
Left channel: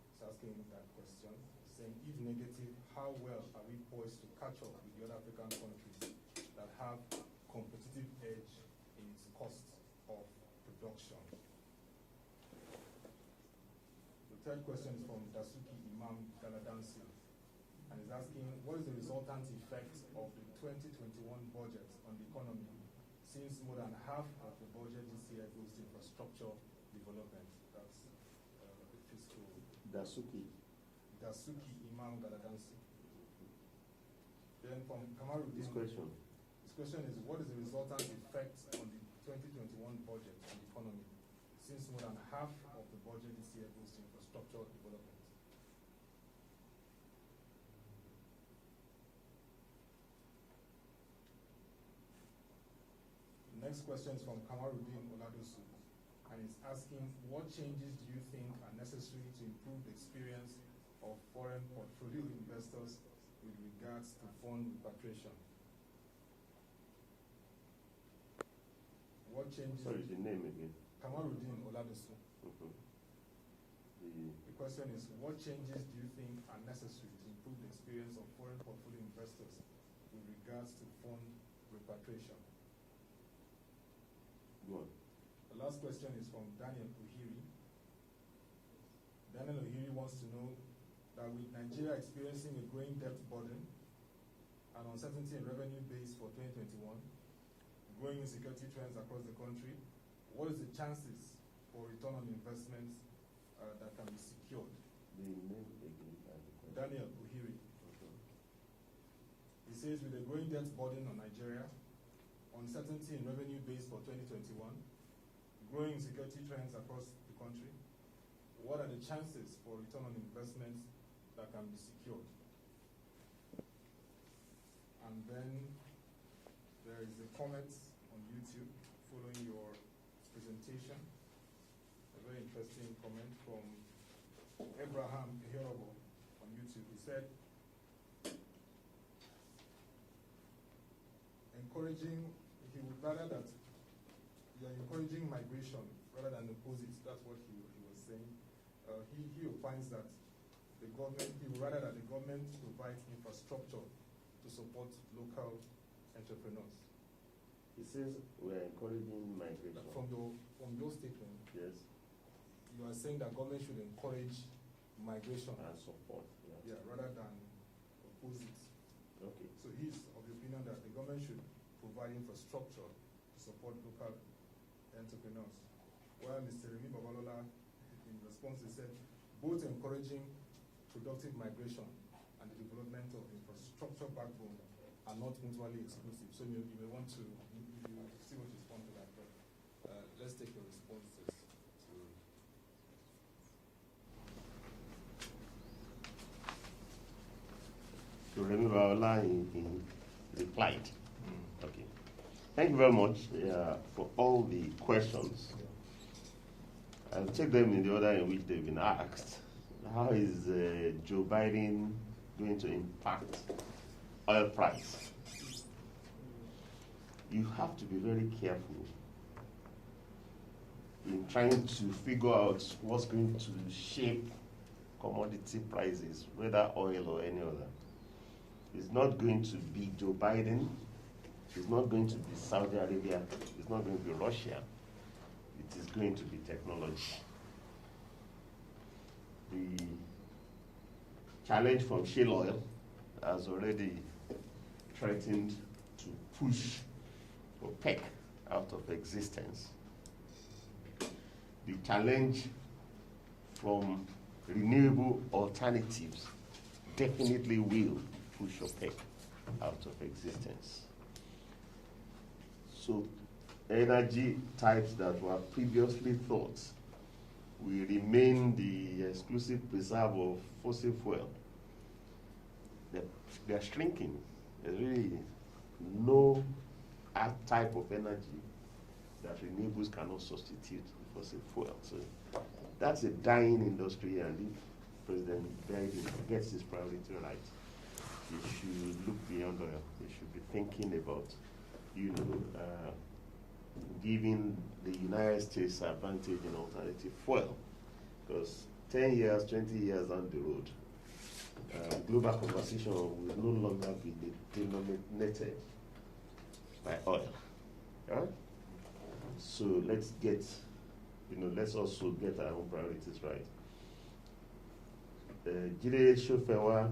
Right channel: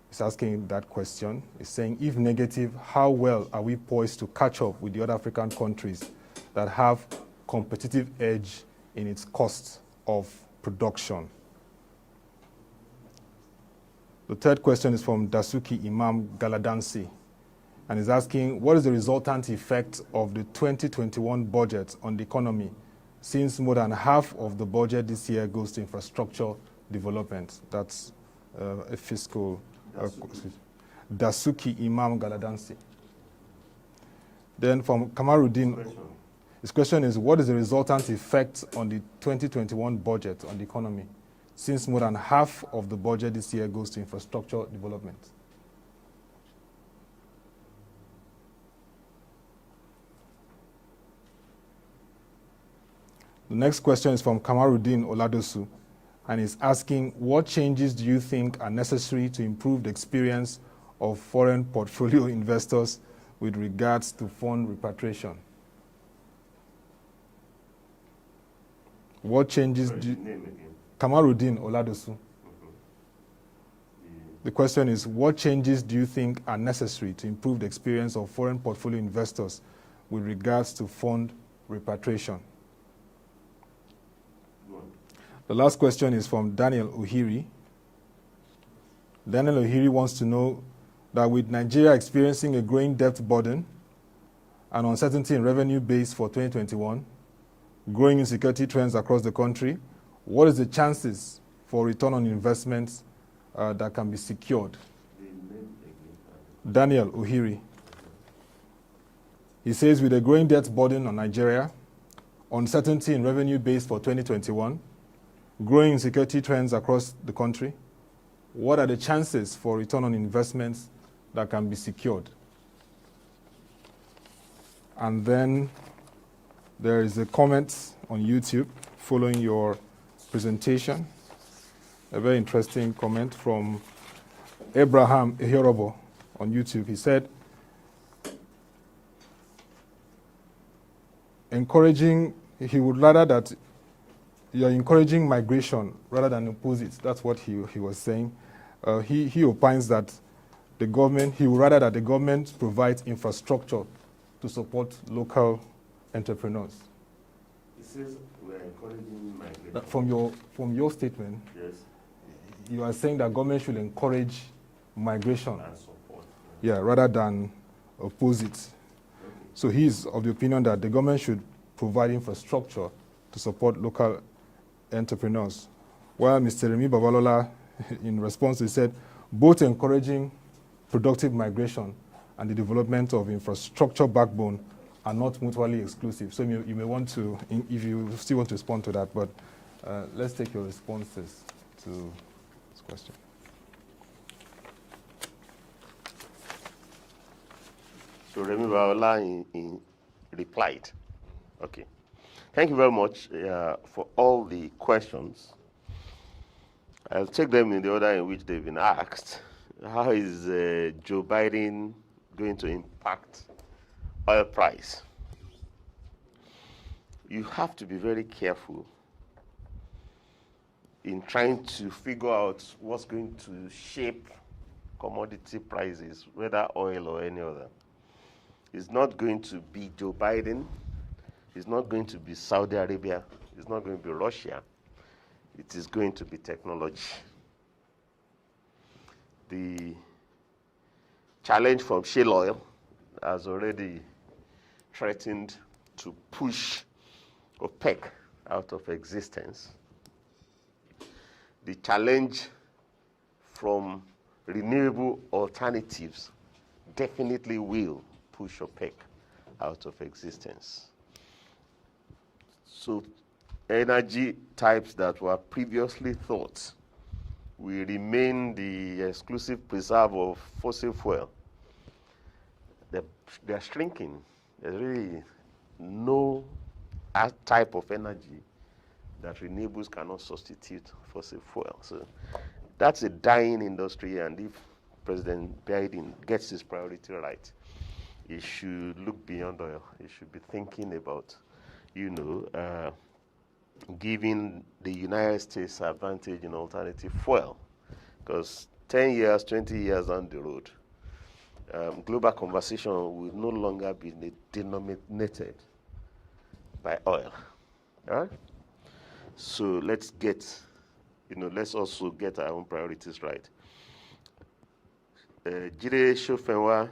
He's asking that question. He's saying, if negative, how well are we poised to catch up with the other African countries that have competitive edge in its cost of production? The third question is from Dasuki Imam Galadansi, and is asking, what is the resultant effect of the 2021 budget on the economy, since more than half of the budget this year goes to infrastructure development? That's a fiscal... Dasuki Imam Galadansi. Then from Kamaruddin, his question is, what is the resultant effect on the 2021 budget on the economy, since more than half of the budget this year goes to infrastructure development? The next question is from Kamaruddin Oladosu, and is asking, what changes do you think are necessary to improve the experience of foreign portfolio investors with regards to fund repatriation? What changes do you... Kamaruddin Oladosu. The question is, what changes do you think are necessary to improve the experience of foreign portfolio investors with regards to fund repatriation? The last question is from Daniel Ohiri. Daniel Ohiri wants to know that with Nigeria experiencing a growing debt burden and uncertainty in revenue base for 2021, growing insecurity trends across the country, what is the chances for return on investments that can be secured? Daniel Ohiri. He says, with a growing debt burden on Nigeria, uncertainty in revenue base for 2021, growing insecurity trends across the country, what are the chances for return on investments that can be secured? And then there is a comment on YouTube following your presentation, a very interesting comment from Abraham Ehorobo on YouTube. He said, he would rather that you're encouraging migration rather than oppose it. That's what he was saying. He opines that the government, he would rather that the government provides infrastructure to support local entrepreneurs. He says we're encouraging migration. From your statement, yes, you are saying that government should encourage migration. And support. Yeah, rather than oppose it. Okay. So he's of the opinion that the government should provide infrastructure to support local entrepreneurs. While Mr. Remi Babalola, in response, he said, both encouraging productive migration and the development of infrastructure backbone are not mutually exclusive. So you may want to, if you still want to respond to that, but let's take your responses to this question. So Remi Babalola replied. Okay. Thank you very much for all the questions. I'll take them in the order in which they've been asked. How is Joe Biden going to impact oil price? You have to be very careful in trying to figure out what's going to shape commodity prices, whether oil or any other. It's not going to be Joe Biden. It's not going to be Saudi Arabia. It's not going to be Russia. It is going to be technology. The challenge from shale oil has already threatened to push OPEC out of existence. The challenge from renewable alternatives definitely will push OPEC out of existence. So energy types that were previously thought will remain the exclusive preserve of fossil fuel, they're shrinking. There's really no type of energy that renewables cannot substitute fossil fuel. So that's a dying industry, and if President Biden gets his priority right, he should look beyond oil. He should be thinking about, giving the United States advantage in alternative fuel. Because 10 years, 20 years down the road, global conversation will no longer be denominated by oil. All right? So let's let's also get our own priorities right. Jide Shofenwa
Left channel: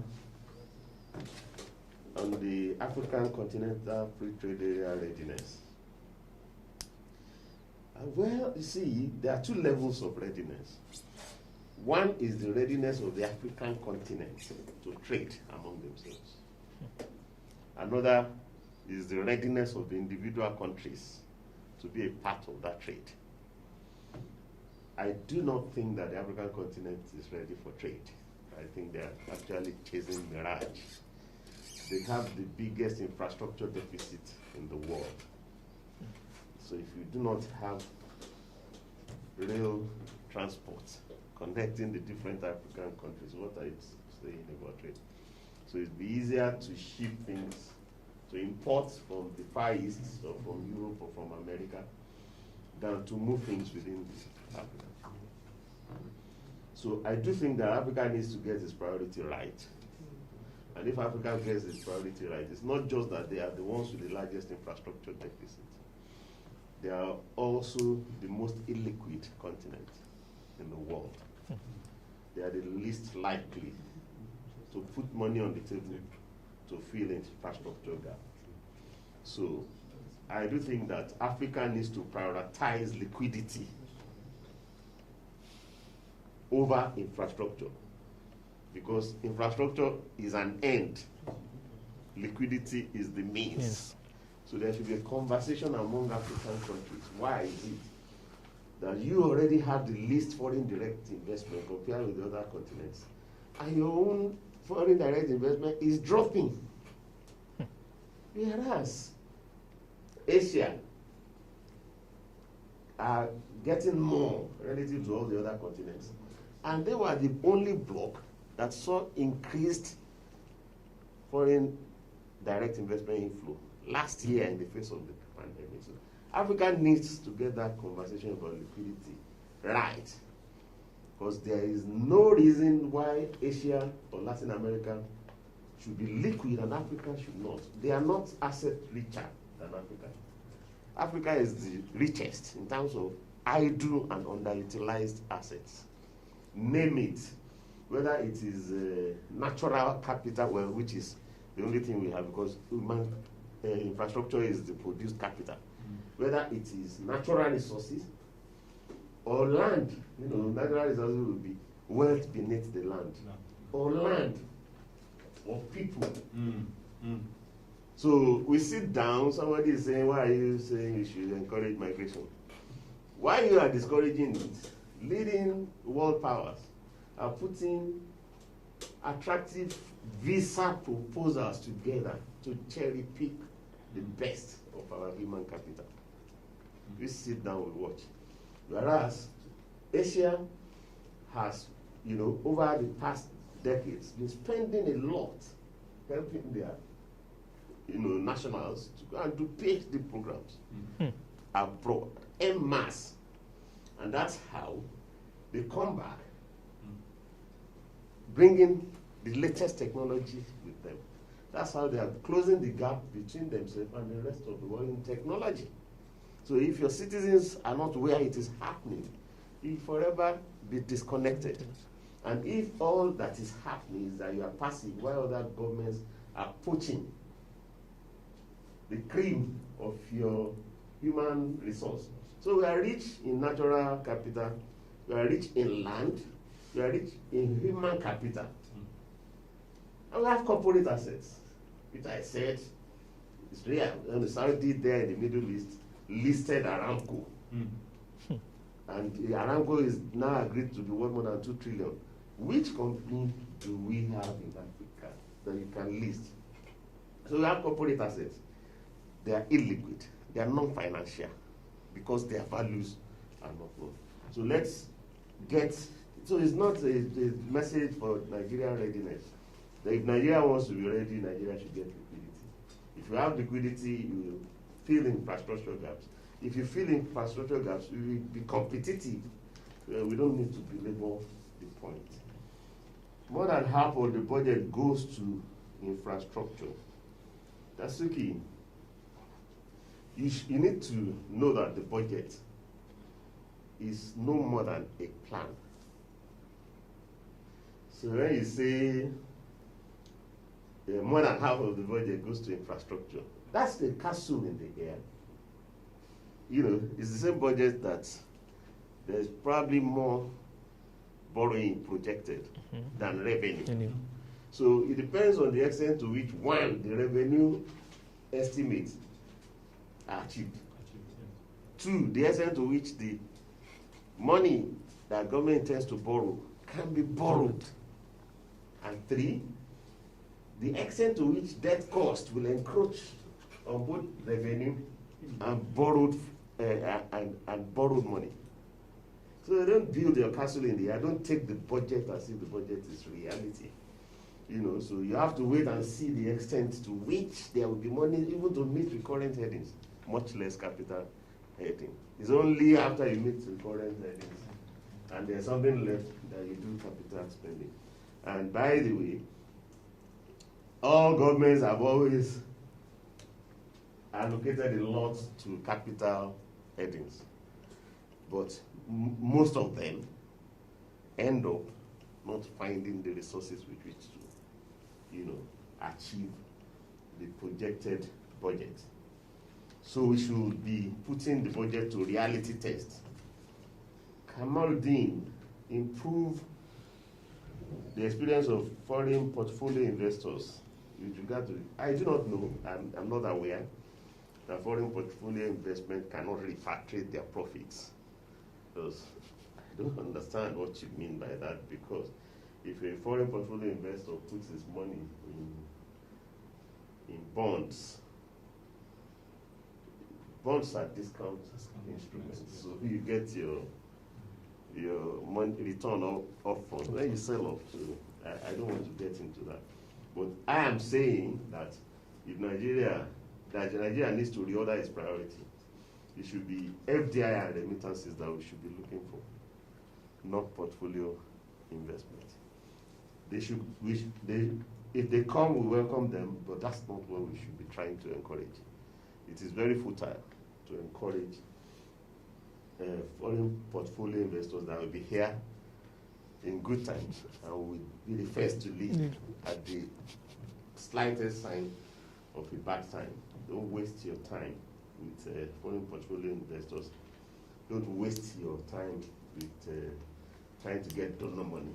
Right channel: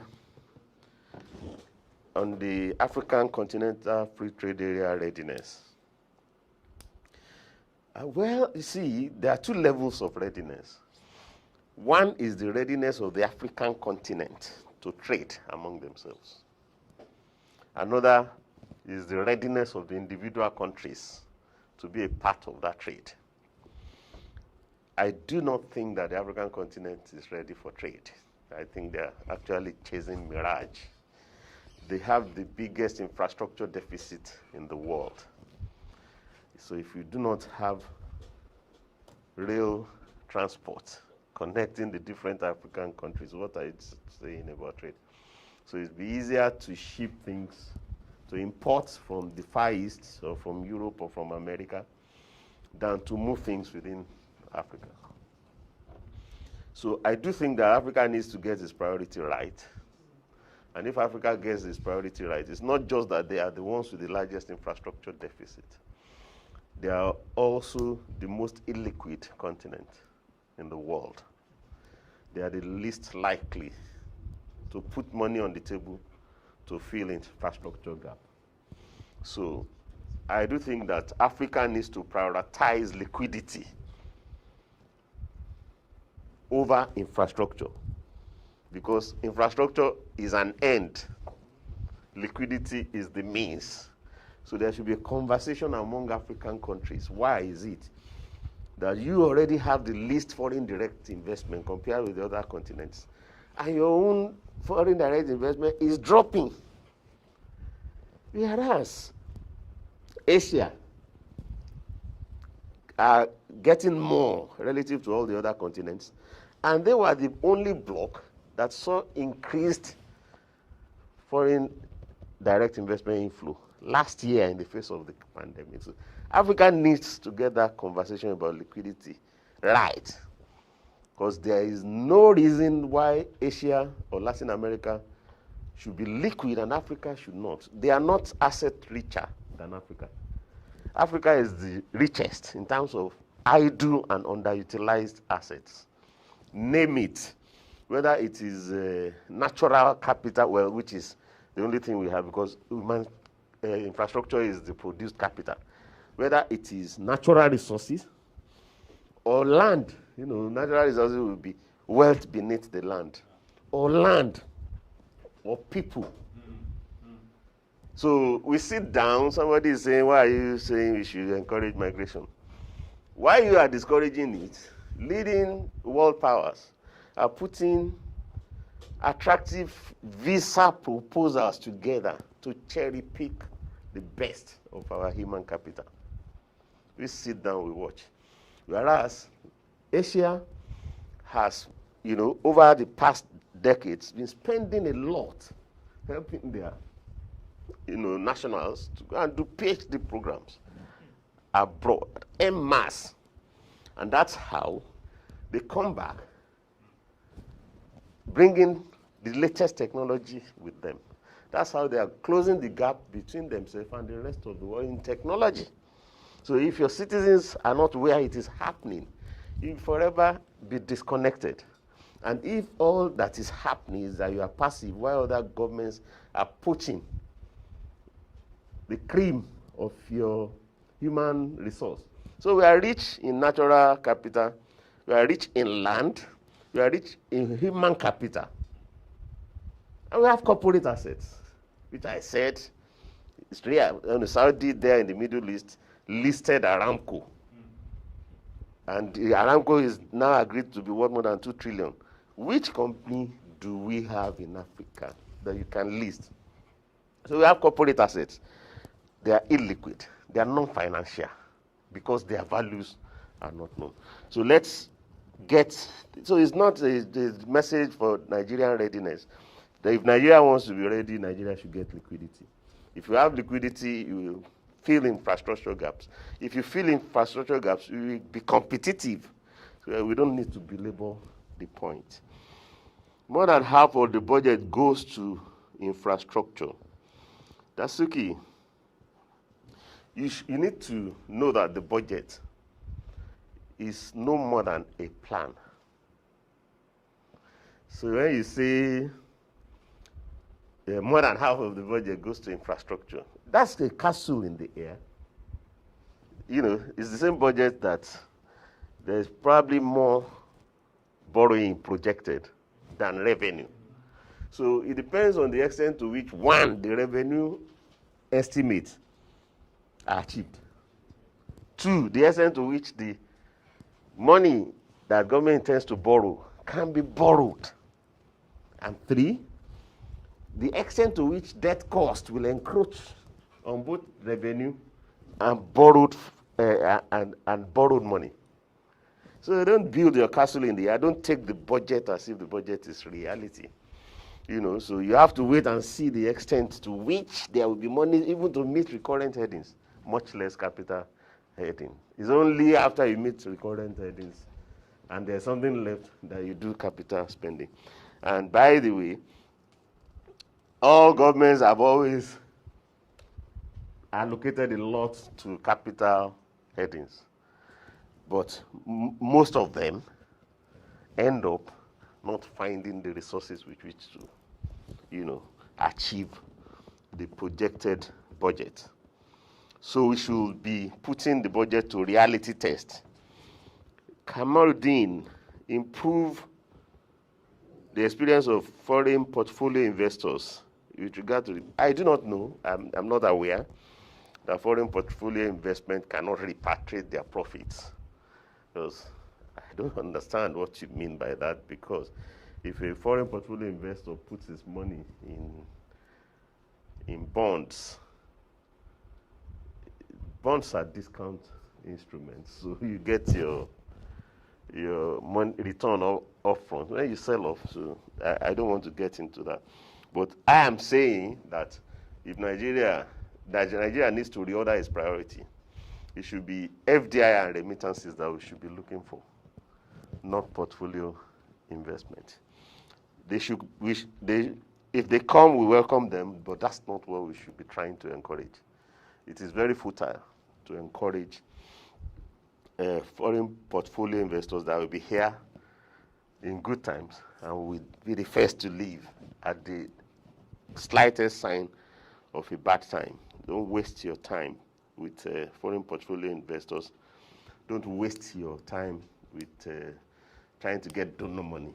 on the African Continental Free Trade Area readiness. Well, you see, there are two levels of readiness. One is the readiness of the African continent to trade among themselves. Another is the readiness of the individual countries to be a part of that trade. I do not think that the African continent is ready for trade. I think they are actually chasing mirage. They have the biggest infrastructure deficit in the world. So if you do not have rail transport connecting the different African countries, what are you saying about trade? So it's be easier to ship things, to import from the Far East or from Europe or from America than to move things within Africa. So I do think that Africa needs to get its priority right. And if Africa gets its priority right, it's not just that they are the ones with the largest infrastructure deficit. They are also the most illiquid continent in the world. They are the least likely to put money on the table to fill infrastructure gap. So I do think that Africa needs to prioritize liquidity over infrastructure, because infrastructure is an end, liquidity is the means. Yes. So there should be a conversation among African countries. Why is it that you already have the least foreign direct investment compared with the other continents, and your own foreign direct investment is dropping? Whereas Asia are getting more relative to all the other continents, and they were the only bloc that saw increased foreign direct investment inflow last year in the face of the pandemic. So Africa needs to get that conversation about liquidity right, because there is no reason why Asia or Latin America should be liquid and Africa should not. They are not asset richer than Africa. Africa is the richest in terms of idle and underutilized assets. Name it, whether it is natural capital, well, which is the only thing we have, because human infrastructure is the produced capital. Whether it is natural resources or land, natural resources will be wealth beneath the land, or land, or people. So we sit down, somebody is saying, why are you saying we should encourage migration? Why you are discouraging it? Leading world powers are putting attractive visa proposals together to cherry pick the best of our human capital. We sit down, we watch. Whereas Asia has, over the past decades, been spending a lot helping their, nationals to go and do PhD programs abroad, en masse. And that's how they come back, bringing the latest technology with them. That's how they are closing the gap between themselves and the rest of the world in technology. So if your citizens are not where it is happening, you forever be disconnected. And if all that is happening is that you are passive while other governments are poaching the cream of your human resource. So we are rich in natural capital, we are rich in land, we are rich in human capital. And we have corporate assets, which I said is real. And Saudi there in the Middle East listed Aramco. And Aramco is now agreed to be worth more than 2 trillion. Which company do we have in Africa that you can list? So we have corporate assets. They are illiquid. They are non-financial because their values are not known. So let's get, so it's not a message for Nigerian readiness. That if Nigeria wants to be ready, Nigeria should get liquidity. If you have liquidity, you will fill infrastructure gaps. If you fill infrastructure gaps, you will be competitive. So we don't need to belabor the point. More than half of the budget goes to infrastructure. Dasuki, you need to know that the budget is no more than a plan. So when you say more than half of the budget goes to infrastructure, that's the castle in the air. You know, it's the same budget that there's probably more borrowing projected than revenue. So it depends on the extent to which, one, the revenue estimates are achieved. Two, the extent to which the money that government intends to borrow can be borrowed. And three, the extent to which debt cost will encroach on both revenue and borrowed borrowed money. So you don't build your castle in the air. Don't take the budget as if the budget is reality. You know, so you have to wait and see the extent to which there will be money even to meet recurrent headings, much less capital heading. It's only after you meet recurrent headings and there's something left that you do capital spending. And by the way, all governments have always allocated a lot to capital headings, but most of them end up not finding the resources with which to, you know, achieve the projected budget. So we should be putting the budget to reality test. Kamaruddin, improve the experience of foreign portfolio investors with regard to I do not know, I'm not aware that foreign portfolio investment cannot repatriate their profits. Because I don't understand what you mean by that, because if a foreign portfolio investor puts his money in bonds, bonds are discount instruments, so you get your money return up front when you sell off. So I don't want to get into that. But I am saying that if Nigeria needs to reorder its priority, it should be FDI and remittances that we should be looking for, not portfolio investment. If they come, we welcome them, but that's not what we should be trying to encourage. It is very futile to encourage foreign portfolio investors that will be here in good times and will be the first to leave at the slightest sign of a bad time. Don't waste your time with foreign portfolio investors. Don't waste your time with trying to get donor money.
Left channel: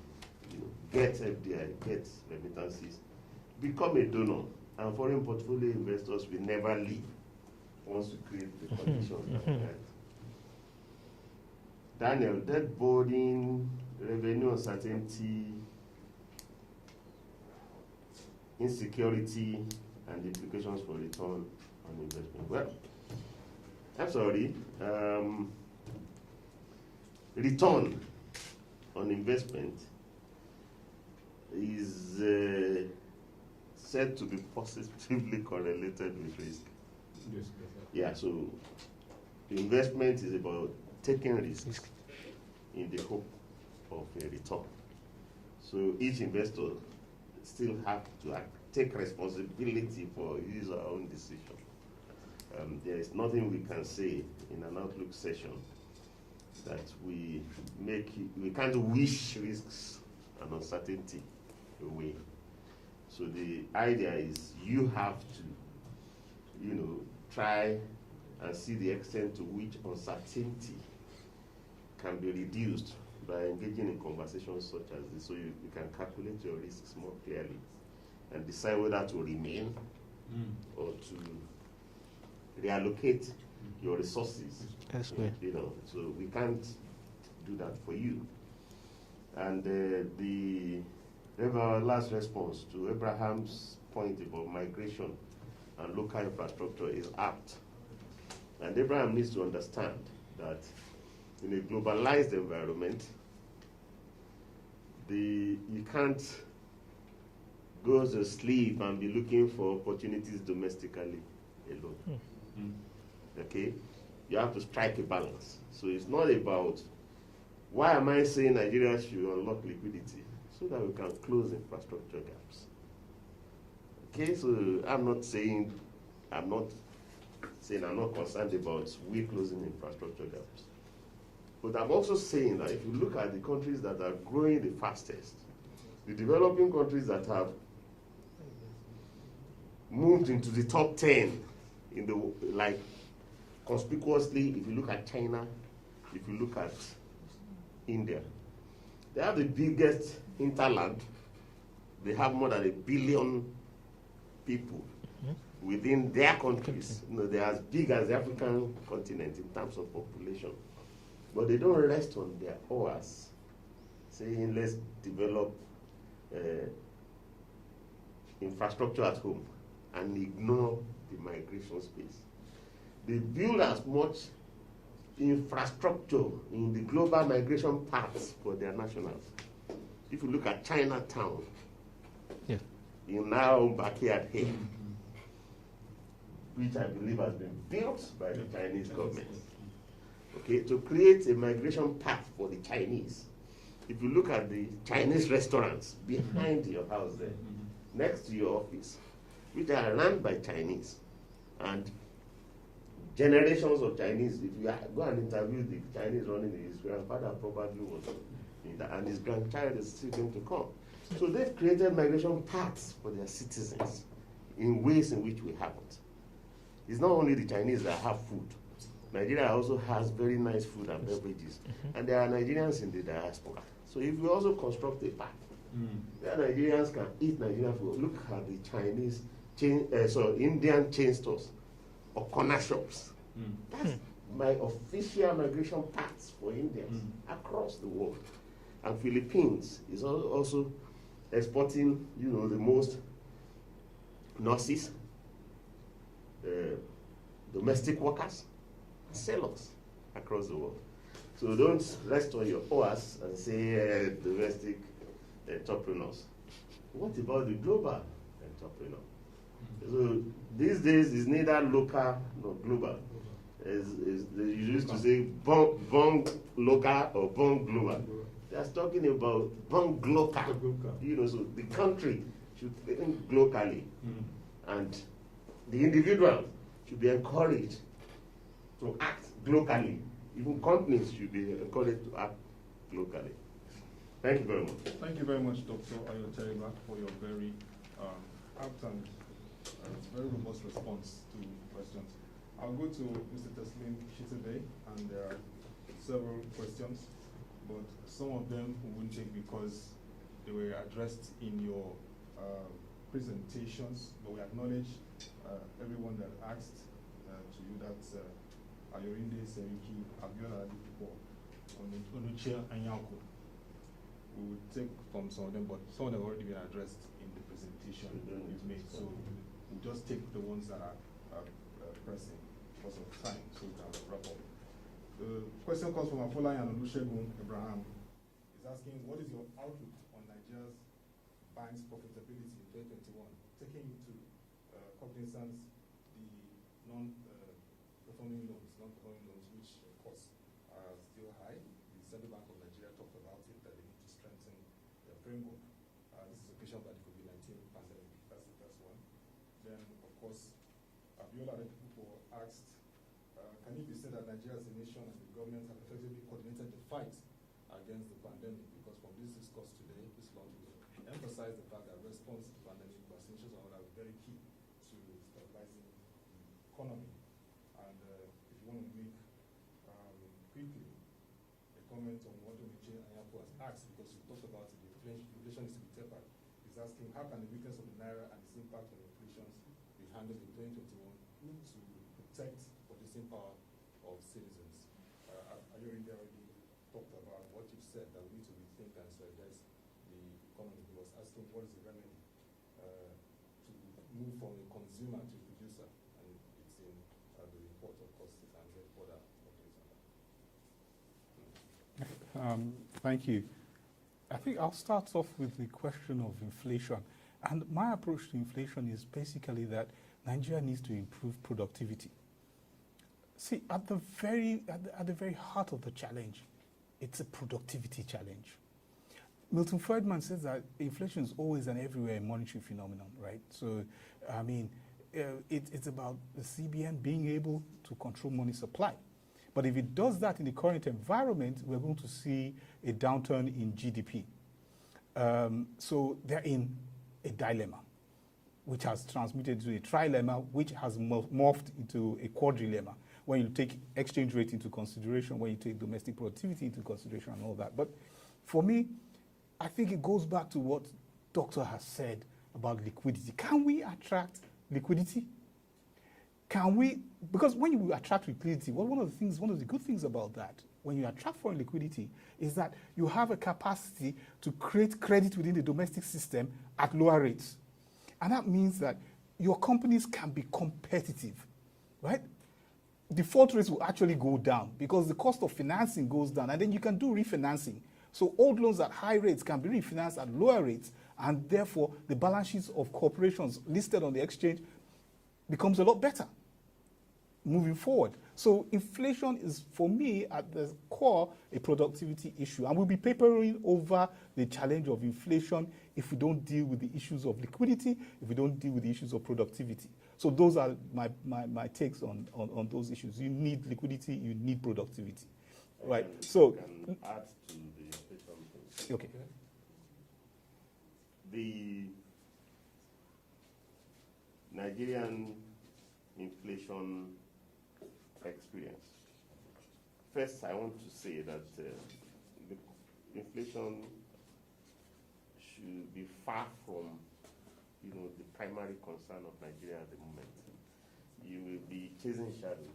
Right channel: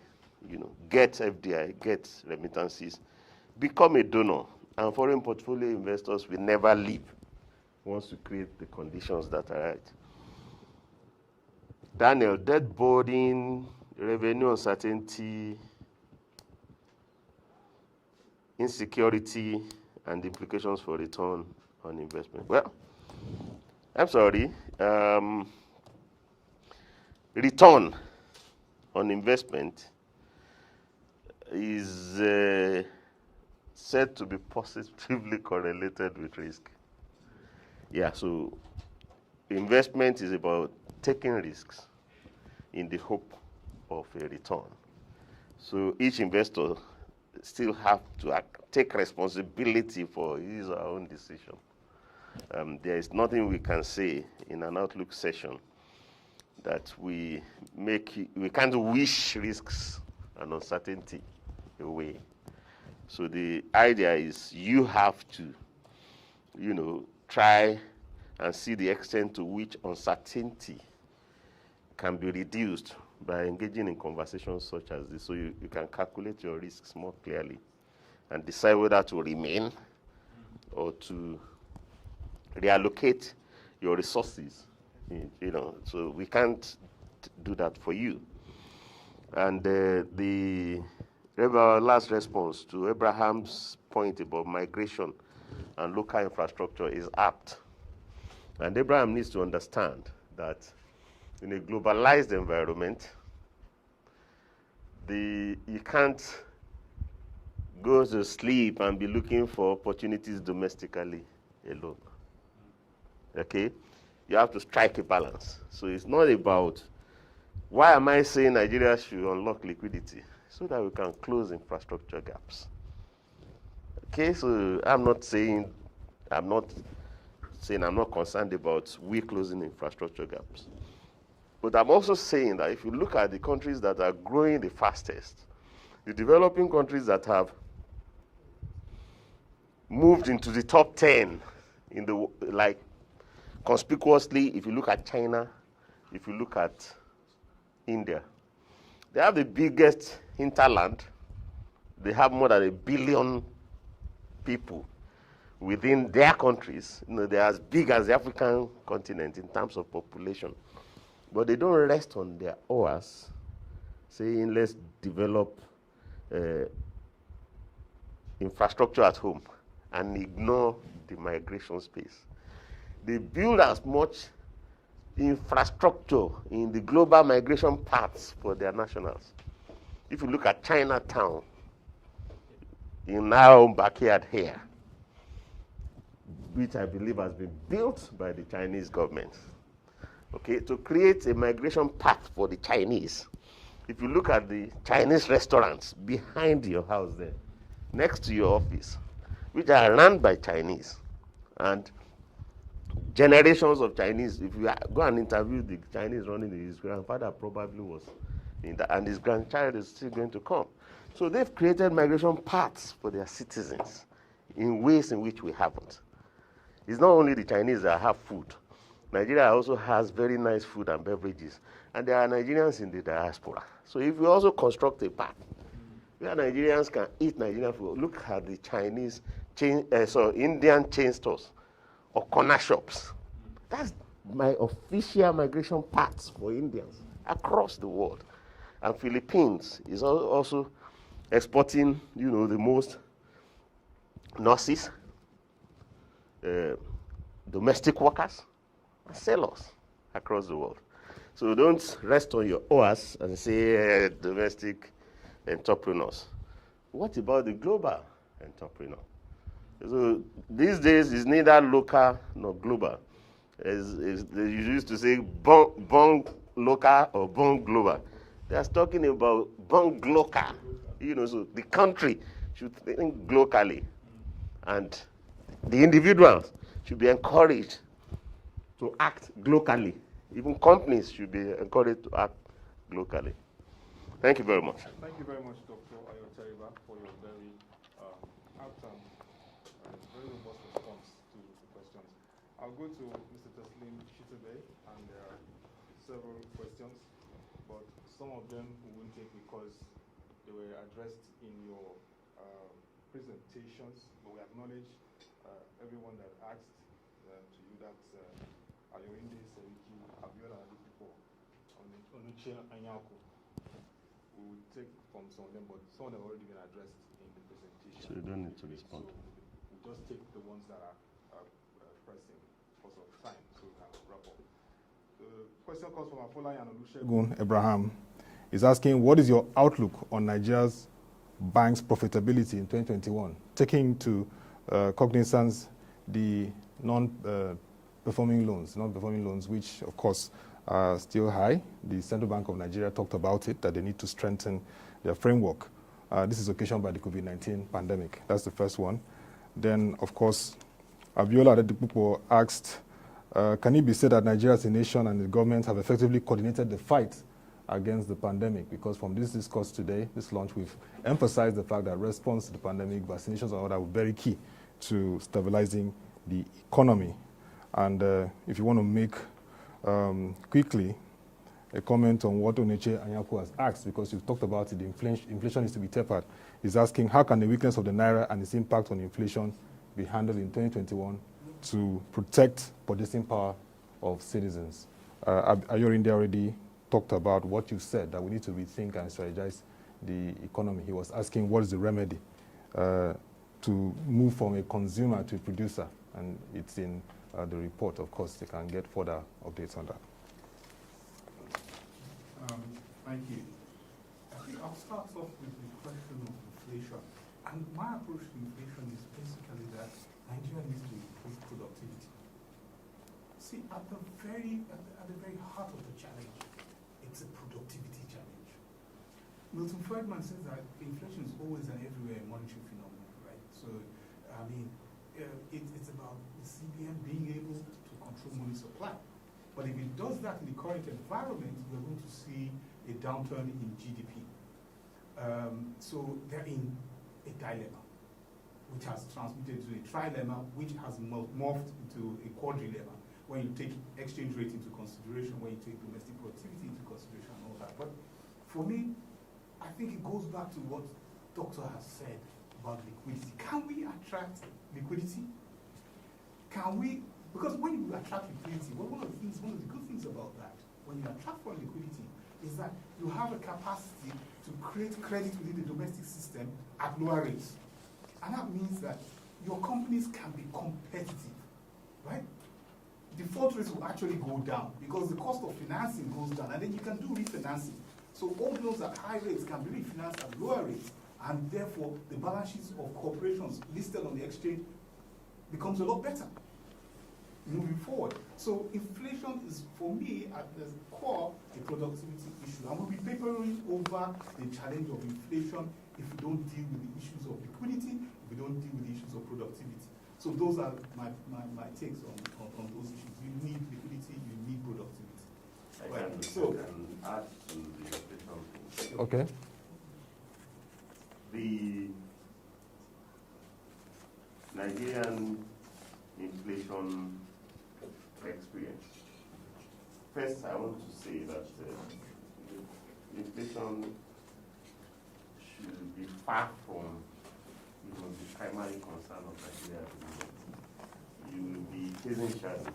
You know, get FDI, get remittances, become a donor, and foreign portfolio investors will never leave once you create the conditions that are right. Daniel, debt burden, revenue uncertainty, insecurity, and the implications for return on investment. Well, I'm sorry. Return on investment is said to be positively correlated with risk. Yeah, so investment is about taking risks in the hope of a return. So each investor still have to take responsibility for his or her own decision. There is nothing we can say in an outlook session that we can't wish risks and uncertainty away. So the idea is you have to, try and see the extent to which uncertainty can be reduced by engaging in conversations such as this, so you can calculate your risks more clearly and decide whether to remain or to reallocate your resources. Yes, so we can't do that for you. And the last response to Abraham's point about migration and local infrastructure is apt. And Abraham needs to understand that in a globalized environment, you can't go to sleep and be looking for opportunities domestically alone. Okay? You have to strike a balance. So it's not about, why am I saying Nigeria should unlock liquidity? So that we can close infrastructure gaps. Okay, so I'm not concerned about we closing infrastructure gaps. But I'm also saying that if you look at the countries that are growing the fastest, the developing countries that have moved into the top 10 in the, conspicuously, if you look at China, if you look at India, they have the biggest hinterland. They have more than 1 billion people within their countries. They're as big as the African continent in terms of population. But they don't rest on their oars, saying, let's develop infrastructure at home and ignore the migration space. They build as much infrastructure in the global migration paths for their nationals. If you look at Chinatown, in our own backyard here, which I believe has been built by the Chinese government, okay, to create a migration path for the Chinese. If you look at the Chinese restaurants behind your house there, next to your office, which are run by Chinese, and generations of Chinese, if you go and interview the Chinese running it, his grandfather probably was in that, and his grandchild is still going to come. So they've created migration paths for their citizens in ways in which we haven't. It's not only the Chinese that have food. Nigeria also has very nice food and beverages, and there are Nigerians in the diaspora. So if we also construct a path where Nigerians can eat Nigerian food, look at the Chinese Indian chain stores or corner shops. That's my official migration paths for Indians across the world. And Philippines is also exporting, the most nurses, domestic workers, and sellers across the world. So don't rest on your oars and say domestic entrepreneurs. What about the global entrepreneur? So these days it's neither local nor global. They used to say born local or born global. They are talking about born local. So the country should think locally, and the individuals should be encouraged to act locally. Even companies should be encouraged to act locally. Thank you very much. Thank you very much, Dr. Ayo Teriba, for your very apt and very robust response to questions. I'll go to Mr. Teslim Shitta-Bey, and there are several questions, but some of them we won't take because they were addressed in your presentations, but we acknowledge everyone that asked to you. That's Ayorinde Seriki, Abiola Adipo, Onuche Anyaku. We will take from some of them, but some of them have already been addressed in the presentation. So you don't need to made. respond. So we'll just take the ones that are pressing because of time, so we can wrap up. The question comes from Afola and Olusegun Abraham. He's asking, what is your outlook on Nigeria's bank's profitability in 2021, taking into cognizance the non-performing loans, which of course are still high. The Central Bank of Nigeria talked about it, that they need to strengthen their framework. This is occasioned by the COVID-19 pandemic. That's the first one. Then, of course, Abiola Adedipupo asked, can it be said that Nigeria as a nation and the government have effectively coordinated the fight against the pandemic? Because from this discourse today, this launch, we've emphasized the fact that response to the pandemic, vaccinations and all that were very key to stabilizing the economy. And if you want to make quickly a comment on what Oneche Anyaku has asked, because you've talked about it, the inflation is to be tapered. He's asking, how can the weakness of the Naira and its impact on inflation be handled in 2021 to protect purchasing power of citizens? Ayo India already talked about what you said, that we need to rethink and strategize the economy. He was asking, what is the remedy to move from a consumer to a producer? And it's in the report. Of course, they can get further updates on that. Thank you. I think I'll start off with the question of inflation. And my approach to inflation is basically that Nigeria needs to improve productivity. See, at the very heart of the challenge, it's a productivity challenge. Milton Friedman says that inflation is always and everywhere a monetary phenomenon, right? So, I mean, it's about the CBN being able to control money supply. But if it does that in the current environment, we're going to see a downturn in GDP. So they're in a dilemma, which has transmitted to a trilemma, which has morphed into a quadrilemma, when you take exchange rate into consideration, when you take domestic productivity into consideration and all that. But for me, I think it goes back to what Doctor has said about liquidity. Can we attract liquidity? Can we, because when you attract liquidity, one of the good things about that, when you attract foreign liquidity, is that you have a capacity to create credit within the domestic system at lower rates. And that means that your companies can be competitive, right? Default rates will actually go down because the cost of financing goes down, and then you can do refinancing. So old loans at high rates can be refinanced at lower rates, and therefore the balance sheets of corporations listed on the exchange becomes a lot better moving forward. So inflation is, for me, at the core, a productivity issue. And we'll be papering over the challenge of inflation if we don't deal with the issues of liquidity, if we don't deal with the issues of productivity. So those are my takes on those issues. You need liquidity, you need productivity. Right. So can add to the inflation. Okay. The Nigerian inflation experience. First, I want to say that inflation should be far from, the primary concern of Nigeria at the moment. You will be chasing shadows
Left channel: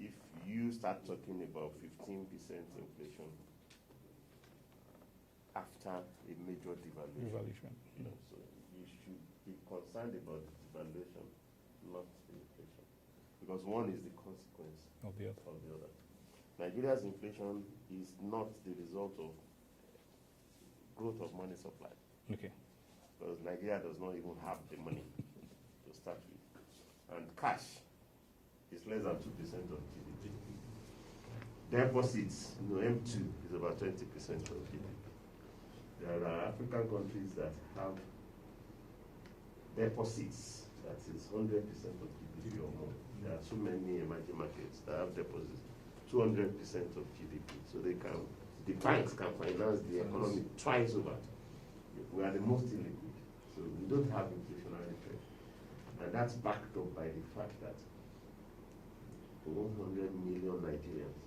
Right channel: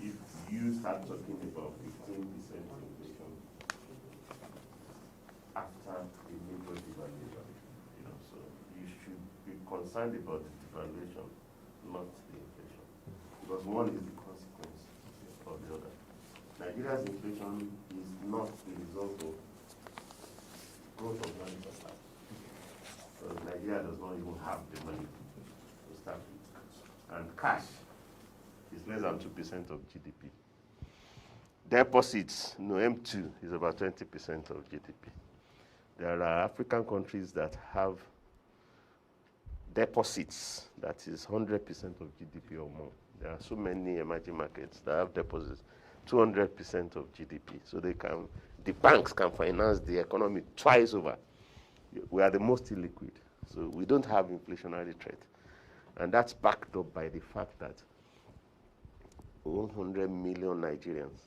if you start talking about 15% inflation after a major devaluation. So you should be concerned about the devaluation, not the inflation, because one is the consequence of the other. Nigeria's inflation is not the result of growth of money supply. okay. Because Nigeria does not even have the money to start with, and cash is less than 2% of GDP. Deposits, M2 is about 20% of GDP. There are African countries that have deposits that is 100% of GDP or more. There are so many emerging markets that have deposits, 200% of GDP. So the banks can finance the economy twice over. We are the most illiquid, so we don't have inflationary threat. And that's backed up by the fact that 100 million Nigerians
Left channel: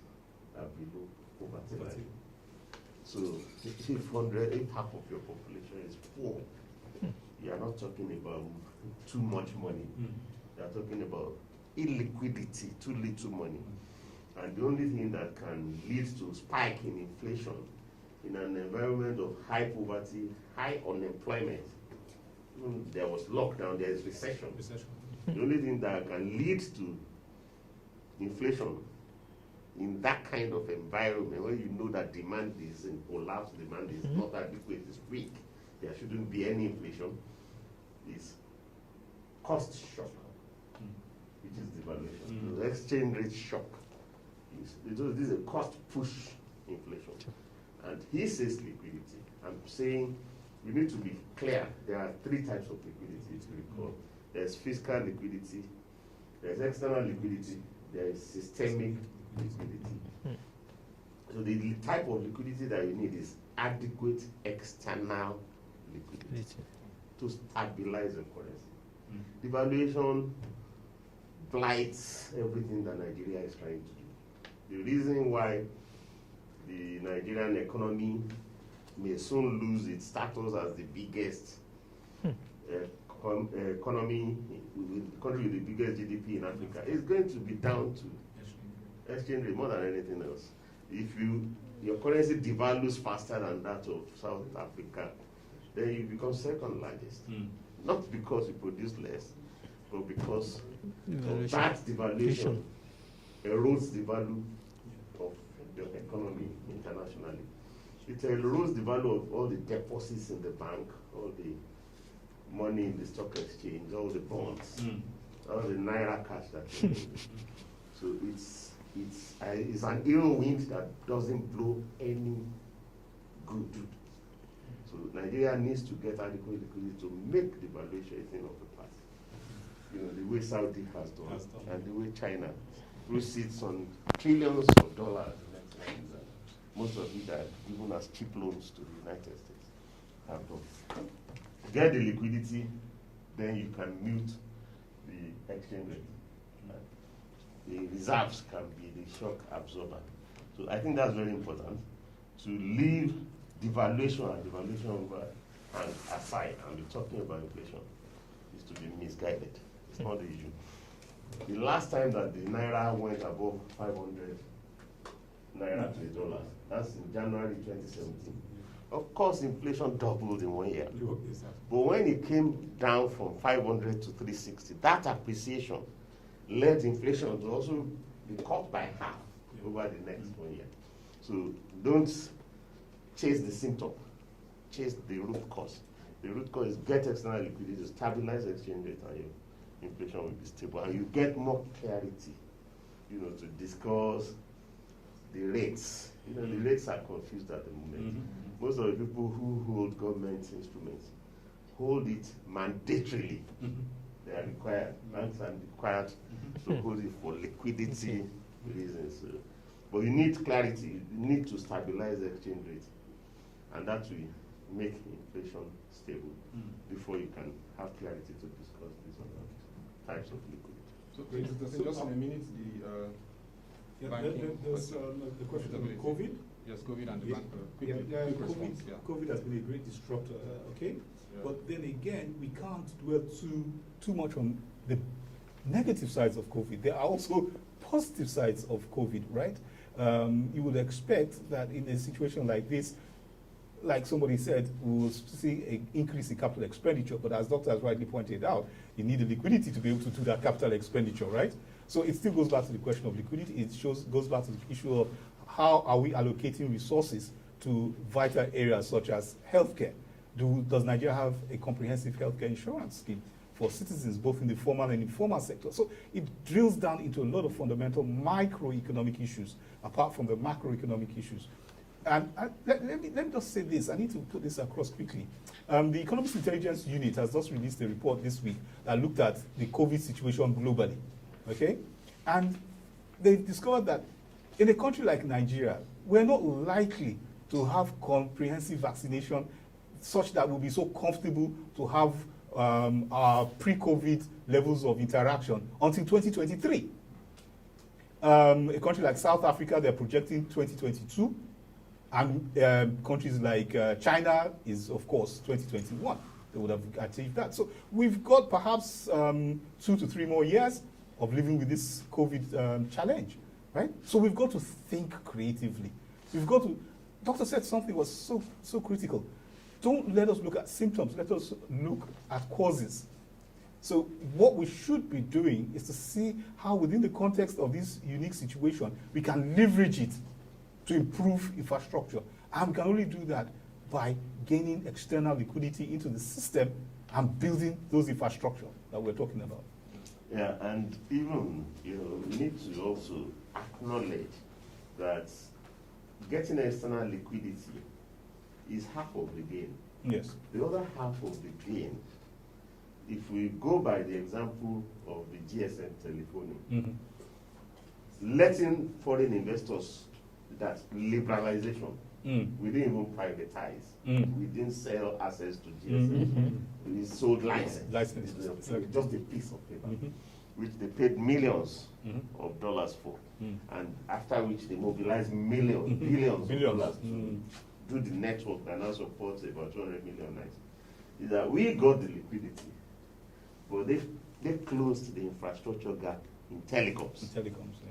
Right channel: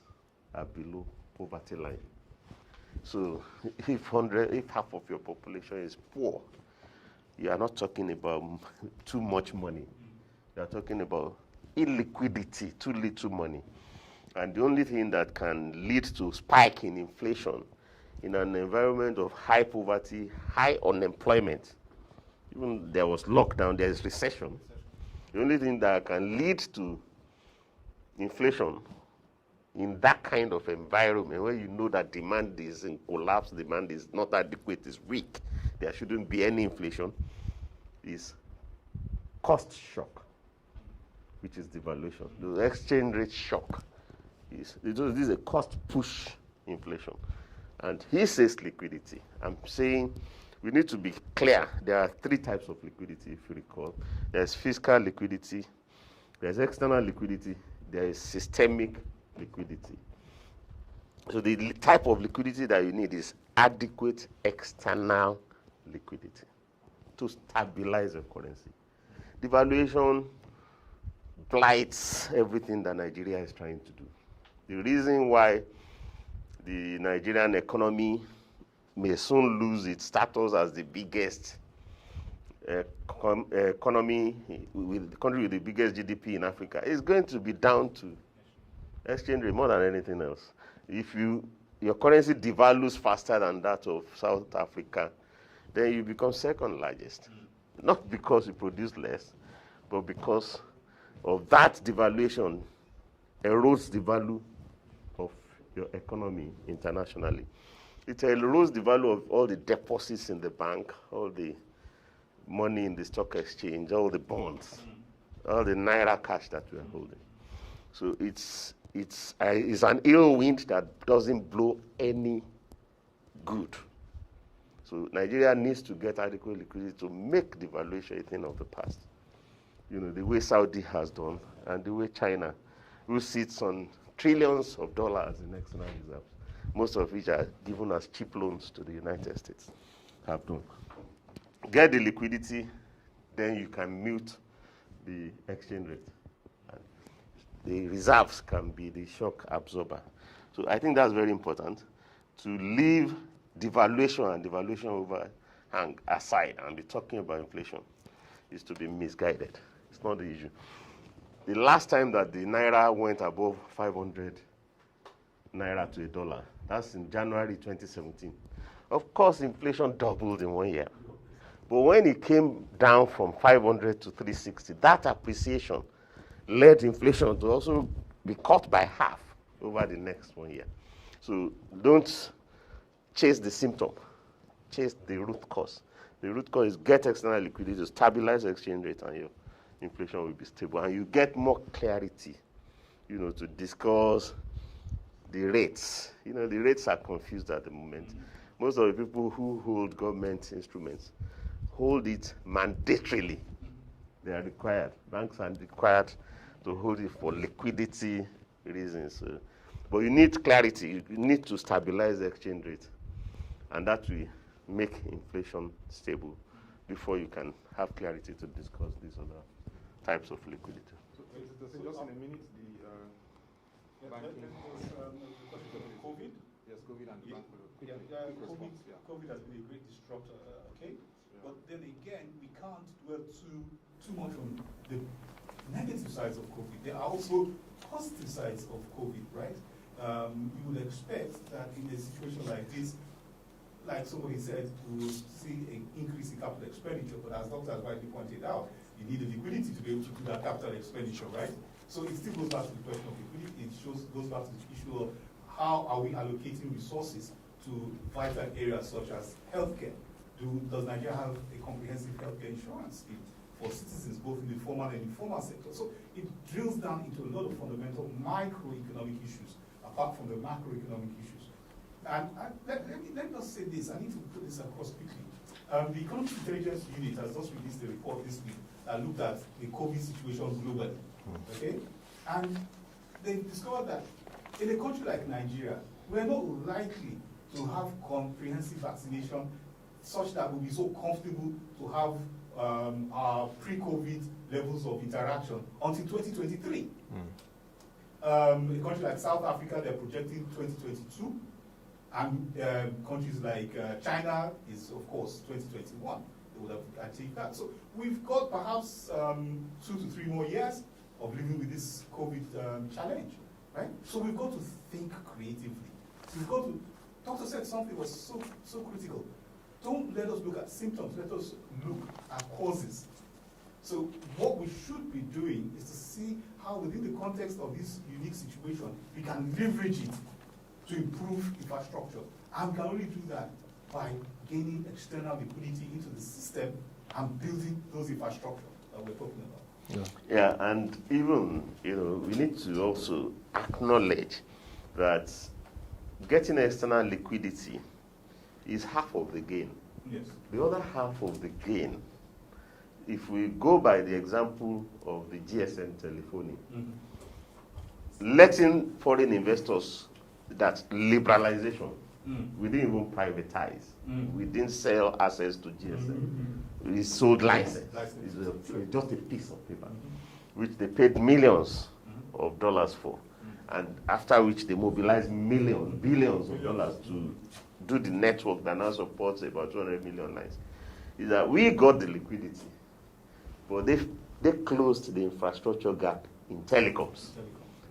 are below poverty line. So if half of your population is poor, you are not talking about too much money. You are talking about illiquidity, too little money. And the only thing that can lead to spike in inflation in an environment of high poverty, high unemployment, even there was lockdown, there is recession. The only thing that can lead to inflation in that kind of environment, where you know that demand is in collapse, demand is not adequate, is weak, there shouldn't be any inflation, is cost shock, which is devaluation. The exchange rate shock this is a cost push inflation. And he says liquidity. I'm saying we need to be clear. There are three types of liquidity, if you recall. There's fiscal liquidity, there's external liquidity, there is systemic liquidity. So the type of liquidity that you need is adequate external liquidity to stabilize the currency. Devaluation blights everything that Nigeria is trying to do. The reason why the Nigerian economy may soon lose its status as the biggest economy, the country with the biggest GDP in Africa, is going to be down to exchange rate more than anything else. If your currency devalues faster than that of South Africa, then you become second largest. Not because you produce less, but because of that devaluation erodes the value of your economy internationally. It erodes the value of all the deposits in the bank, all the money in the stock exchange, all the bonds, all the naira cash that you're holding. So it's an ill wind that doesn't blow any good. So Nigeria needs to get adequate liquidity to make the valuation a thing of the past. You know, the way Saudi has done, and the way China, who sits on trillions of dollars in external reserve, most of which are given as cheap loans to the United States, have done. Get the liquidity, then you can mute the exchange rate. The reserves can be the shock absorber. So I think that's very important, to leave devaluation and devaluation overhang aside and be talking about inflation is to be misguided. It's not the issue. The last time that the naira went above 500 naira to a dollar, that's in January 2017. Of course, inflation doubled in 1 year. But when it came down from 500 to 360, that appreciation led inflation to also be cut by half over the next 1 year. So don't chase the symptom, chase the root cause. The root cause is get external liquidity to stabilize the exchange rate, and your inflation will be stable. And you get more clarity, to discuss the rates. The rates are confused at the moment. Most of the people who hold government instruments hold it mandatorily. They are required. Banks are required to hold it for liquidity reasons. But you need clarity. You need to stabilize the exchange rate. And that will make inflation stable before you can have clarity to discuss these other types of liquidity. So, just in a minute, the banking. The question on COVID. Yes, COVID and the bank. Quick response. COVID has been a great disruptor, okay? Yeah. But then again, we can't dwell too much on the negative sides of COVID. There are also positive sides of COVID, right? You would expect that in a situation like this, like somebody said, we will see an increase in capital expenditure, but as Doctor has rightly pointed out, you need the liquidity to be able to do that capital expenditure, right? So it still goes back to the question of liquidity. It goes back to the issue of how are we allocating resources to vital areas such as healthcare. Does Nigeria have a comprehensive healthcare insurance scheme for citizens, both in the formal and informal sector? So it drills down into a lot of fundamental microeconomic issues, apart from the macroeconomic issues. And let me just say this. I need to put this across quickly. The Economist Intelligence Unit has just released a report this week that looked at the COVID situation globally. Okay? And they discovered that in a country like Nigeria, we're not likely to have comprehensive vaccination such that we'll be so comfortable to have our pre-COVID levels of interaction until 2023. A country like South Africa, they're projecting 2022. And countries like China is, of course, 2021. They would have achieved that. So we've got perhaps 2 to 3 more years of living with this COVID challenge, right? So we've got to think creatively. We've got to, Doctor said something was so critical. Don't let us look at symptoms, let us look at causes. So what we should be doing is to see how within the context of this unique situation, we can leverage it to improve infrastructure. And we can only do that by gaining external liquidity into the system and building those infrastructure that we're talking about. Yeah, and even, we need to also acknowledge that getting external liquidity is half of the gain. Yes. The other half of the gain, if we go by the example of the GSM telephony, letting foreign investors, that liberalization, we didn't even privatize. We didn't sell assets to GSM. We sold license. It's just a piece of paper, which they paid millions of dollars for. And after which they mobilized billions of dollars to do the network that now supports about 200 million lines. Is that we got the liquidity, but they closed the infrastructure gap in telecoms.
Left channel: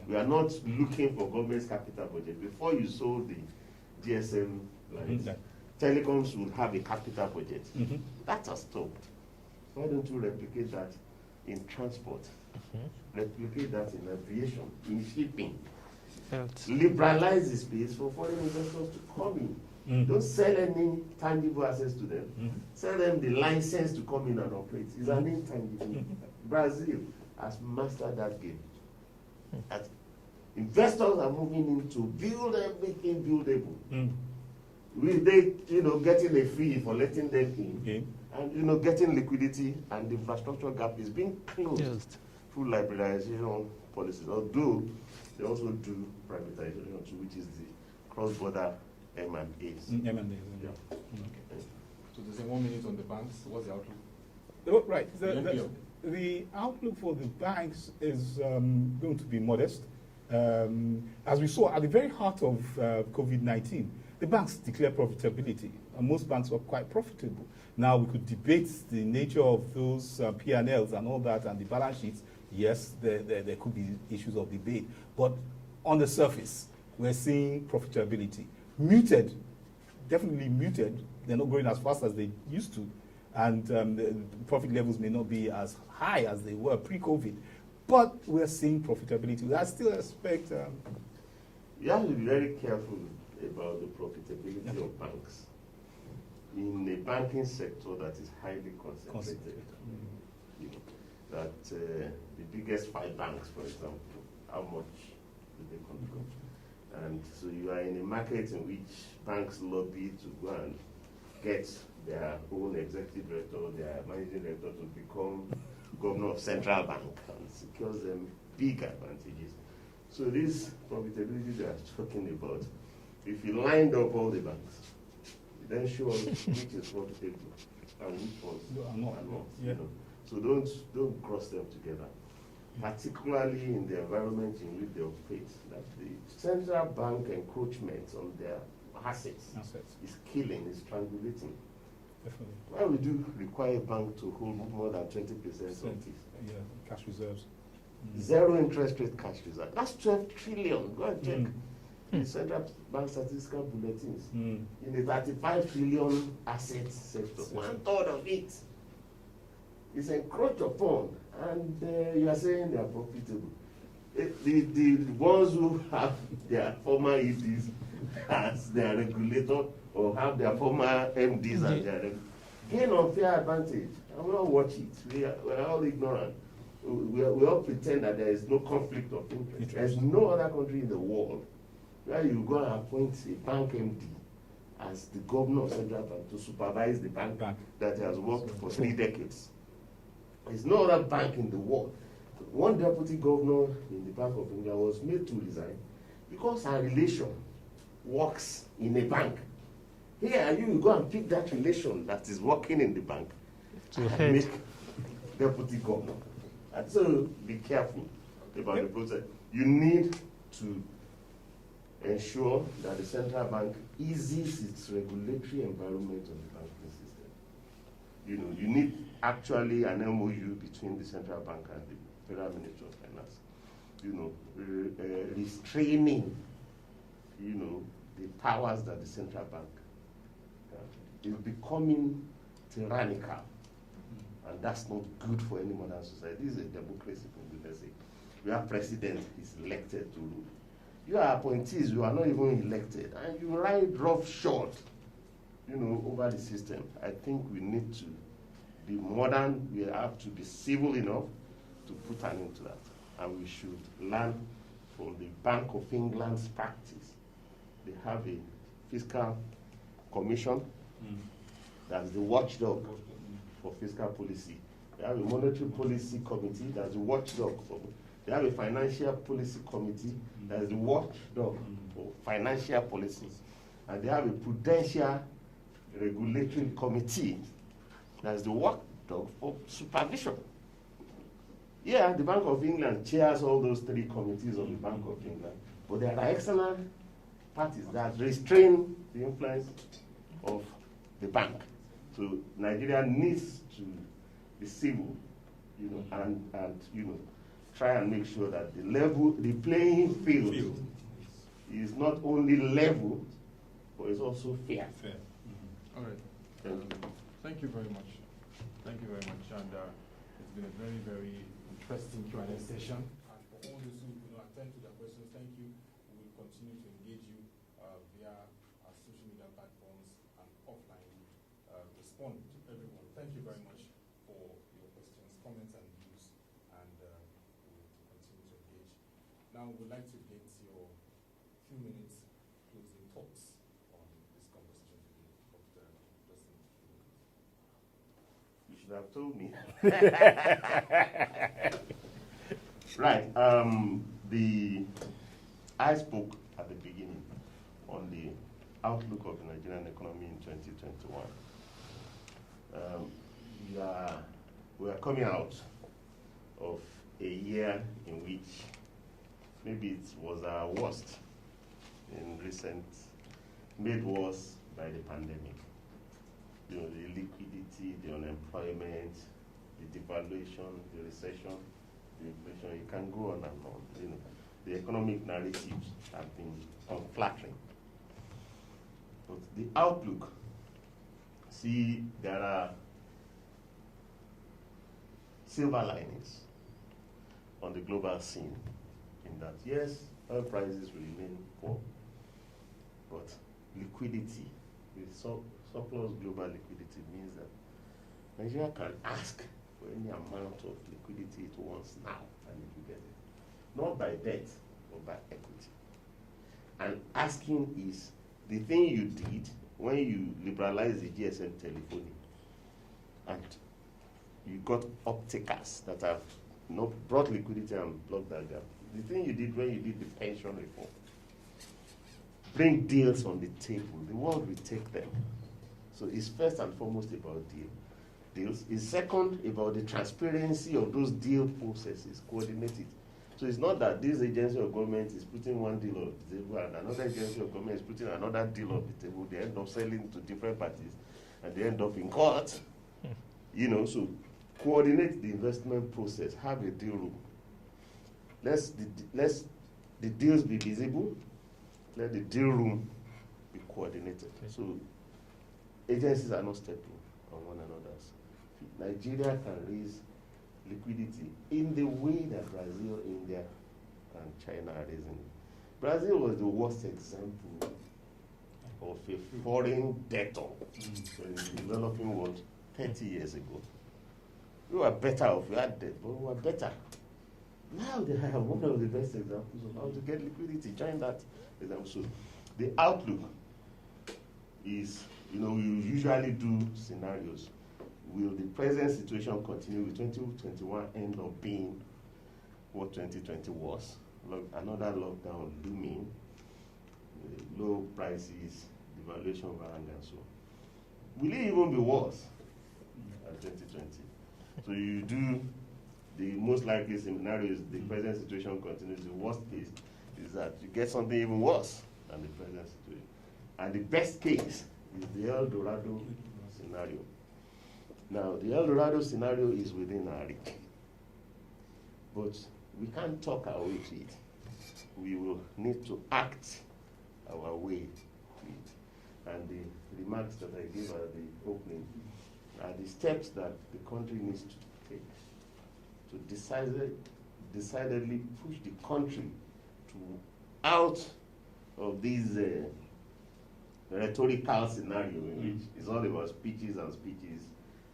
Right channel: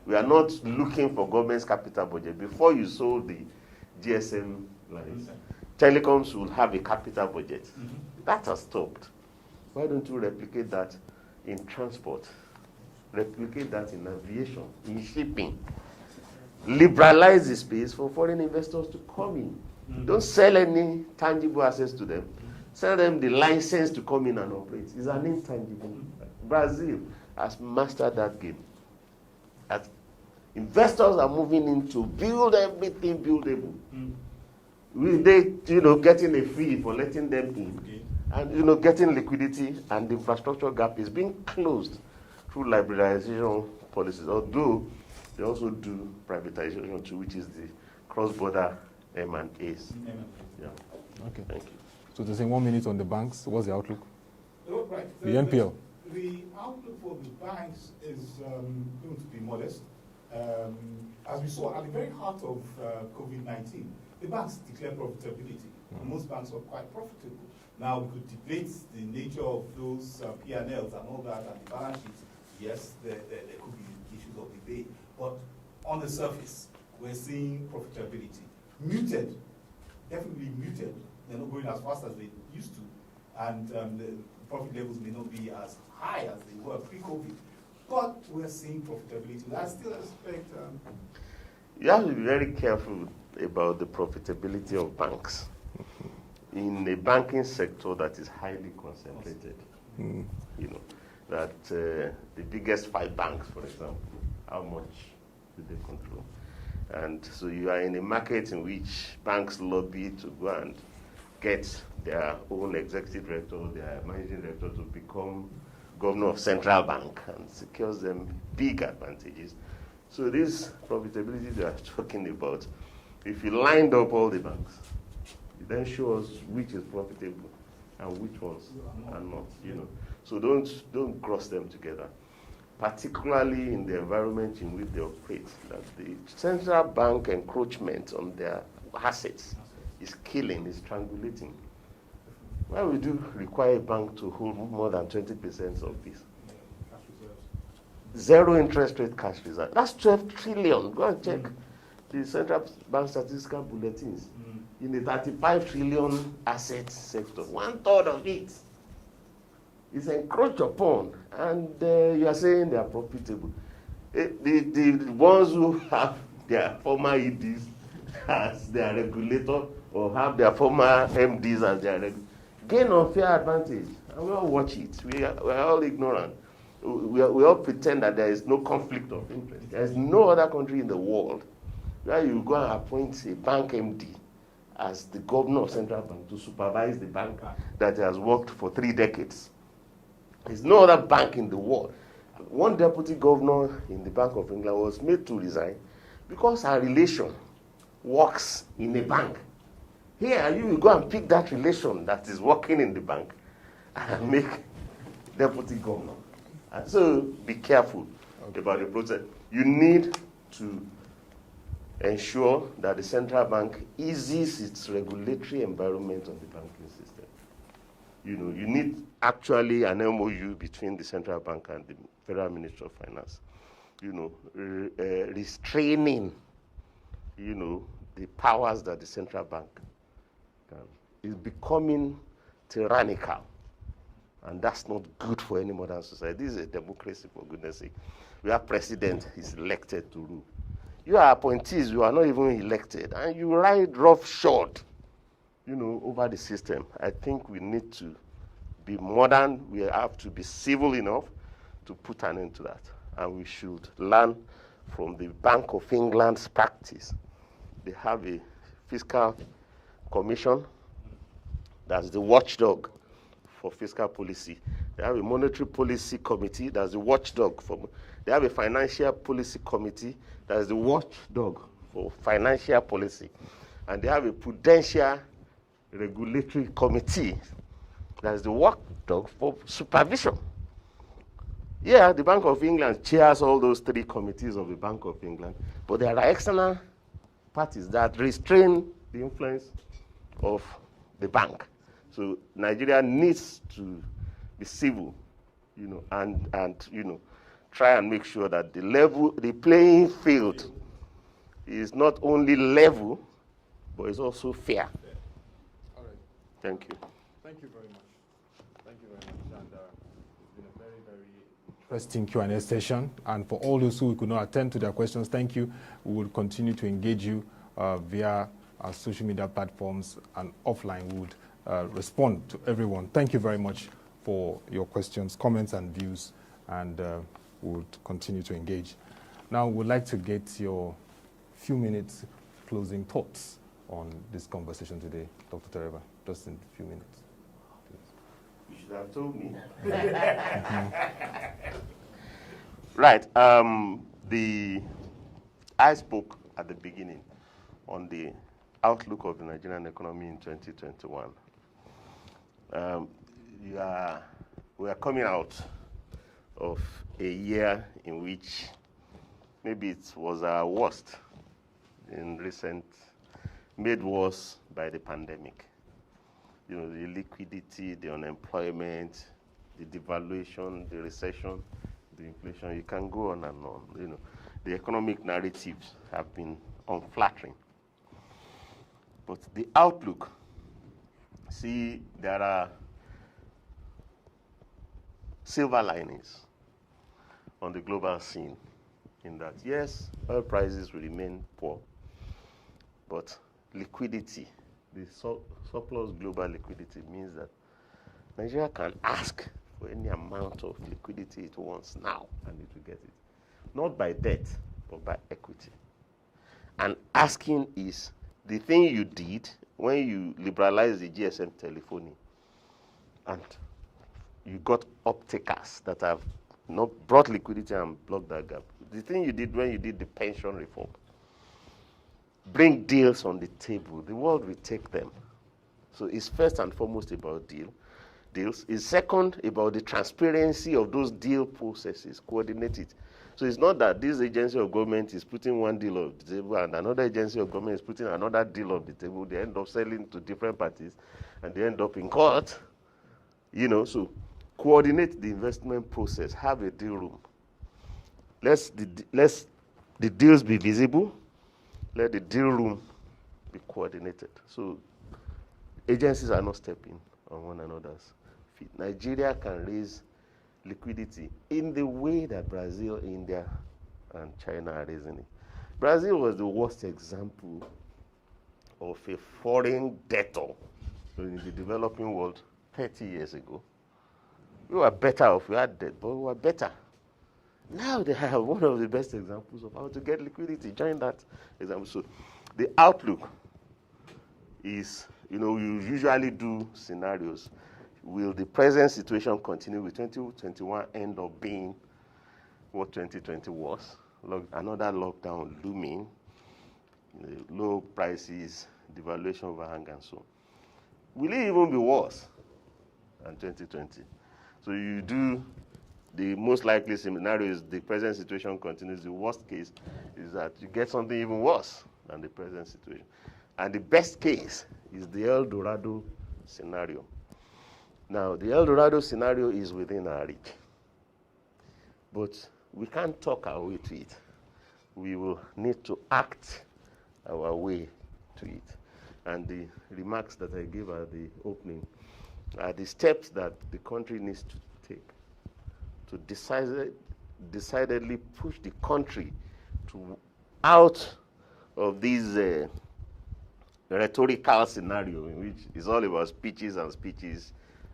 We are not looking for government's capital budget. Before you sold the GSM lines, telecoms would have a capital budget. That has stopped. Why don't you replicate that in transport? Replicate that in aviation, in shipping. Liberalize the space for foreign investors to come in. Don't sell any tangible assets to them. Sell them the license to come in and operate. It's an intangible. Brazil has mastered that game. As investors are moving in to build everything buildable. They, getting a fee for letting them in, and getting liquidity, and the infrastructure gap is being closed through liberalization policies. Although they also do privatization too, which is the cross-border M&As. Okay. Thank you. So to say 1 minute on the banks, what's the outlook? Oh, right. The NPL. The outlook for the banks is going to be modest. As we saw at the very heart of COVID-19, the banks declare profitability, and most banks were quite profitable. Now we could debate the nature of those P&Ls and all that, and the balance sheets. Yes, there could be issues of debate, but on the surface, we're seeing profitability. Muted, definitely muted. They're not growing as fast as they used to, and the profit levels may not be as high as they were pre-COVID, but we're seeing profitability. I still expect... you have to be very careful about the profitability of banks in a banking sector that is highly concentrated. That the biggest 5 banks, for example, how much do they control? And so you are in a market in which banks lobby to go and get their own executive director, their managing director to become governor of central bank, and secures them big advantages. So this profitability they are talking about, if you lined up all the banks, you then show us which is profitable and which ones are not. So don't cross them together, particularly in the environment in which they operate. That the central bank encroachment on their assets is killing, is strangulating. Why would you require a bank to hold more than 20% of this? Cash reserves. Zero interest rate cash reserve. That's 12 trillion. Go and check the central bank statistical bulletins. In the 35 trillion asset sector, 1/3 of it is encroached upon, and you are saying they are profitable. The ones who have their former EDs as their regulator, or have their former MDs as their regulator, gain unfair advantage. And we all watch it. We are all ignorant. We all pretend that there is no conflict of interest. There is no other country in the world where you go and appoint a bank MD as the governor of central bank to supervise the bank that has worked for 3 decades. There's no other bank in the world. One deputy governor in the Bank of England was made to resign because her relation works in a bank. Here, you will go and pick that relation that is working in the bank and make deputy governor. And so be careful about the process. You need to ensure that the central bank eases its regulatory environment on the banking system. You need actually an MOU between the central bank and the Federal Ministry of Finance. Restraining, the powers that the central bank is becoming tyrannical, and that's not good for any modern society. This is a democracy, for goodness sake. Where president is elected to rule. You are appointees, you are not even elected, and you ride roughshod, over the system. I think we need to be modern. We have to be civil enough to put an end to that, and we should learn from the Bank of England's practice. They have a fiscal commission, that's the watchdog for fiscal policy. They have a monetary policy committee, that's the watchdog for. They have a financial policy committee, that's the watchdog for financial policy. And they have a prudential regulatory committee, that's the watchdog for supervision. Yeah, the Bank of England chairs all those three committees of the Bank of England, but there are external parties that restrain the influence of the bank. So Nigeria needs to be civil, and try and make sure that the playing field is not only level, but it's also fair. All right. Thank you. Thank you very much. Thank you very much. And it's been a very, very interesting Q&A session. And for all those who could not attend to their questions, thank you. We will continue to engage you via our social media platforms, and offline we would respond to everyone. Thank you very much for your questions, comments, and views, and we would continue to engage. Now, we'd like to get your few minutes closing thoughts on this conversation today, Dr. Teriba, just in a few minutes. You should have told me. Right. I spoke at the beginning on the outlook of the Nigerian economy in 2021. We are coming out of a year in which maybe it was our worst in recent, made worse by the pandemic. The liquidity, the unemployment, the devaluation, the recession, the inflation, you can go on and on. The economic narratives have been unflattering. But the outlook, there are silver linings on the global scene in that, yes, oil prices will remain poor, but liquidity, the surplus global liquidity means that Nigeria can ask for any amount of liquidity it wants now, and it will get it. Not by debt, but by equity. And asking is the thing you did when you liberalized the GSM telephony, and you got uptakers that have not brought liquidity and blocked that gap. The thing you did when you did the pension reform, bring deals on the table. The world will take them. So it's first and foremost about deals. It's second about the transparency of those deal processes, coordinate it. So it's not that this agency of government is putting one deal on the table and another agency of government is putting another deal on the table. They end up selling to different parties and they end up in court. So coordinate the investment process, have a deal room. Let the deals be visible, let the deal room be coordinated. So agencies are not stepping on one another's feet. Nigeria can raise liquidity in the way that Brazil, India, and China are raising it. Brazil was the worst example of a foreign debtor in the developing world 30 years ago. We were better off, we had debt, but we were better. Now they have one of the best examples of how to get liquidity. Join that example. So the outlook is, we usually do scenarios. Will the present situation continue? Will 2021 end up being what 2020 was? Another lockdown looming, low prices, devaluation overhang, and so on. Will it even be worse than 2020? So you do the most likely scenario is the present situation continues. The worst case is that you get something even worse than the present situation. And the best case is the El Dorado scenario. Now, the El Dorado scenario is within our reach. But we can't talk our way to it. We will need to act our way to it. And the remarks that I gave at the opening are the steps that the country needs to take to decidedly push the country out of this rhetorical scenario in which it's all about speeches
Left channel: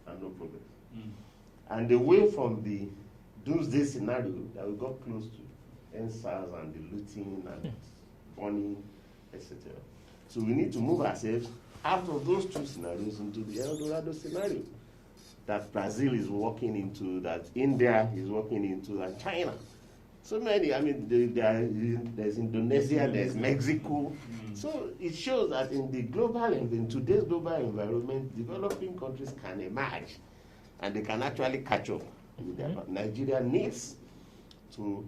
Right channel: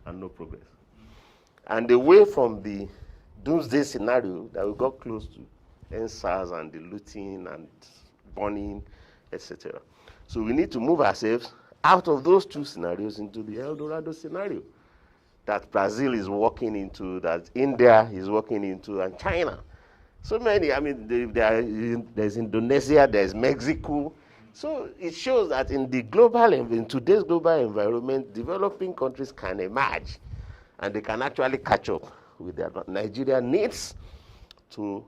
and no progress. And away from the doomsday scenario that we got close to NSAS and the looting and burning, etc. So we need to move ourselves out of those two scenarios into the El Dorado scenario that Brazil is walking into, that India is walking into, and China. So many, I mean, there's Indonesia, there's Mexico. So it shows that in today's global environment, developing countries can emerge and they can actually catch up with their. Nigeria needs to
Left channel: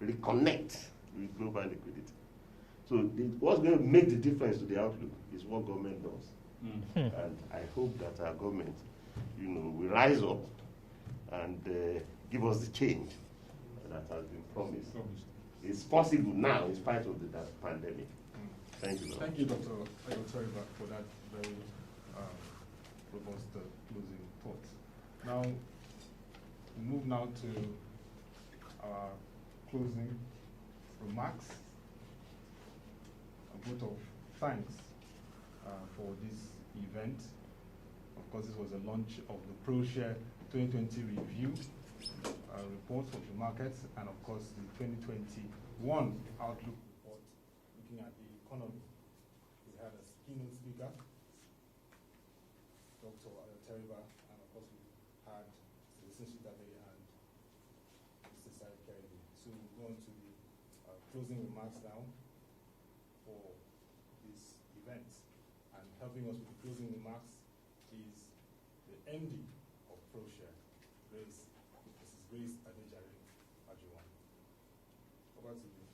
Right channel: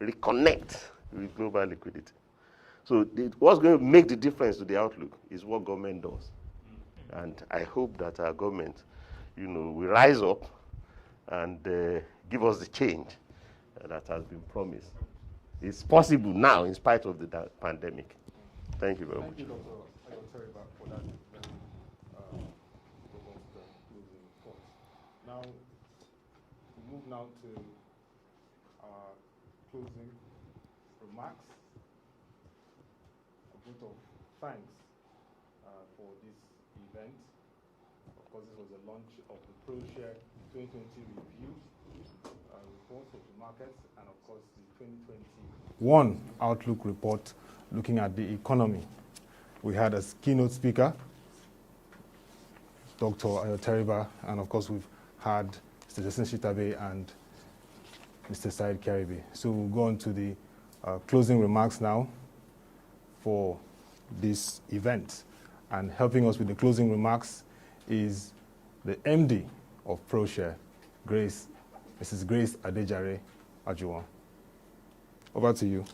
reconnect with global liquidity. So what's going to make the difference to the outlook is what government does. And I hope that our government, will rise up and give us the change that has been promised. It's possible now in spite of the pandemic. Thank you very much. Thank you, Dr. Ayo Teriba, for that very robust closing report. Now, we move now to our closing remarks. A vote of thanks for this event. Of course, this was the launch of the Proshare 2020 review report of the markets, and of course the 2021 outlook report looking at the economy. We had as keynote speaker Dr. Ayo Teriba, and of course we've had Mr. Teslim Shitta-Bey and Mr. Saheed Kiaribe. So we'll go on to the closing remarks now for this event. And helping us with the closing remarks is the MD of Proshare, Mrs. Grace Adejare Ajuwon. Over to you.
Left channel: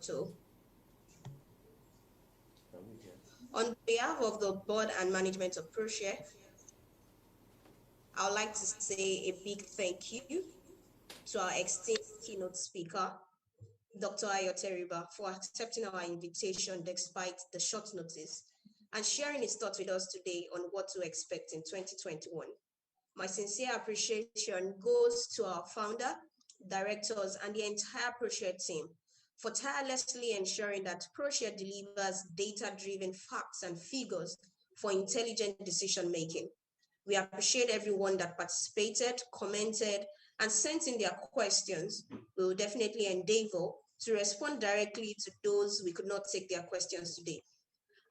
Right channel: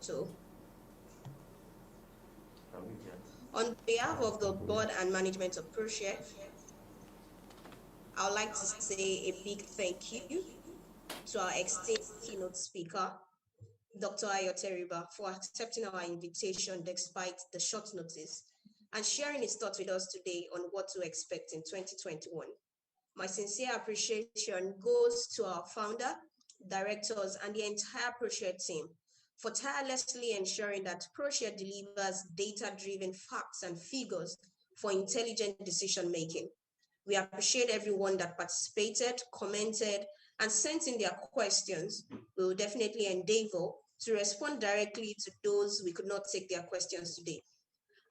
So, on behalf of the board and management of Proshare, I would like to say a big thank you to our esteemed keynote speaker, Dr. Ayo Teriba, for accepting our invitation despite the short notice and sharing his thoughts with us today on what to expect in 2021. My sincere appreciation goes to our founder, directors, and the entire Proshare team for tirelessly ensuring that Proshare delivers data-driven facts and figures for intelligent decision-making. We appreciate everyone that participated, commented, and sent in their questions. We will definitely endeavor to respond directly to those we could not take their questions today.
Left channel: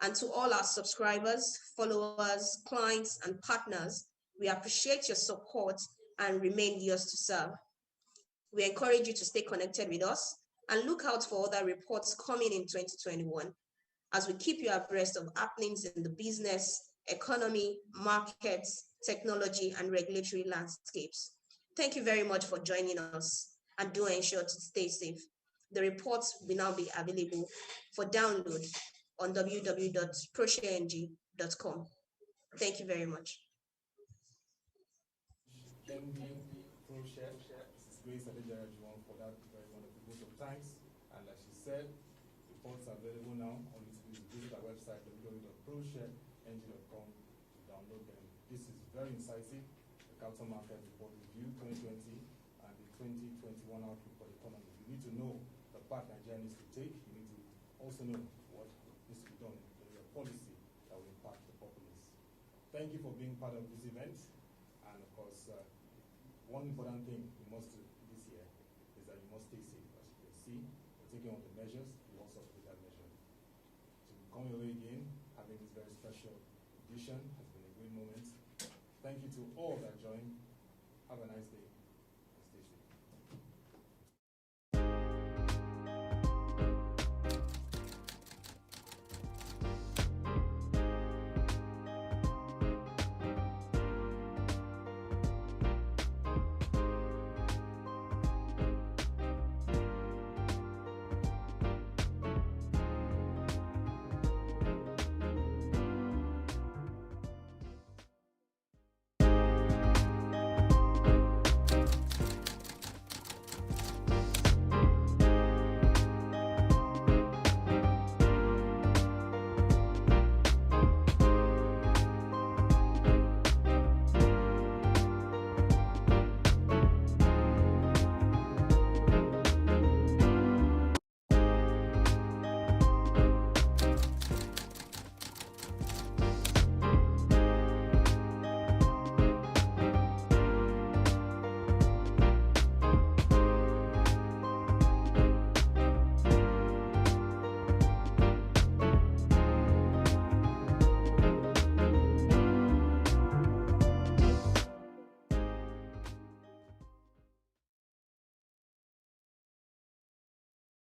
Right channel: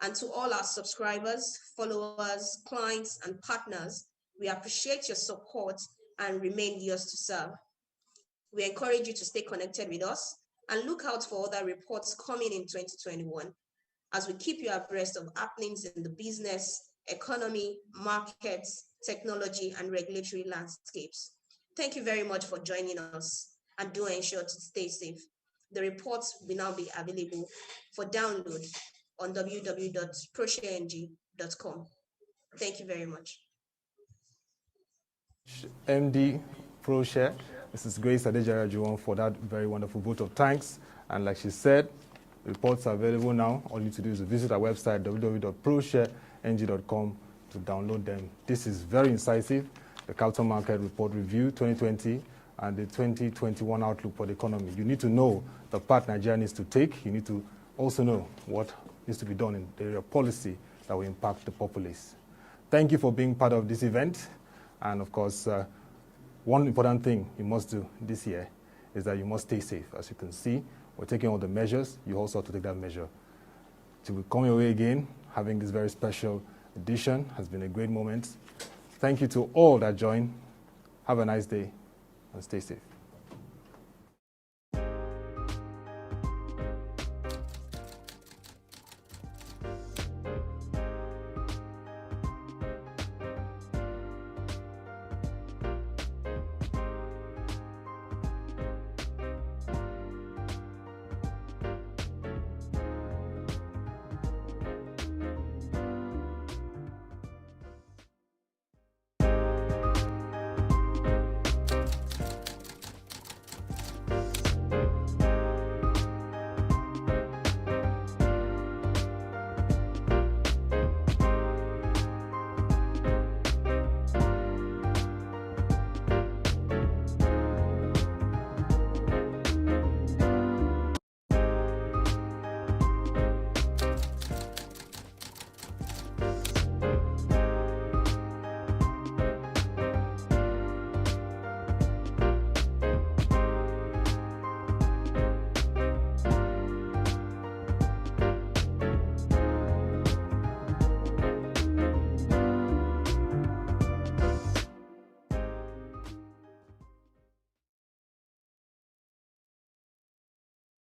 And to all our subscribers, followers, clients, and partners, we appreciate your support and remain yours to serve. We encourage you to stay connected with us and look out for other reports coming in 2021 as we keep you abreast of happenings in the business, economy, markets, technology, and regulatory landscapes. Thank you very much for joining us, and do ensure to stay safe. The reports will now be available for download on www.proshareng.com. Thank you very much. MD Proshare, Mrs. Grace Adejare Ajuwon, for that very wonderful vote of thanks. And like she said, reports are available now. All you need to do is visit our website, www.proshareng.com, to download them. This is very incisive. The Capital Market Report Review 2020 and the 2021 Outlook for the Economy. You need to know the path Nigeria needs to take. You need to also know what needs to be done in the area of policy that will impact the populace. Thank you for being part of this event. And of course, one important thing you must do this year is that you must stay safe. As you can see, we're taking all the measures. You also have to take that measure. To come your way again, having this very special edition has been a great moment. Thank you to all that joined. Have a nice day and stay safe.